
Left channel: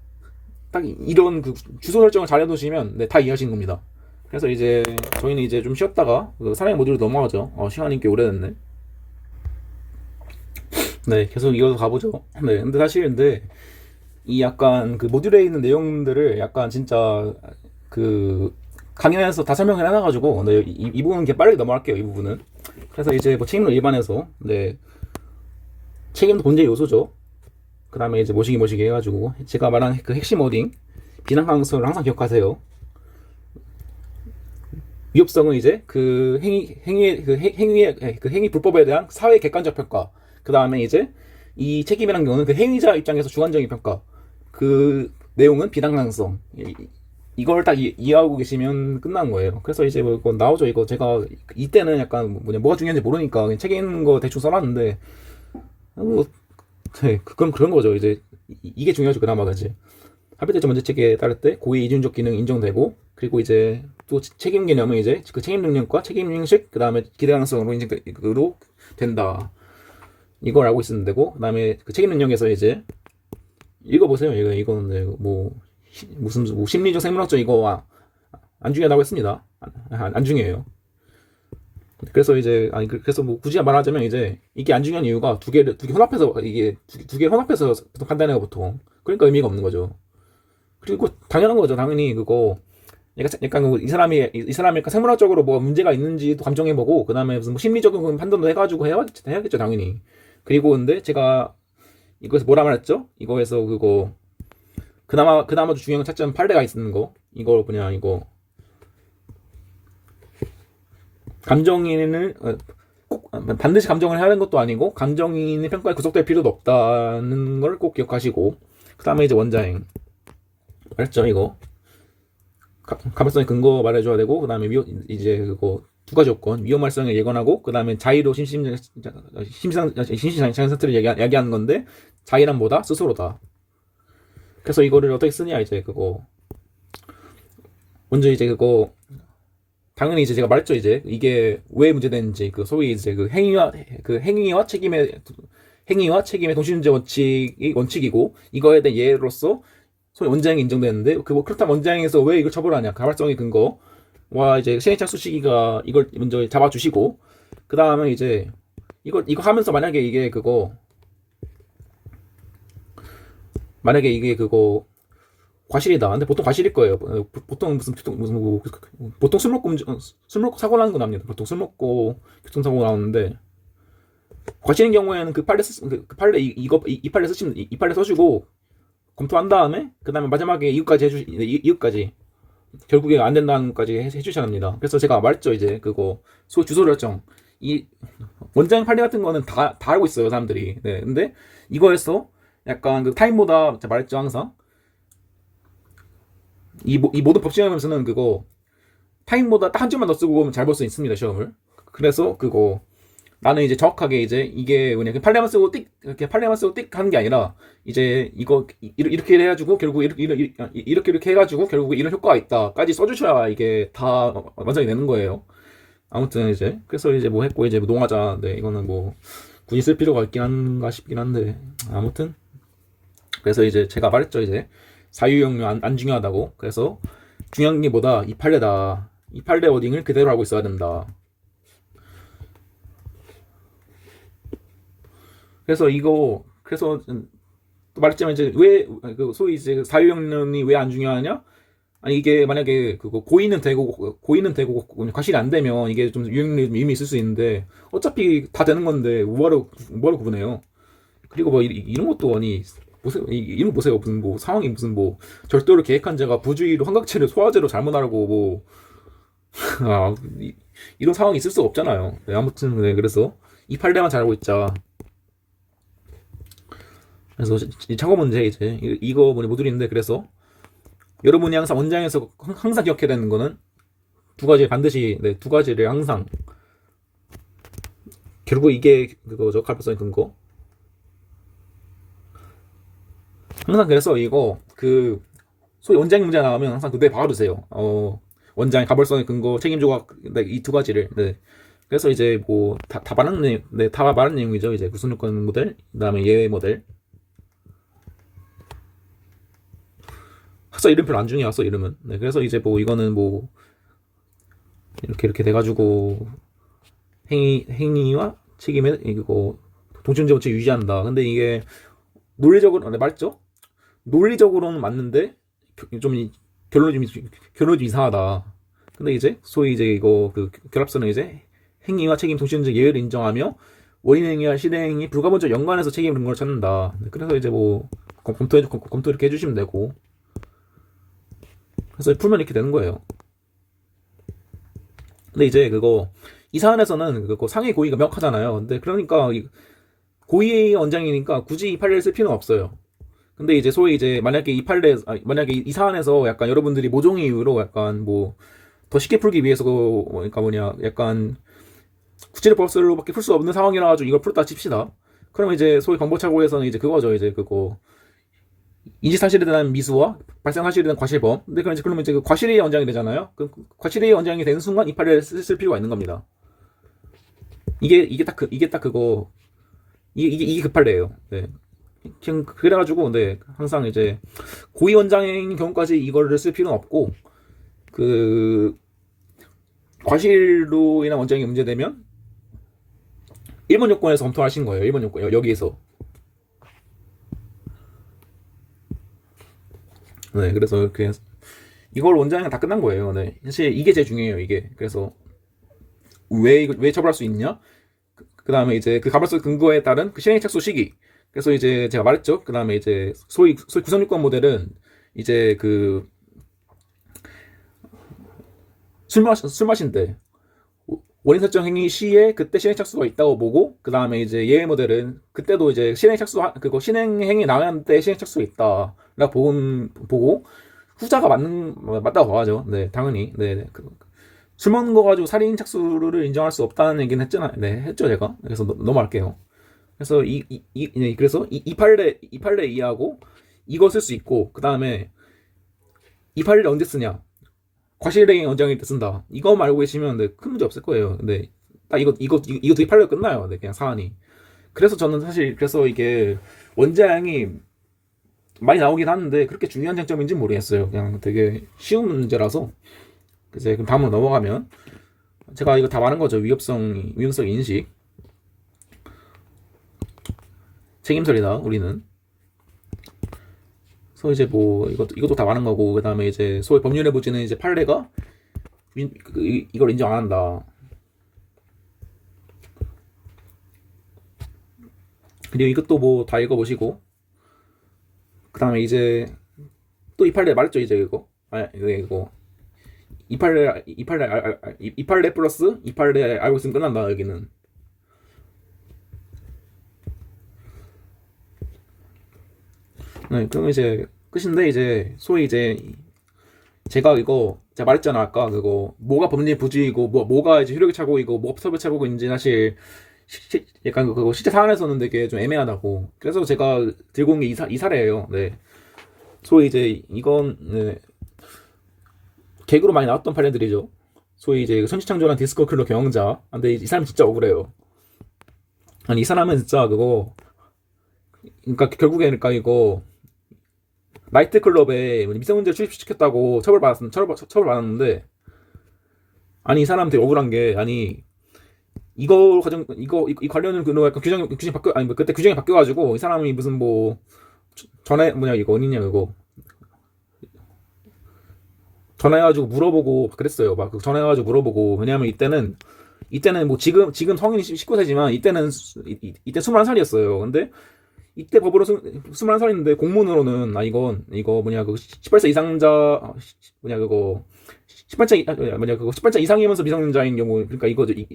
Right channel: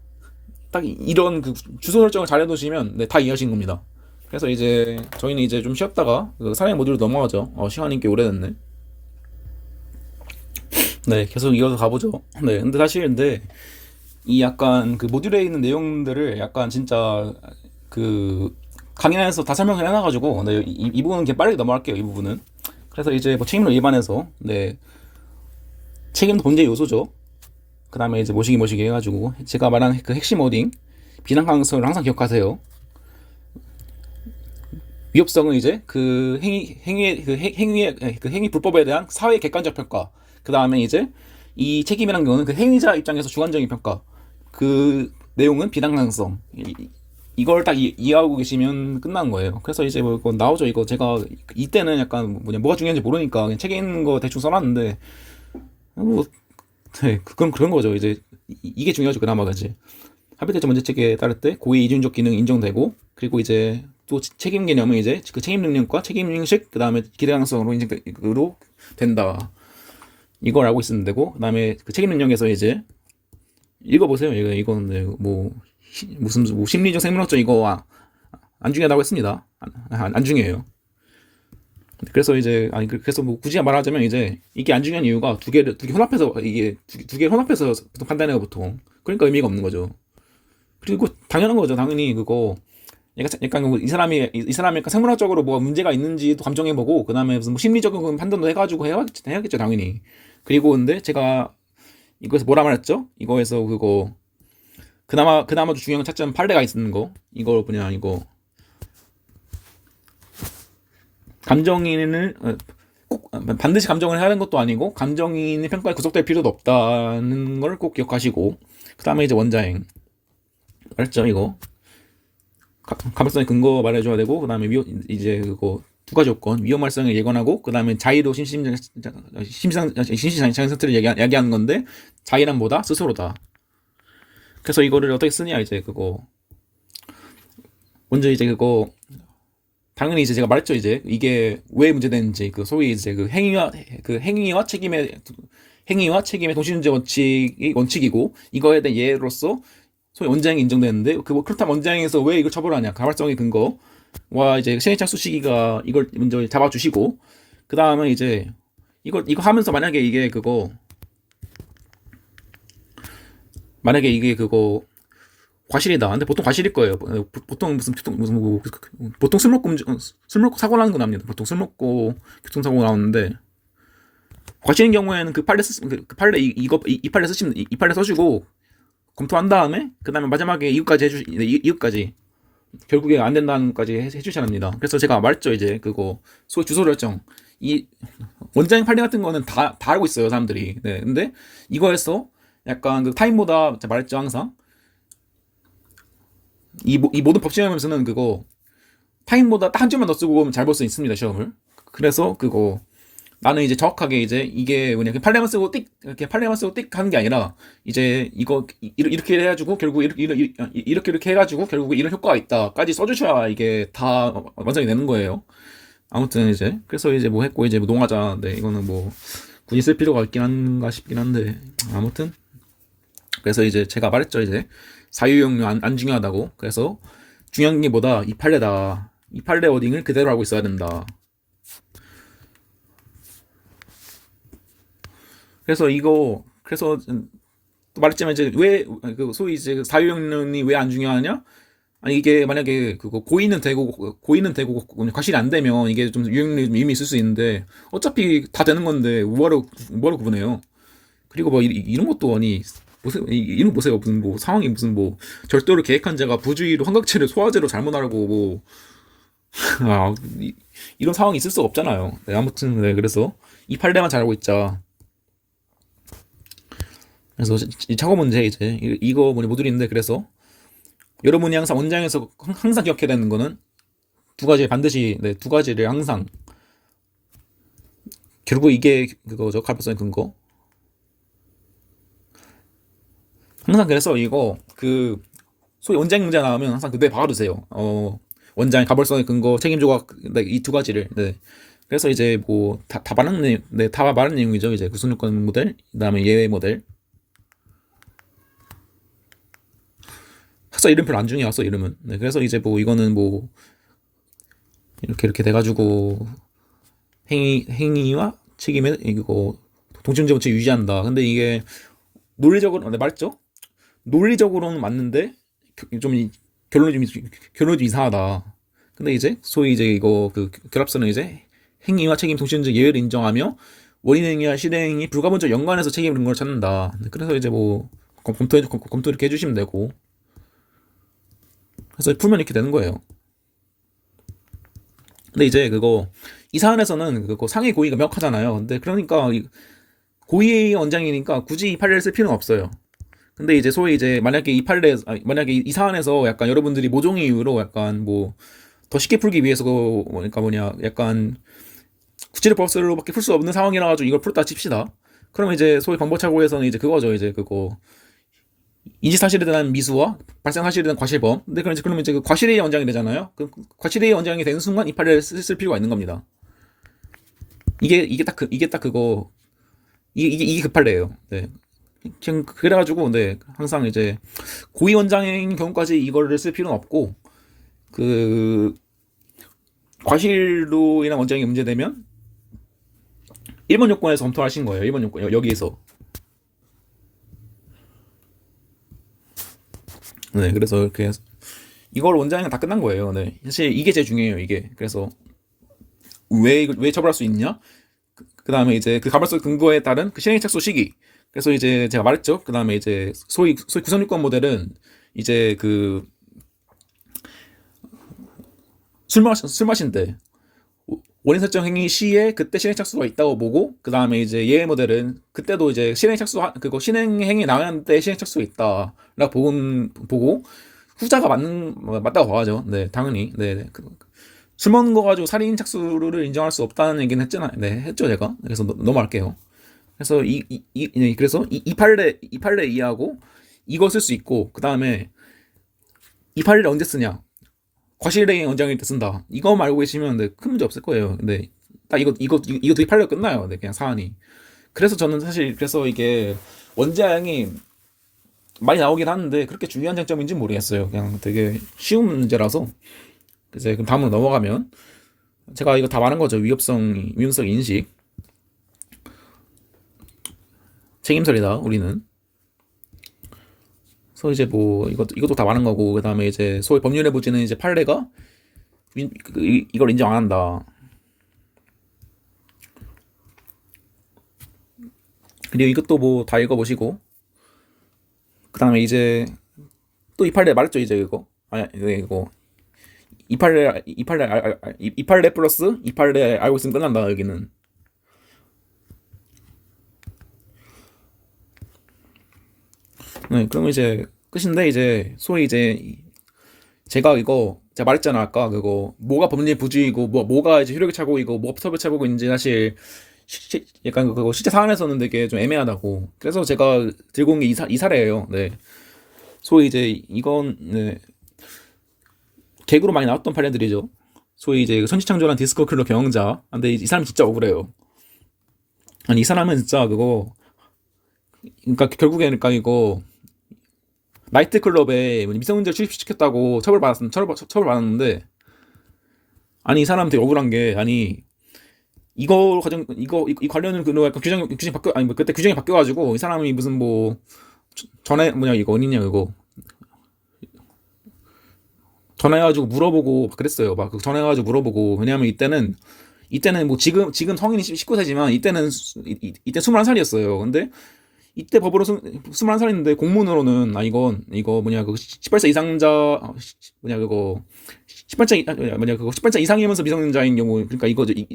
딱 이런 그 주소 설정을 잘 해두시면 네, 다 이해하신 겁니다. 그래서 이제 저희는 이제 좀 쉬었다가 그 사랑의 모듈로 넘어가죠. 시간이 꽤 오래됐네. 네, 계속 이어서 가보죠. 네, 근데 사실 이 약간 그 모듈에 있는 내용들을 약간 진짜 그 강의에서 다 설명을 해놔가지고 네, 이 부분은 그냥 빠르게 넘어갈게요. 이 부분은. 그래서 이제 뭐 책임론 일반에서 네, 책임도 본질 요소죠. 그 다음에 이제 모시기 해가지고 제가 말한 그 핵심 워딩 비난 가능성을 항상 기억하세요. 위협성은 이제 그 행위 불법에 대한 사회 객관적 평가. 그 다음에 이제 이 책임이라는 경우는 그 행위자 입장에서 주관적인 평가. 그 내용은 비난 가능성. 이걸 딱 이해하고 계시면 끝난 거예요. 그래서 이제 뭐 이거 나오죠. 이거 제가 이때는 약간 뭐가 중요한지 모르니까 그냥 책에 있는 거 대충 써놨는데 뭐 네, 그건 그런 거죠. 이제 이게 중요하죠. 그나마 그지. 합의대체 문제체계에 따를 때 고의 이중적 기능 인정되고, 그리고 이제 또 책임 개념은 이제 그 책임 능력과 책임 형식, 그 다음에 기대 가능성으로 인정으로 된다. 이걸 알고 있으면 되고, 그 다음에 그 책임 능력에서 이제 읽어보세요. 이거는 네, 뭐 무슨 뭐 심리적 생물학적 이거 안 중요하다고 했습니다. 안 중요해요. 그래서 이제 아니 그래서 뭐 굳이 말하자면 이제 이게 안 중요한 이유가 두 개 혼합해서 이게 두 개 혼합해서 보통 판단해요 보통. 그러니까 의미가 없는 거죠. 그리고 당연한 거죠. 당연히 그거 약간 이 사람이 약간 생물학적으로 뭐 문제가 있는지도 감정해보고, 그다음에 무슨 뭐 심리적인 판단도 해가지고 해야겠죠 당연히. 그리고 근데 제가 이거에서 뭐라 말했죠? 이거에서 그거 그나마도 중요한 차점 판례가 있는 거. 이걸 그냥 이거 감정인을 꼭 반드시 감정을 해야 하는 것도 아니고 감정인의 평가에 구속될 필요도 없다는 걸 꼭 기억하시고, 그 다음에 이제 원자행 알았죠? 이거 가변성의 근거 말해줘야 되고, 그 다음에 이제 그거 두 가지 요건, 위험할성을 예건하고, 그 다음에 자의로 심시장 상태를 야기하는 건데, 자의란 뭐다? 스스로다. 그래서 이거를 어떻게 쓰냐, 이제 그거 먼저 이제 그거 당연히 이제 제가 말했죠. 이제 이게 왜 문제되는지, 그 소위 이제 행위와 책임의 동시존재 원칙이고, 이거에 대한 예로서 소위 원자행이 인정되는데, 그렇다면 원자행에서 왜 이거 처벌하냐? 가발성의 근거와 이제 시행착수 시기가 이걸 먼저 잡아주시고, 그 다음에 이제 이거 하면서 만약에 이게 그거 과실이다. 근데 보통 과실일 거예요. 보통 보통 술 먹고 사고 나는 건 압니다. 보통 술 먹고 교통사고 나오는데, 과실인 경우에는 그 판례 이 판례 쓰시면 이 판례 써주고 검토한 다음에, 그 다음에 마지막에 이유까지 결국에 안 된다는 것까지 해주셔야 합니다. 그래서 제가 말했죠. 이제 그거 소위 주소 결정, 이 원자행 판례 같은 거는 다 알고 있어요 사람들이. 네, 근데 이거에서 약간 그 타임보다 제가 말했죠. 항상 이 모든 법 시험에서는 그거 타임보다 딱 한 줄만 더 쓰고 오면 잘 볼 수 있습니다 시험을. 그래서 그거 나는 이제 정확하게 이제 이게 뭐냐, 판례만 쓰고 띡 하는 게 아니라, 이제 이거 이렇게 해가지고 결국 이렇게 해가지고 결국 이런 효과가 있다까지 써주셔야 이게 다 완성이 되는 거예요. 아무튼 이제 그래서 이제 뭐 했고, 이제 뭐 농하자. 네, 이거는 뭐 굳이 쓸 필요가 있긴 한가 싶긴 한데, 아무튼 그래서 이제 제가 말했죠. 이제 사유용료 안 중요하다고. 그래서 중요한 게 뭐다? 이 판례다. 이 판례 워딩을 그대로 하고 있어야 된다. 그래서 또 말했지만 이제 왜 그 소위 이제 사유용론이 왜 안 중요하냐? 아니 이게 만약에 그거 고의는 되고 과실이 안 되면 이게 좀 유용률이 의미 있을 수 있는데, 어차피 다 되는 건데 뭐하러 구분해요? 그리고 뭐 이런 것도 아니 보세요. 이런 거 보세요. 무슨 뭐 상황이 무슨 뭐 절도를 계획한 자가 부주의로 환각체를 소화제로 잘못 알고 뭐 아, 이런 상황이 있을 수가 없잖아요. 네, 아무튼 네, 그래서 이 판례만 잘 알고 있자. 그래서 이 착오 문제 이제 이거 못 드리는데, 그래서 여러분이 항상 원장에서 항상 기억해야 되는 거는 두 가지, 반드시 네, 두 가지를 항상. 결국 이게 그거죠. 가변성의 근거. 항상 그래서 이거 그 소위 원장 문제 나오면 항상 그때 박아두세요. 원장의 가벌성의 근거, 책임 조각, 네, 이 두 가지를. 네. 그래서 이제 뭐 다 말한 내용, 네, 다 말한 내용이죠. 이제 구속요건 모델, 그다음에 예외 모델. 학사 이름표 안 중요해. 학사 이름은. 네. 그래서 이제 뭐 이거는 뭐 이렇게 돼가지고 행위와 책임의 이거 동침제 원칙 유지한다. 근데 이게 논리적으로 네, 말했죠? 논리적으로는 맞는데 좀 결론이 좀 이상하다. 근데 이제 소위 이제 이거 그 결합선은 이제 행위와 책임 동시에 예외를 인정하며 원인 행위와 실행이 불가분적 연관해서 책임 근거를 찾는다. 그래서 이제 뭐 검토 이렇게 해주시면 되고, 그래서 풀면 이렇게 되는 거예요. 근데 이제 그거 이 사안에서는 그거 상해 고의가 명확하잖아요. 근데 그러니까 고의의 원장이니까 굳이 이 판례를 쓸 필요는 없어요. 근데 이제 소위 이제 만약에 이 판례, 만약에 이 사안에서 약간 여러분들이 모종의 이유로 약간 뭐 더 쉽게 풀기 위해서 그러니까 뭐냐 약간 구치대법설로밖에 풀 수 없는 상황이라 가지고 이걸 풀었다 칩시다. 그러면 이제 소위 방법착오에서는 이제 그거죠. 이제 그거 인지 사실에 대한 미수와 발생 사실에 대한 과실범. 근데 그러면 이제 그 과실의 원장이 되잖아요. 그 과실의 원장이 되는 순간 이 판례를 쓸 필요가 있는 겁니다. 이게 딱 그거 이게 그 판례예요. 네. 그냥 그래가지고 네 항상 이제 고위 원장인 경우까지 이거를 쓸 필요는 없고 그 과실로 인한 원장이 문제되면 1번 요건에서 검토하신 거예요. 1번 요건 여기에서. 네, 그래서 이렇게 이걸 원장이랑 다 끝난 거예요. 네, 사실 이게 제일 중요해요. 이게 그래서 왜 처벌할 수 있냐? 그 다음에 이제 그 가벌성 근거에 따른 그 실행 착수 시기. 그래서 이제 제가 말했죠. 그 다음에 이제 소위 구성유권 모델은 이제 그 술 마신 때 원인 설정 행위 시에 그때 실행 착수가 있다고 보고 그 다음에 이제 예의 모델은 그때도 이제 실행 착수 그거 실행 행위 나가는 때 실행 착수가 있다라고 보고 후자가 맞다고 봐야죠. 네, 당연히. 네, 네. 술 먹는 거 가지고 살인 착수를 인정할 수 없다는 얘기는 했잖아요. 네, 했죠 제가. 그래서 넘어갈게요. 그래서 그래서 이 판례 이해하고 이거 쓸 수 있고 그 다음에 이 판례를 언제 쓰냐? 과실행위 원장일 때 쓴다. 이거 말고 계시면 네, 큰 문제 없을 거예요. 근데 딱 이거 되게 판례가 끝나요. 네, 그냥 사안이. 그래서 저는 사실 그래서 이게 원장이 많이 나오긴 하는데 그렇게 중요한 장점인지 모르겠어요. 그냥 되게 쉬운 문제라서. 그래서 그럼 다음으로 넘어가면 제가 이거 다 말한 거죠. 위험성 인식, 책임설이다. 우리는. 그래서 이제 뭐 이것도 다 말한 거고 그 다음에 이제 소위 법률의 부지는 이제 판례가 이걸 인정 안 한다. 그리고 이것도 뭐 다 읽어보시고 그 다음에 이제 또 이 판례 말했죠 이제 이거 이 판례 플러스 이 판례 알고 있으면 끝난다 여기는. 네, 그러면 이제 끝인데 이제 소위 이제 제가 말했잖아 아까 그거 뭐가 법리 부주의고 뭐가 이제 효력의 착오이고 뭐가 법의 착오인지 사실 약간 그거 실제 사안에서는 되게 좀 애매하다고. 그래서 제가 들고 온 게 이 사례예요. 네, 소위 이제 이건 네, 개그로 많이 나왔던 판례들이죠. 소위 이제 그 선지창조란 디스코 킬러 경영자. 근데 이 사람이 진짜 억울해요. 아니 이 사람은 진짜 그거 그러니까 결국에 그러니까 이거 나이트클럽에 미성년자를 출입시켰다고 처벌받았는데 아니 이 사람 되게 억울한 게 아니 이 관련을 그 약간 규정 바뀌어 아니 뭐 그때 규정이 바뀌어가지고 이 사람이 무슨 뭐 전에 뭐냐 이거 어디냐 이거 전화해가지고 물어보고 그랬어요. 막 전화해가지고 물어보고 왜냐하면 이때는 뭐 지금 성인이 19세지만 이때 21살이었어요. 근데 이때 법으로 21살인데 공문으로는 이거 뭐냐 그 18세 이상자 뭐냐 그거 18세 뭐냐 그거 18세 이상이면서 미성년자인 경우 그러니까 이거죠. 이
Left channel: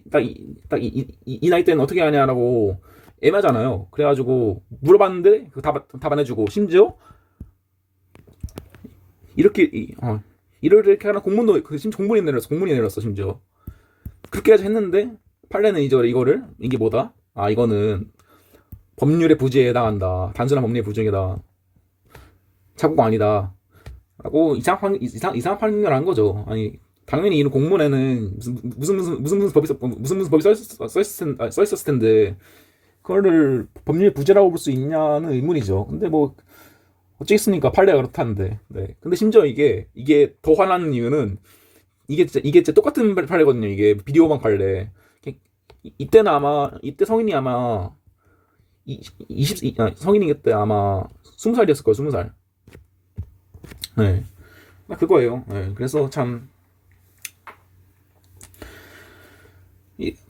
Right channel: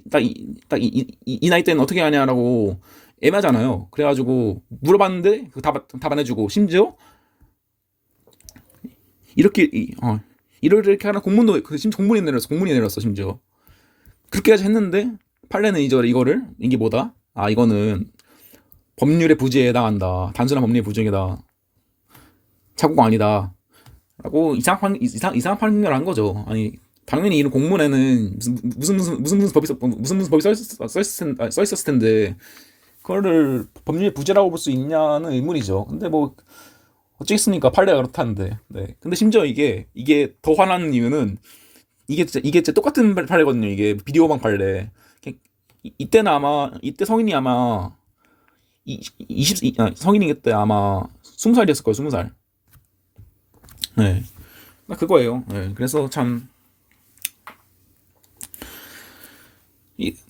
나이 때는 어떻게 하냐라고 애매하잖아요. 그래가지고 물어봤는데 답안 해주고 심지어 이렇게 이렇게 하는 공문도 심지어 공문이 내렸어 심지어 그렇게까지 했는데 판례는 이제 이거를 이게 뭐다? 아 이거는 법률의 부재에 해당한다. 단순한 법률의 부재이다. 착오가 아니다. 라고 이상한 판결을 한 거죠. 아니 당연히 이런 공문에는 무슨 법이 써 있었을 텐데 그거를 법률의 부재라고 볼 수 있냐는 의문이죠. 근데 뭐 어쩌겠습니까 판례가 그렇다는데. 네. 근데 심지어 이게 더 화나는 이유는 이게 진짜 똑같은 판례거든요. 이게 비디오방 판례. 이때 성인이 아마 성인이 그때 아마 20살이었을 거예요. 20살. 네. 나 그거예요. 네. 그래서 참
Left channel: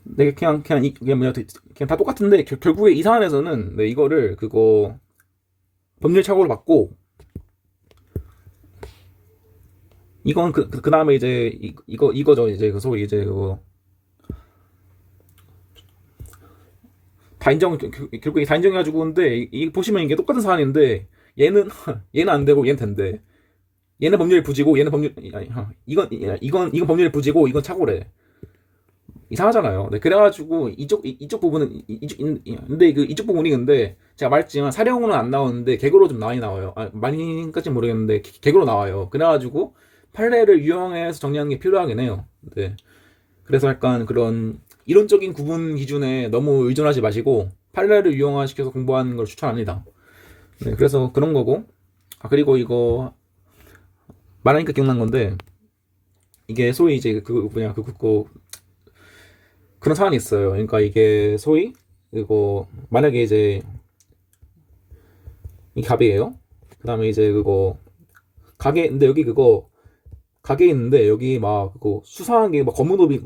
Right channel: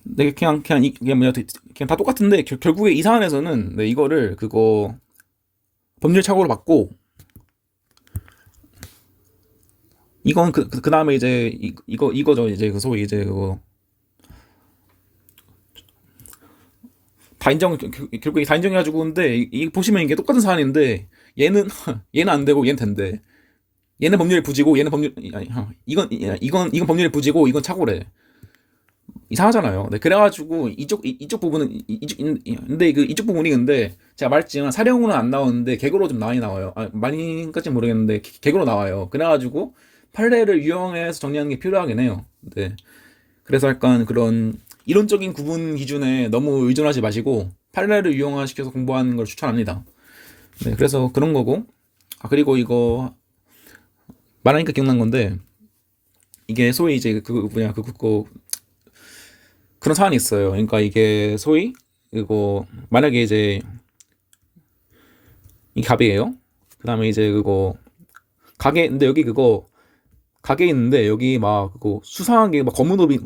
내가 그냥 다 똑같은데 결국에 이 사안에서는 네, 이거를 그거 법률 착오로 받고 이건 그 다음에 이제 이거죠. 이제 그 소위 이제 그거 다 인정 결국에 다 인정해가지고 근데 보시면 이게 똑같은 사안인데 얘는 얘는 안 되고 얘는 된대. 얘는 법률 부지고 얘는 법률 아니, 이건 법률 부지고 이건 착오래. 이상하잖아요. 네, 그래가지고 이쪽 부분은 근데 그 이쪽 부분이 근데 제가 말했지만 사령으로는 안 나오는데 개그로 좀 많이 나와요. 많이까지는 모르겠는데 개그로 나와요. 그래가지고 판례를 유형해서 정리하는 게 필요하긴 해요. 네. 그래서 약간 그런 이론적인 구분 기준에 너무 의존하지 마시고 판례를 유형화시켜서 공부하는 걸 추천합니다. 네, 그래서 그런 거고. 그리고 이거 말하니까 기억난 건데 이게 소위 이제 그거 그런 사안이 있어요. 그러니까 이게 소위 이거 만약에 이제 이 갑이에요. 그다음에 이제 그거 가게 근데 여기 그거 가게 있는데 여기 막 그거 수상하게 막 검은 옷이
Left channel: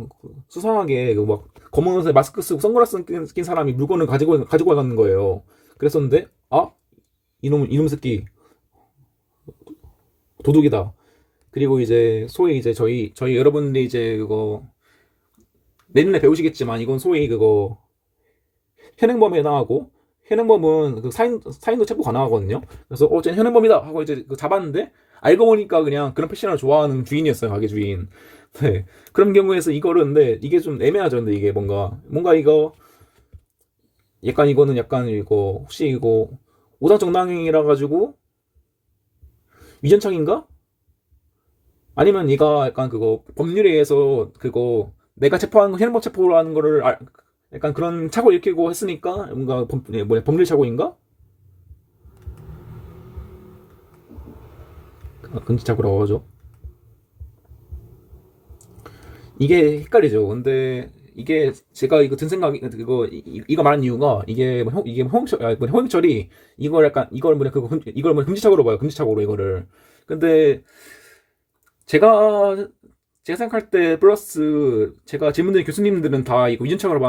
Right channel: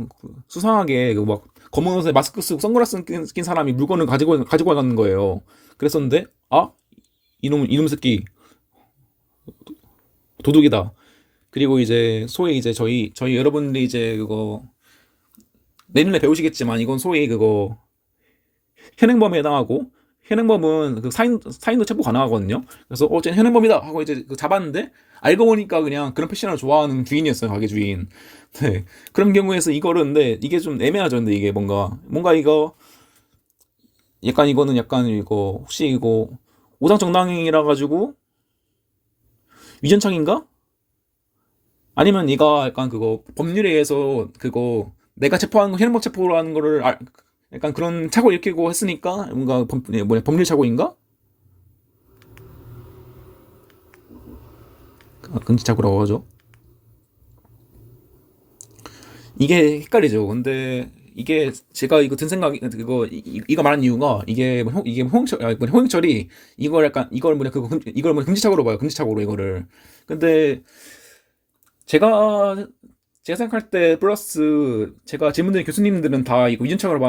수상하게 그막 검은 옷에 마스크 쓰고 선글라스 낀 사람이 물건을 가지고 가는 거예요. 그랬었는데 이놈 새끼 도둑이다. 그리고 이제 소위 이제 저희 여러분들이 이제 그거 내년에 배우시겠지만 이건 소위 그거 현행범에 해당하고 현행범은 그 사인도 체포 가능하거든요. 그래서 쟤는 현행범이다 하고 이제 그 잡았는데 알고 보니까 그냥 그런 패션을 좋아하는 주인이었어요, 가게 주인. 네. 그런 경우에서 이거를 근데 이게 좀 애매하죠. 근데 이게 뭔가 이거 약간 이거는 약간 이거 혹시 이거 오상정당이라 가지고 위전창인가? 아니면 얘가 약간 그거 법률에 의해서 그거 내가 체포하는 거 현행범 체포라는 거를 약간 그런 착오 일으키고 했으니까 뭔가 법률 착오인가? 금지착오라고 하죠. 이게 헷갈리죠. 근데 이게 제가 이거 든 생각이 이거 말한 이유가 이게 홍영철이 이걸 약간 이걸 금지착오로 봐요. 금지착오로 이거를. 근데 제가 제가 생각할 때 플러스 제가 질문 드린 교수님들은 다 이거 위준착으로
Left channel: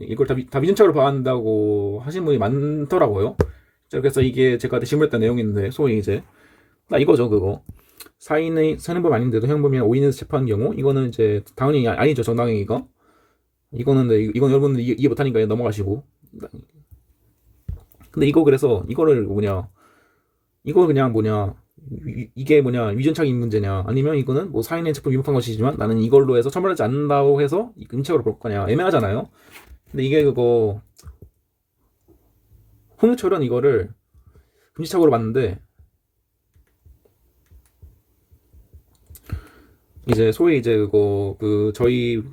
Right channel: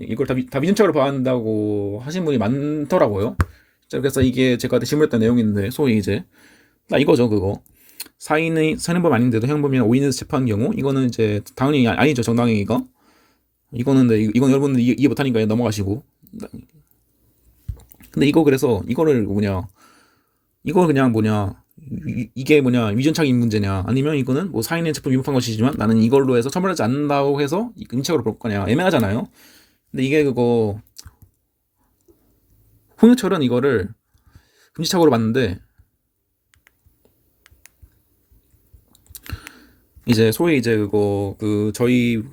이걸 다 위준착으로 봐한다고 하신 분이 많더라고요. 그래서 이게 제가 질문했던 내용인데 소위 이제 이거죠 그거 사인의 현행범 아닌데도 현행범이나 오인에서 체포한 경우 이거는 이제 당연히 아니죠 정당행위가 이거는 이건 여러분들 이해 못하니까 넘어가시고 근데 이거 그래서 이거를 이거 그냥 이게 위전착인 문제냐 아니면 이거는 뭐 사인의 체포 위법한 것이지만 나는 이걸로 해서 처벌하지 않는다고 해서 금지착오로 볼 거냐 애매하잖아요. 근데 이게 그거 홍유철은 이거를 금지착오로 봤는데 이제 소위 이제 그거 저희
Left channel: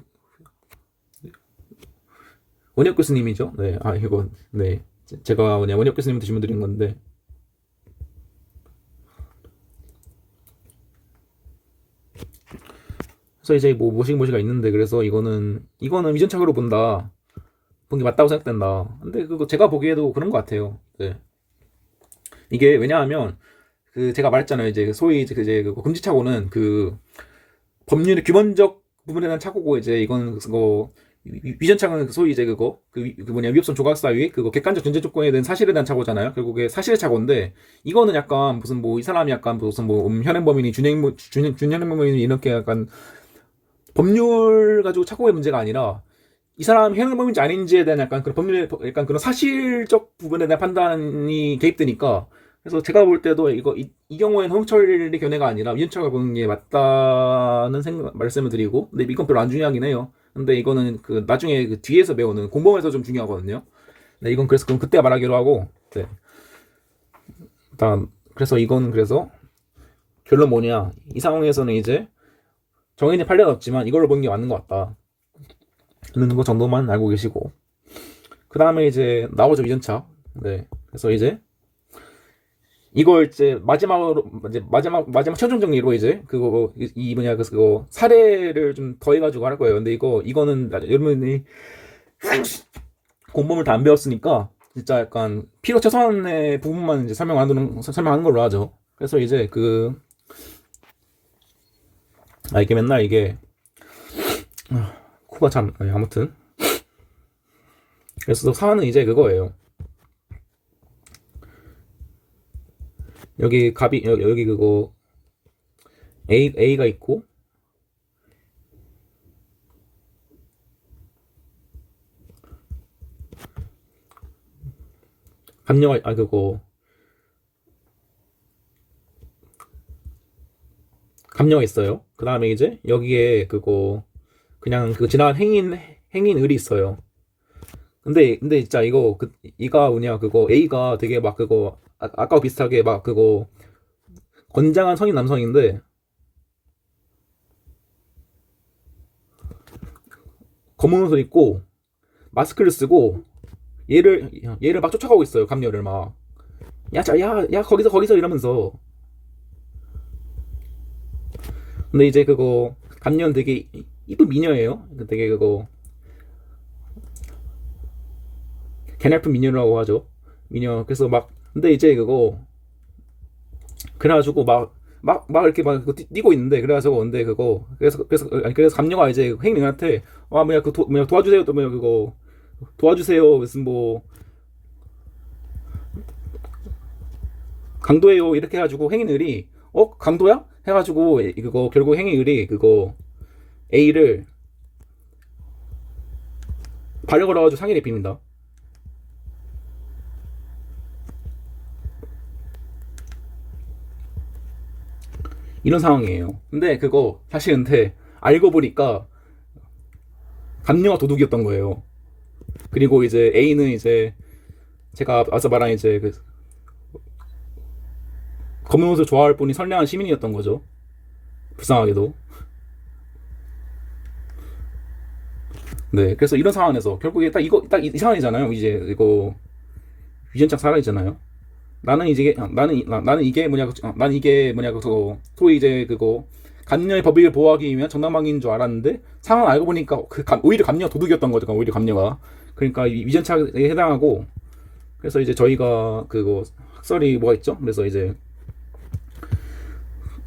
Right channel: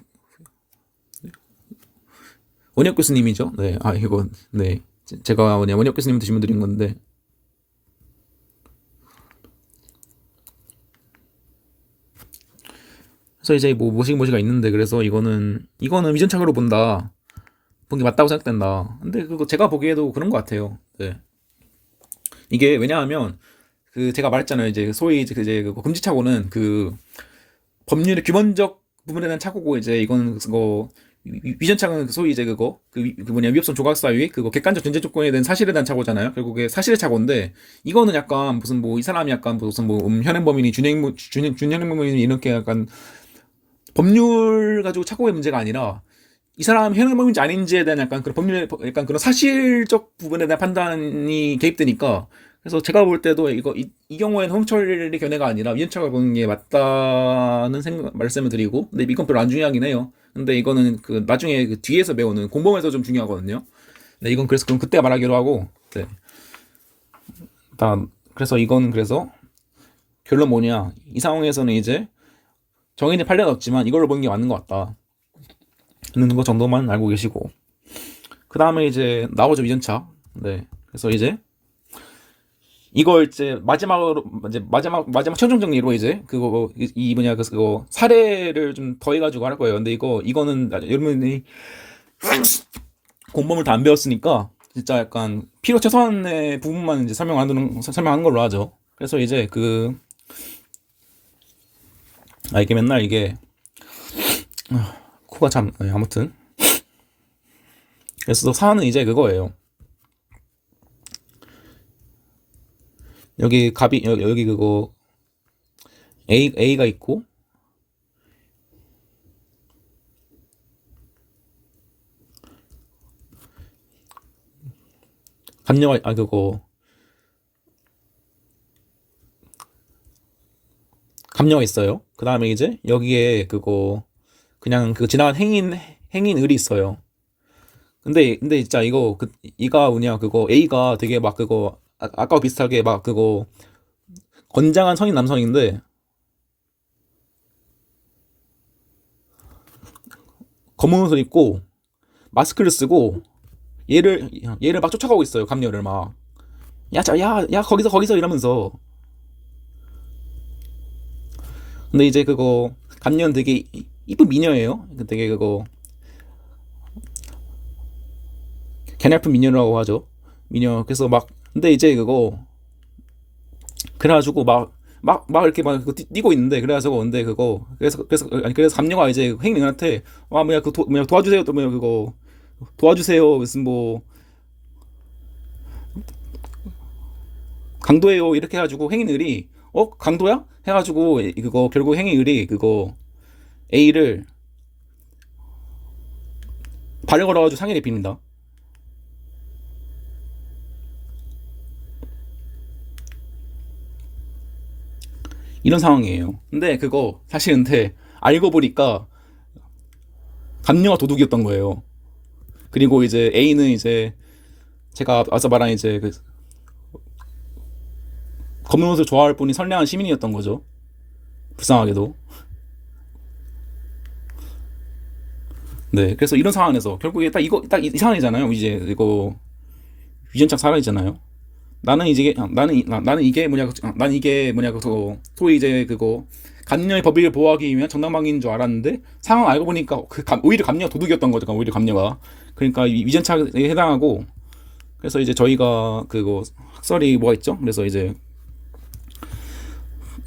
원혁 교수님이죠. 네, 이거 네 제가 원혁 교수님한테 질문 드린 건데 그래서 이제 뭐 모시가 있는데 그래서 이거는 위전착오로 본 게 맞다고 생각된다. 근데 그거 제가 보기에도 그런 것 같아요. 네. 이게 왜냐하면 그 제가 말했잖아요. 이제 소위 이제 그 금지착오는 그 법률의 규범적 부분에 대한 착오고 이제 이건 그거 위전착오는 소위 이제 위협성 조각사위 그거 객관적 존재 조건에 대한 사실에 대한 착오잖아요. 결국에 사실의 착오인데 이거는 약간 무슨 뭐 이 사람이 약간 무슨 뭐 현행범이니 준현행범이니 이렇게 약간 법률 가지고 착오의 문제가 아니라 이 사람 현행범인지 아닌지에 대한 약간 그런 약간 그런 사실적 부분에 대한 판단이 개입되니까 그래서 제가 볼 때도 이 경우에는 홍철의 견해가 아니라 위원차가 보는 게 맞다는 말씀을 드리고 근데 이건 별로 안 중요하긴 해요. 근데 이거는 그 나중에 그 뒤에서 배우는 공범에서 좀 중요하거든요. 네, 이건 그래서 그럼 그때 말하기로 하고 네. 일단 그래서 이건 그래서 결론 뭐냐 이 상황에서는 이제 정해진 판례는 없지만 이걸로 보는 게 맞는 것 같다. 있는 거 정도만 알고 계시고 그 다음에 이제 나오죠 위전차. 네 그래서 이제 이걸 이제 마지막 최종 정리로 이제 그거 사례를 좀 더해가지고 할 거예요. 근데 이거는 여러분이 공범을 다 안 배웠으니까 진짜 약간 필요 최소한의 부분만 이제 설명하는 걸로 하죠. 그래서 이제 이게 맨날 이게 코가 참 아무튼 그래서 사안은 이제 그거예요. 여기 여기 그거 A가 있고 감녀가 그거 감녀가 있어요. 그 다음에 이제 여기에 그거 그냥 그 지나간 행인 을이 있어요. 근데 진짜 이거 이가 뭐냐 그거 A가 되게 막 그거 아까와 비슷하게 막 그거 건장한 성인 남성인데 검은 옷을 입고 마스크를 쓰고 얘를 막 쫓아가고 있어요. 감녀를 막 야 거기서 이러면서. 근데 이제 그거 감녀는 되게 이쁜 미녀예요. 되게 그거 개날픈 미녀라고 하죠. 미녀. 그래서 막 근데 이제 그거 그래가지고 막 이렇게 막 그거 뛰고 있는데 그래가지고 근데 그거 그래서 감녀가 이제 행님한테 아 뭐야 뭐야 도와주세요 또 뭐야 그거 도와주세요 무슨 뭐 강도예요 이렇게 해가지고 행인을이 강도야 해가지고 그거 결국 행인을이 그거 A를 발을 걸어가지고 상해를 입힙니다. 이런 상황이에요. 근데 그거 사실 근데 알고 보니까 감녀가 도둑이었던 거예요. 그리고 이제 A는 이제 제가 아까 말한 이제 그 검은 옷을 좋아할 뿐이 선량한 시민이었던 거죠. 불쌍하게도. 네, 그래서 이런 상황에서 결국에 딱 이 상황이잖아요. 이제 이거 유전창 살아있잖아요. 나는 이게 뭐냐 그거 소위 이제 그거 감녀의 법을 보호하기 위한 정당방위인 줄 알았는데 상황 알고 보니까 오히려 감녀가 도둑이었던 거죠. 오히려 감녀가 그러니까 위전착에 해당하고 그래서 이제 저희가 그거 학설이 뭐가 있죠? 그래서 이제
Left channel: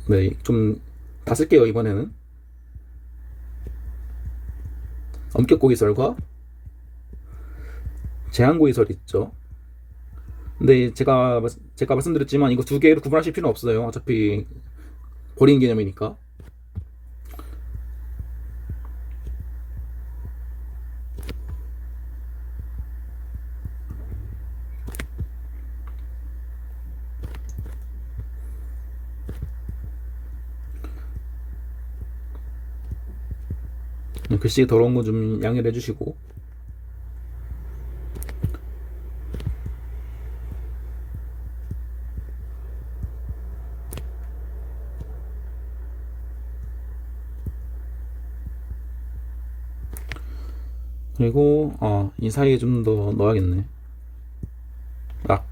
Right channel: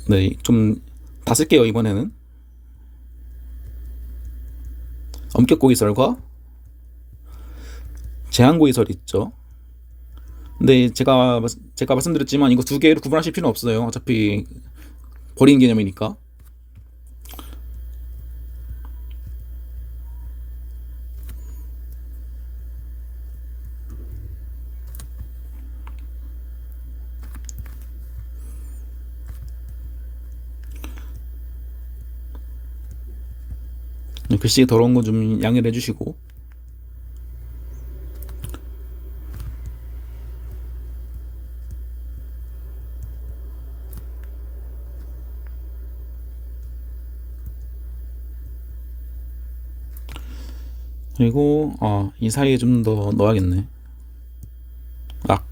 네 좀 다 쓸게요 이번에는 엄격고의설과 제한고의설이 있죠. 근데 제가 말씀드렸지만 이거 두 개를 구분하실 필요는 없어요. 어차피 버린 개념이니까. 글씨 더러운 거 좀 양해를 해주시고. 그리고 이 사이에 좀 더 넣어야겠네. 악.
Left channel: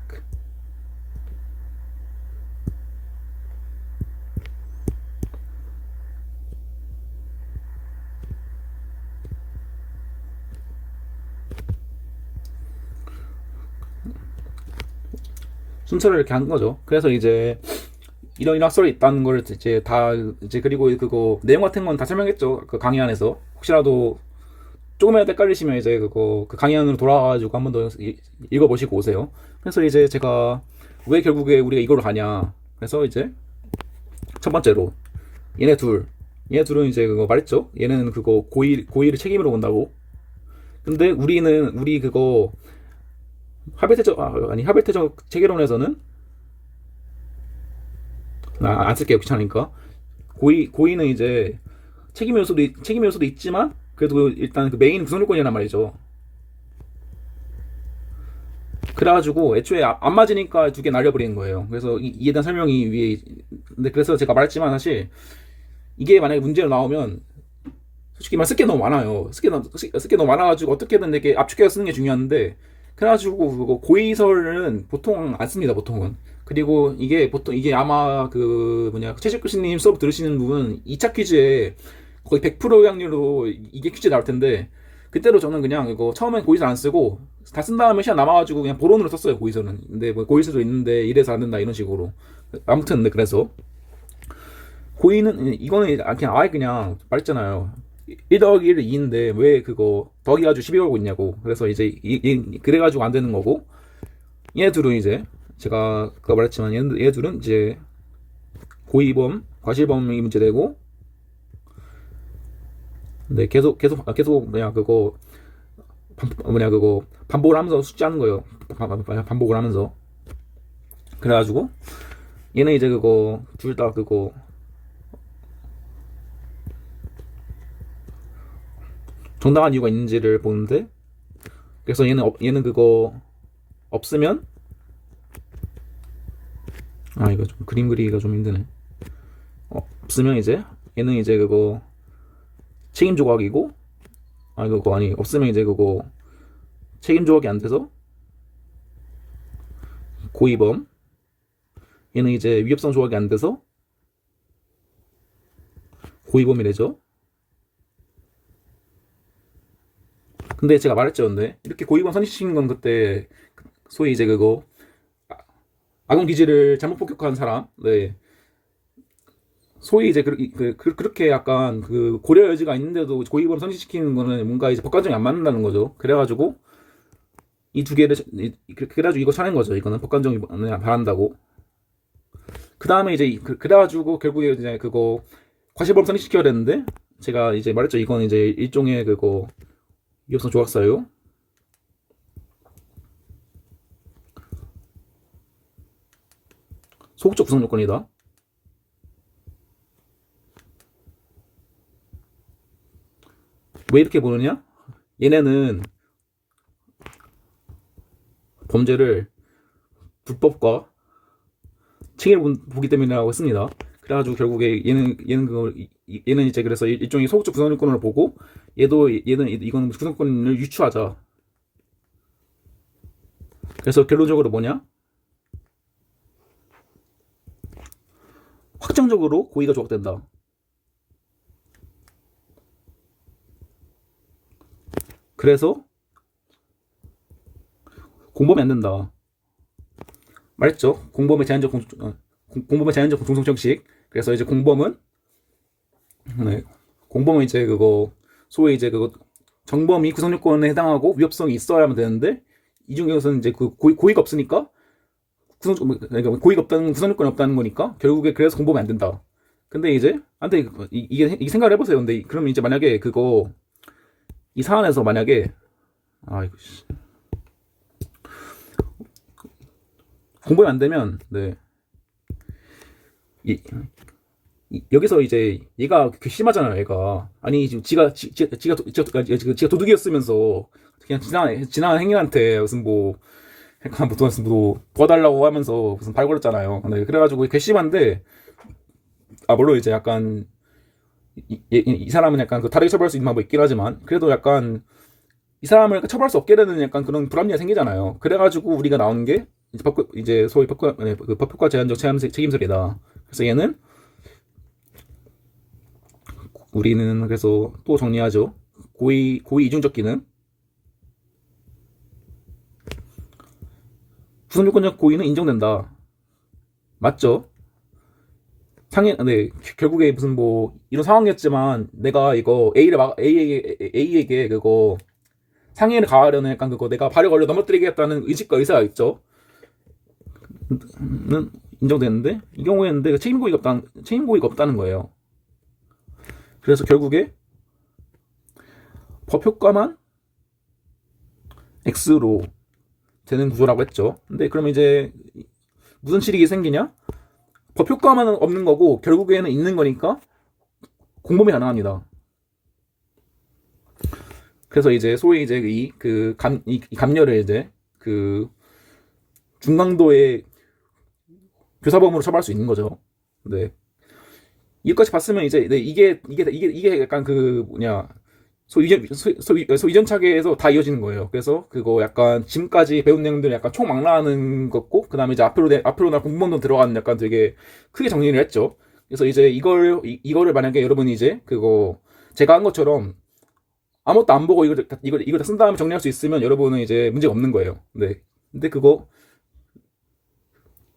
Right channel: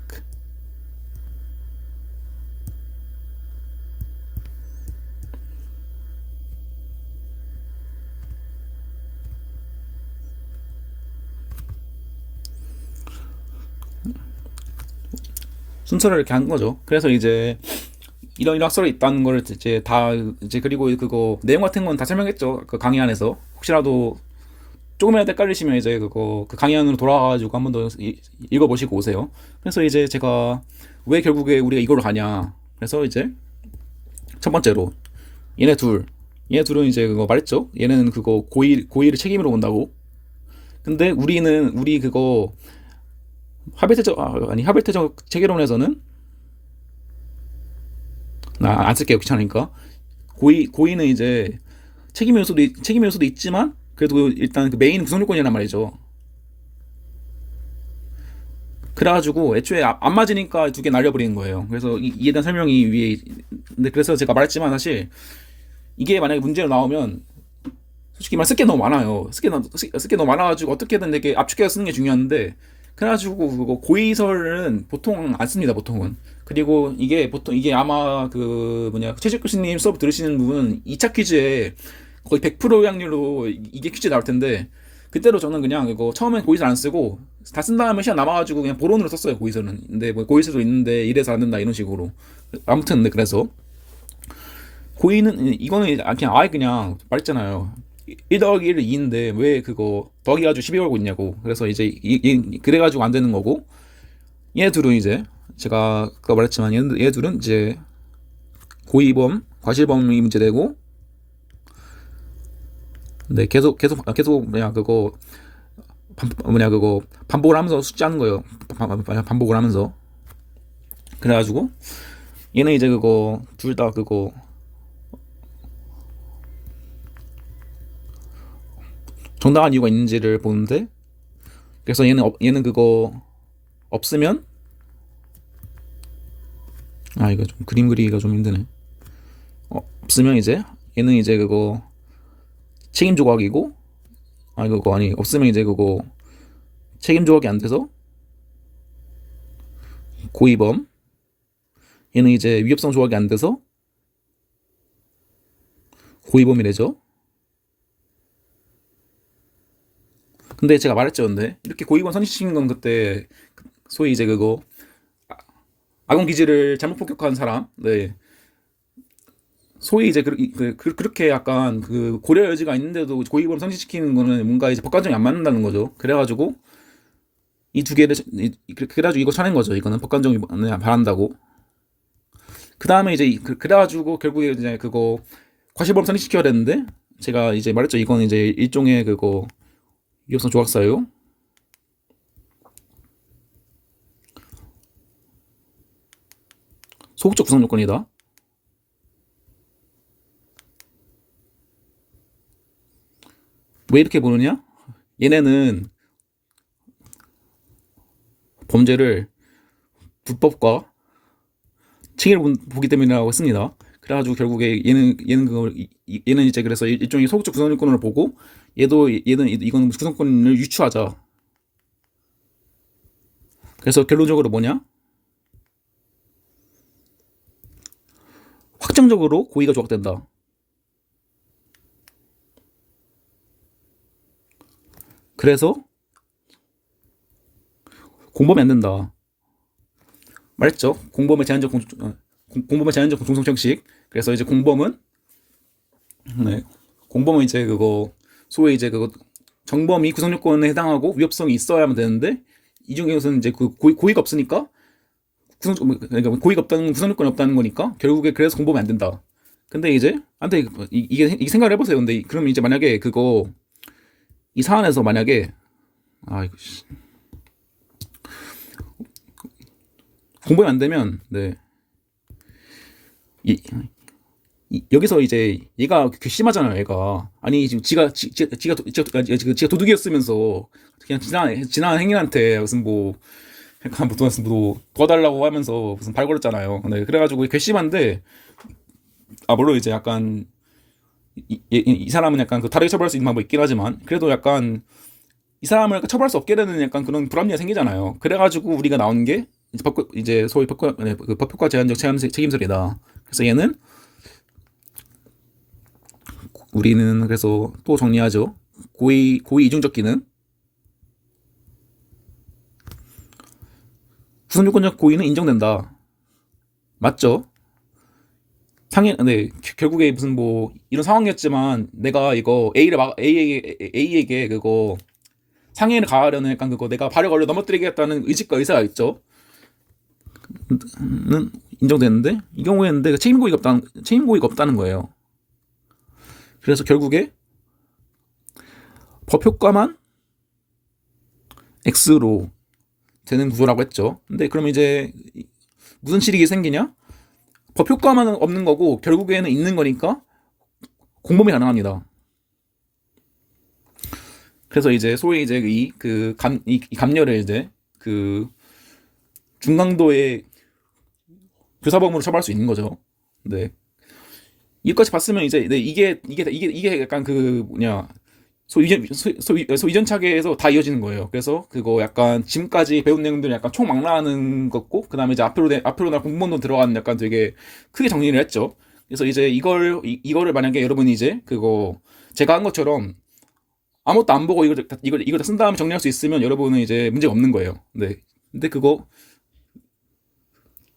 순서를 이렇게 한 거죠. 그래서 이제 이런 학설이 있다는 걸 이제 다 이제 그리고 그거 내용 같은 건 다 설명했죠. 그 강의 안에서 혹시라도 조금이라도 헷갈리시면 이제 그거 그 강의 안으로 돌아가가지고 한번 더 읽어보시고 오세요. 그래서 이제 제가 왜 결국에 우리가 이걸로 가냐. 그래서 이제 첫 번째로 얘네 둘 얘네 둘은 이제 그거 말했죠. 얘는 그거 고의를 책임으로 본다고. 근데 우리 그거 하베트적 체계론에서는 안 쓸게요 귀찮으니까 고의는 이제 책임 요소도 있지만 그래도 일단 그 메인 구성 요건이란 말이죠. 그래가지고 애초에 안 맞으니까 두 개 날려버리는 거예요. 그래서 이에 대한 설명이 위에 근데 그래서 제가 말했지만 사실 이게 만약에 문제로 나오면 솔직히 말 쓸 게 너무 많아요. 쓸 게 너무 많아가지고 어떻게든 이렇게 압축해서 쓰는 게 중요한데 그래가지고 그거 고의설은 보통 안 씁니다. 보통은. 그리고 이게 아마 그 뭐냐 최재 교수님 수업 들으시는 분은 2차 퀴즈에 거의 100% 확률로 이게 퀴즈 나올 텐데 그때로 저는 그냥 이거 처음엔 고의설 안 쓰고 다 쓴 다음에 시간 남아가지고 그냥 보론으로 썼어요. 고의설은. 근데 뭐 고의설도 있는데 이래서 안 된다 이런 식으로. 아무튼 근데 그래서 고의는 이거는 그냥 아예 그냥 말했잖아요. 1 더하기 1은 2인데 왜 그거 더하기 가지고 12 걸고 있냐고. 그래서 이제 그래가지고 안 되는 거고 얘 둘은 이제 제가 아까 말했지만 얘 둘은 이제 고의범, 과실범이 문제되고 근데 계속 뭐냐 그거 반복을 하면서 숙지하는 거예요. 반복을 하면서 그래가지고 얘는 이제 그거 둘 다 그거 정당한 이유가 있는지를 보는데, 그래서 얘는 그거 없으면, 아 이거 좀 그림 그리기가 좀 힘드네. 없으면 이제 얘는 이제 그거 책임 조각이고, 아 그거 아니 없으면 이제 그거 책임 조각이 안 돼서 고의범. 얘는 이제 위협성 조각이 안 돼서 고의범이 되죠. 근데 제가 말했죠, 근데 이렇게 고의범 선입시킨 건 그때 소위 이제 그거 아동 기질을 잘못 폭격한 사람, 네, 소위 이제 그렇게 약간 그 고려 여지가 있는데도 고의범 선입시키는 거는 뭔가 이제 법관정이 안 맞는다는 거죠. 그래가지고 이 두 개를 그래가지고 이거 쳐낸 거죠. 이거는 법관정이 바란다고. 그 다음에 이제 그래가지고 결국에 이제 그거 과실범 선입시켜야 되는데, 제가 이제 말했죠. 이거는 이제 일종의 그거 위협성 조각사예요. 소극적 구성 요건이다. 왜 이렇게 보느냐? 얘네는 범죄를 불법과 층위를 보기 때문이라고 했습니다. 그래가지고 결국에 얘는 그걸 얘는 이제 그래서 일종의 소극적 구성권을 보고, 얘는 이거는 구성권을 유추하자. 그래서 결론적으로 뭐냐? 확정적으로 고의가 조각된다. 그래서 공범이 안 된다. 말했죠? 공범의 제한적 공소성 형식. 그래서 이제 공범은, 네, 공범은 이제 그거 소위 이제 그거 정범이 구성 요건에 해당하고 위협성이 있어야만 되는데, 이 중에서는 이제 그 고의가 없으니까 그러니까 고의가 없다는 구성 요건이 없다는 거니까 결국에 그래서 공범이 안 된다. 근데 이제 안돼, 이게 생각을 해보세요. 근데 그러면 이제 만약에 그거 이 사안에서 만약에 이거 공범이 안 되면, 네, 이, 여기서 이제 얘가 괘씸하잖아요. 얘가 아니 지금 지가 도둑이었으면서 그냥 지나간 행인한테 무슨 뭐 약간 뭐 도와달라고 하면서 무슨 발 걸었잖아요. 네, 그래가지고 괘씸한데, 물론 이제 약간 이 사람은 약간 그 다르게 처벌할 수 있는 방법이 있긴 하지만, 그래도 약간 이 사람을 처벌할 수 없게 되는 약간 그런 불합리가 생기잖아요. 그래가지고 우리가 나오는 게 이제 소위 법효과 제한적 책임설이다. 그래서 얘는 우리는 그래서 또 정리하죠. 고의 이중적 기능. 구성요건적 고의는 인정된다. 맞죠? 네, 결국에 무슨 뭐 이런 상황이었지만 내가 이거 A에게 그거 상해를 가하려는 약간 그거 내가 발을 걸려 넘어뜨리겠다는 의식과 의사가 있죠. 는 인정되는데, 이 경우에는 내가 책임 고의가 없다는 거예요. 그래서 결국에 법 효과만 X로 되는 구조라고 했죠. 근데 그러면 이제 무슨 실익이 생기냐? 법 효과만 없는 거고 결국에는 있는 거니까 공범이 가능합니다. 그래서 이제 소위 이제 이 감녀를 이제 그 중강도의 교사범으로 처벌할 수 있는 거죠. 네. 이것까지 봤으면 이제, 네, 이게 약간 그 뭐냐 이전차계에서 다 이어지는 거예요. 그래서 그거 약간 지금까지 배운 내용들이 약간 총망라하는 거고, 그 다음에 이제 앞으로 날 공부도 들어가는 약간 되게 크게 정리를 했죠. 그래서 이제 이거를 만약에 여러분이 이제 그거 제가 한 것처럼 아무것도 안 보고 이걸 다 쓴 다음에 정리할 수 있으면 여러분은 이제 문제가 없는 거예요. 네. 근데 그거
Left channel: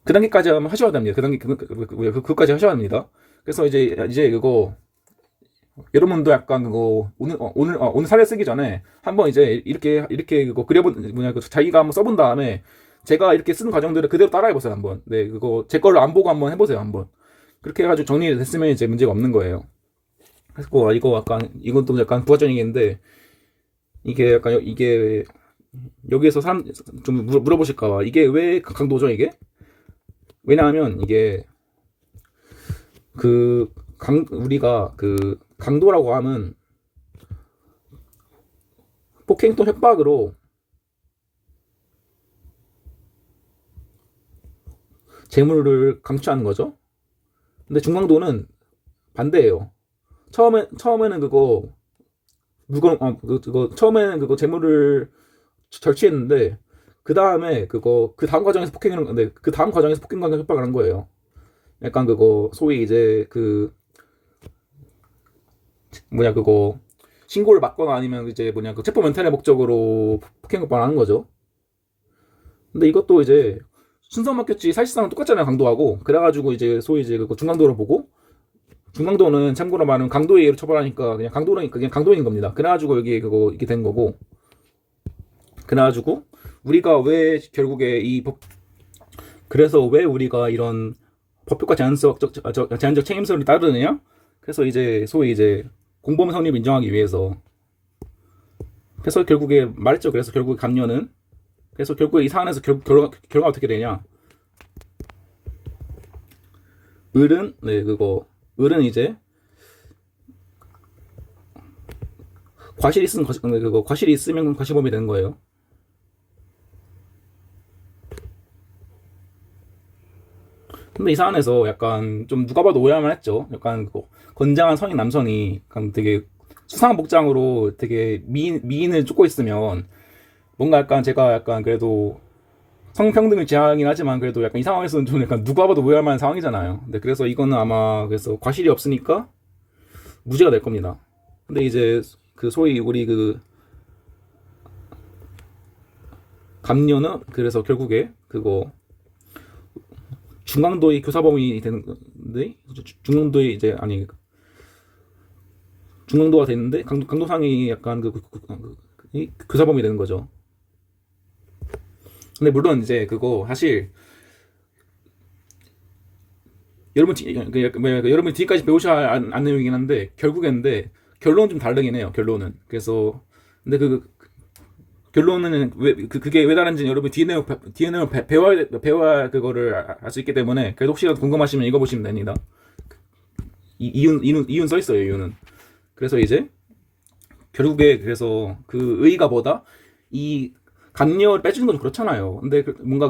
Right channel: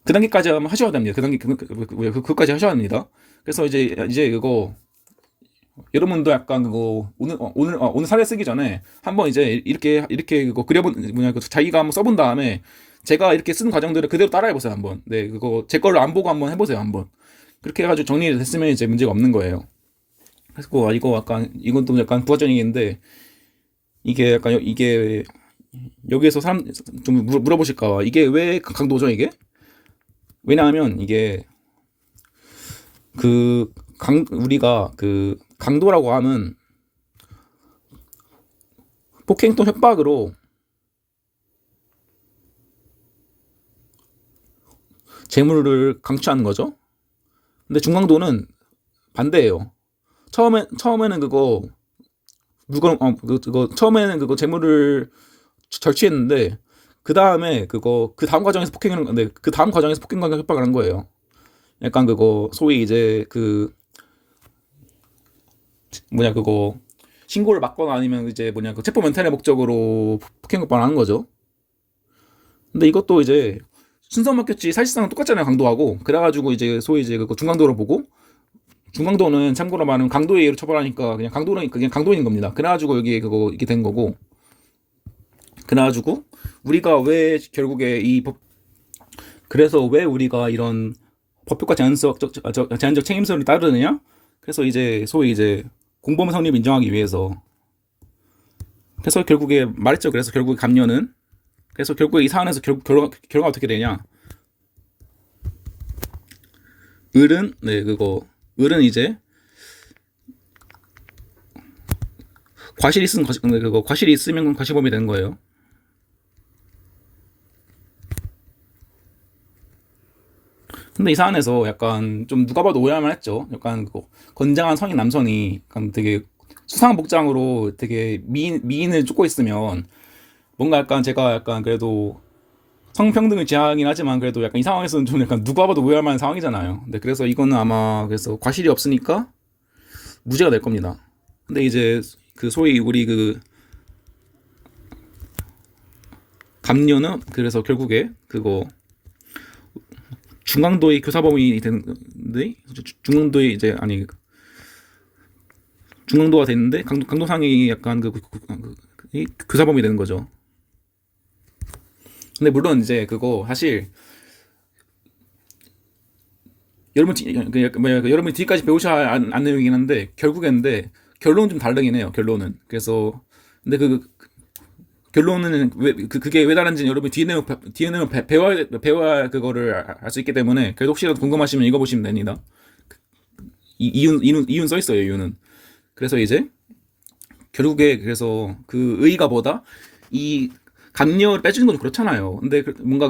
그 단계까지 하면 하셔야 됩니다. 그까지 하셔야 합니다. 그래서 이제 그거 여러분도 약간 그거 오늘 사례 쓰기 전에 한번 이제 이렇게 그거 자기가 한번 써본 다음에 제가 이렇게 쓰는 과정들을 그대로 따라해 보세요 한번. 네, 그거 제 거를 안 보고 한번 해보세요 한번. 그렇게 해가지고 정리가 됐으면 이제 문제가 없는 거예요. 그래서 이거 약간 이것도 약간 부가적인 얘기인데, 이게 여기에서 사람 좀 물어보실까봐, 이게 왜 강도죠 이게? 왜냐하면 이게 우리가 그 강도라고 하면 폭행 또 협박으로 재물을 강취하는 거죠. 근데 중강도는 반대예요. 처음에는 그거 처음에는 그거 재물을 절취했는데 그 다음 과정에서 폭행하는 건데 그 다음 과정에서 폭행과 협박을 한 거예요. 약간 그거 소위 이제 그 뭐냐 그거 신고를 막거나 아니면 이제 뭐냐 그 체포 면탈의 목적으로 폭행 협박을 하는 거죠. 근데 이것도 이제 순서 맡겼지 사실상 똑같잖아요, 강도하고. 그래가지고 이제 소위 이제 그 중강도를 보고, 중강도는 참고로 말하면 강도의 예로 처벌하니까 그냥 강도인 겁니다. 그래가지고 여기 그거 이렇게 된 거고. 그래가지고 우리가 왜 결국에 그래서 왜 우리가 이런 법효과 제한적 책임성을 따르느냐? 그래서 이제 소위 이제 공범 성립 인정하기 위해서. 그래서 결국에 말했죠. 그래서 결국에 감녀는 그래서 결국에 이 사안에서 결과가 어떻게 되냐? 을은 이제 과실이 있으면 과실범이 되는 거예요. 근데 이 사안에서 약간 좀 누가 봐도 오해할 만했죠. 약간 건장한 성인 남성이 약간 되게 수상한 복장으로 되게 미인을 쫓고 있으면 뭔가 약간 제가 약간 그래도 성평등을 지향하긴 하지만 그래도 약간 이 상황에서는 좀 약간 누가 봐도 오해할 만한 상황이잖아요. 근데 그래서 이거는 아마 그래서 과실이 없으니까 무죄가 될 겁니다. 근데 이제 그 소위 우리 그 감녀는 그래서 결국에 그거 중강도의 교사범이 되는데 중강도의 이제 아니 중강도가 되는데 강도상이 약간 교사범이 되는 거죠. 근데 물론 이제 그거 사실 여러분 뒤까지 배우셔야 안 내용이긴 한데 결국엔데 결론은 좀 다르긴 해요. 결론은 그래서 근데 결론은 그게 왜 다른지 여러분 뒤에 내용 배워야 그거를 알 수 있기 때문에 그래도 혹시라도 궁금하시면 읽어보시면 됩니다. 이유는 써 있어요. 이유는 그래서 이제 결국에 그래서 그 의의가 뭐다 이 감녀를 빼주는 건 그렇잖아요. 근데 뭔가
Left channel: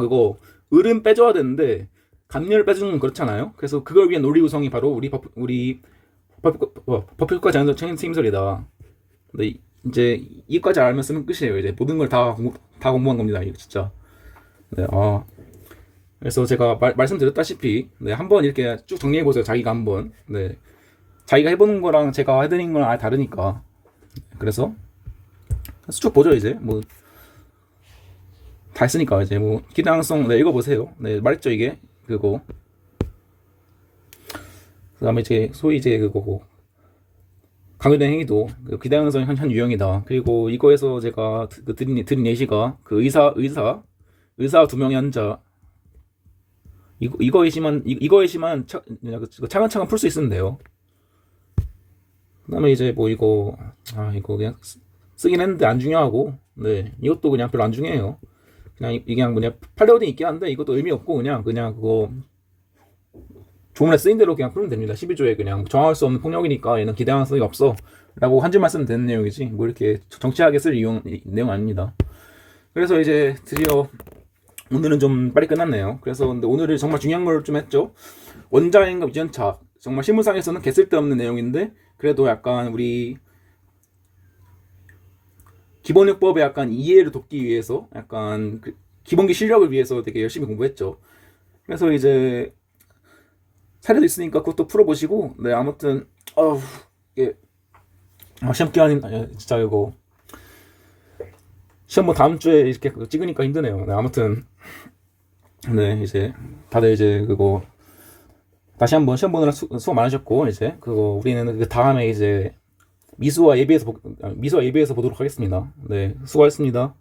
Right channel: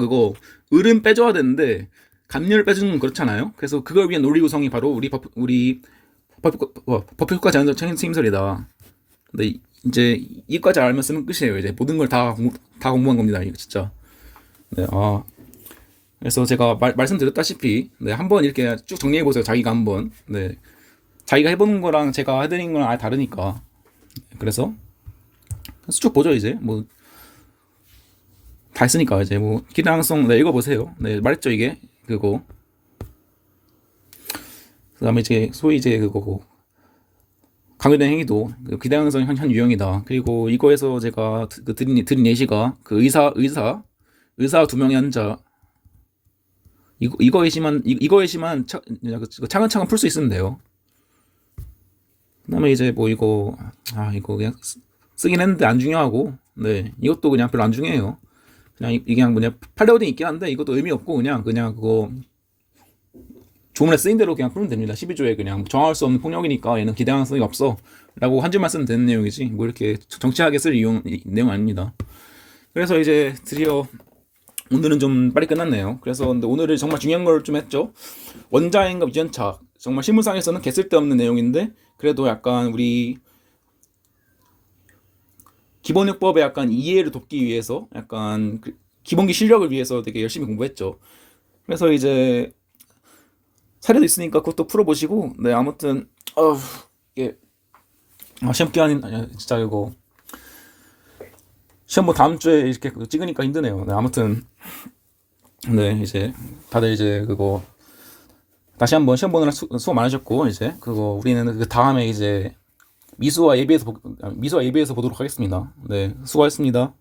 을은 빼줘야 되는데 감녀를 빼주는 건 그렇잖아요. 그래서 그걸 위한 논리 구성이 바로 우리 법효과 제한적 책임설이다. 근데 이제 이까지 알면 쓰면 끝이에요. 이제 모든 걸 다 공부한 겁니다. 이거 진짜. 네, 그래서 제가 말씀드렸다시피 네, 한번 이렇게 쭉 정리해 보세요. 자기가 한번 네, 자기가 해보는 거랑 제가 해드린 거랑 아예 다르니까. 그래서 쭉 보죠. 이제 뭐 다 했으니까 이제 뭐 기량성 네, 읽어보세요. 네, 말했죠 이게 그다음에 이제 소위 이제 강요된 행위도 기량성 한 유형이다. 그리고 이거에서 제가 드린 예시가 그 의사 두 명의 환자 이거에시만 차근차근 풀 수 있으면 돼요. 그다음에 이제 뭐 이거 그냥 쓰긴 했는데 안 중요하고 네 이것도 그냥 별로 안 중요해요. 이게 그냥 뭐냐 팔레오딩 있긴 한데 이것도 의미 없고 그냥 그거 조문에 쓰인 대로 그냥 풀면 됩니다. 12조에 그냥 정할 수 없는 폭력이니까 얘는 기대하는 이 없어 라고 한 줄만 쓰면 되는 내용이지 뭐 이렇게 정치하게 쓸 내용 아닙니다. 그래서 이제 드디어 오늘은 좀 빨리 끝났네요. 그래서 근데 오늘은 정말 중요한 걸 좀 했죠. 원자행과 유전차 정말 실무상에서는 개쓸데없는 내용인데 그래도 약간 우리 기본요법에 약간 이해를 돕기 위해서 약간 기본기 실력을 위해서 되게 열심히 공부했죠. 그래서 이제 사례도 있으니까 그것도 풀어보시고 네 아무튼 이게 시험 기간이 진짜 이거 시험 뭐 다음 주에 이렇게 찍으니까 힘드네요. 네, 아무튼 네 이제 다들 이제 다시 한번 시험 보느라 수고 많으셨고 이제 우리는 그 다음에 이제 미수와 예비에서 보도록 하겠습니다. 네 수고하셨습니다.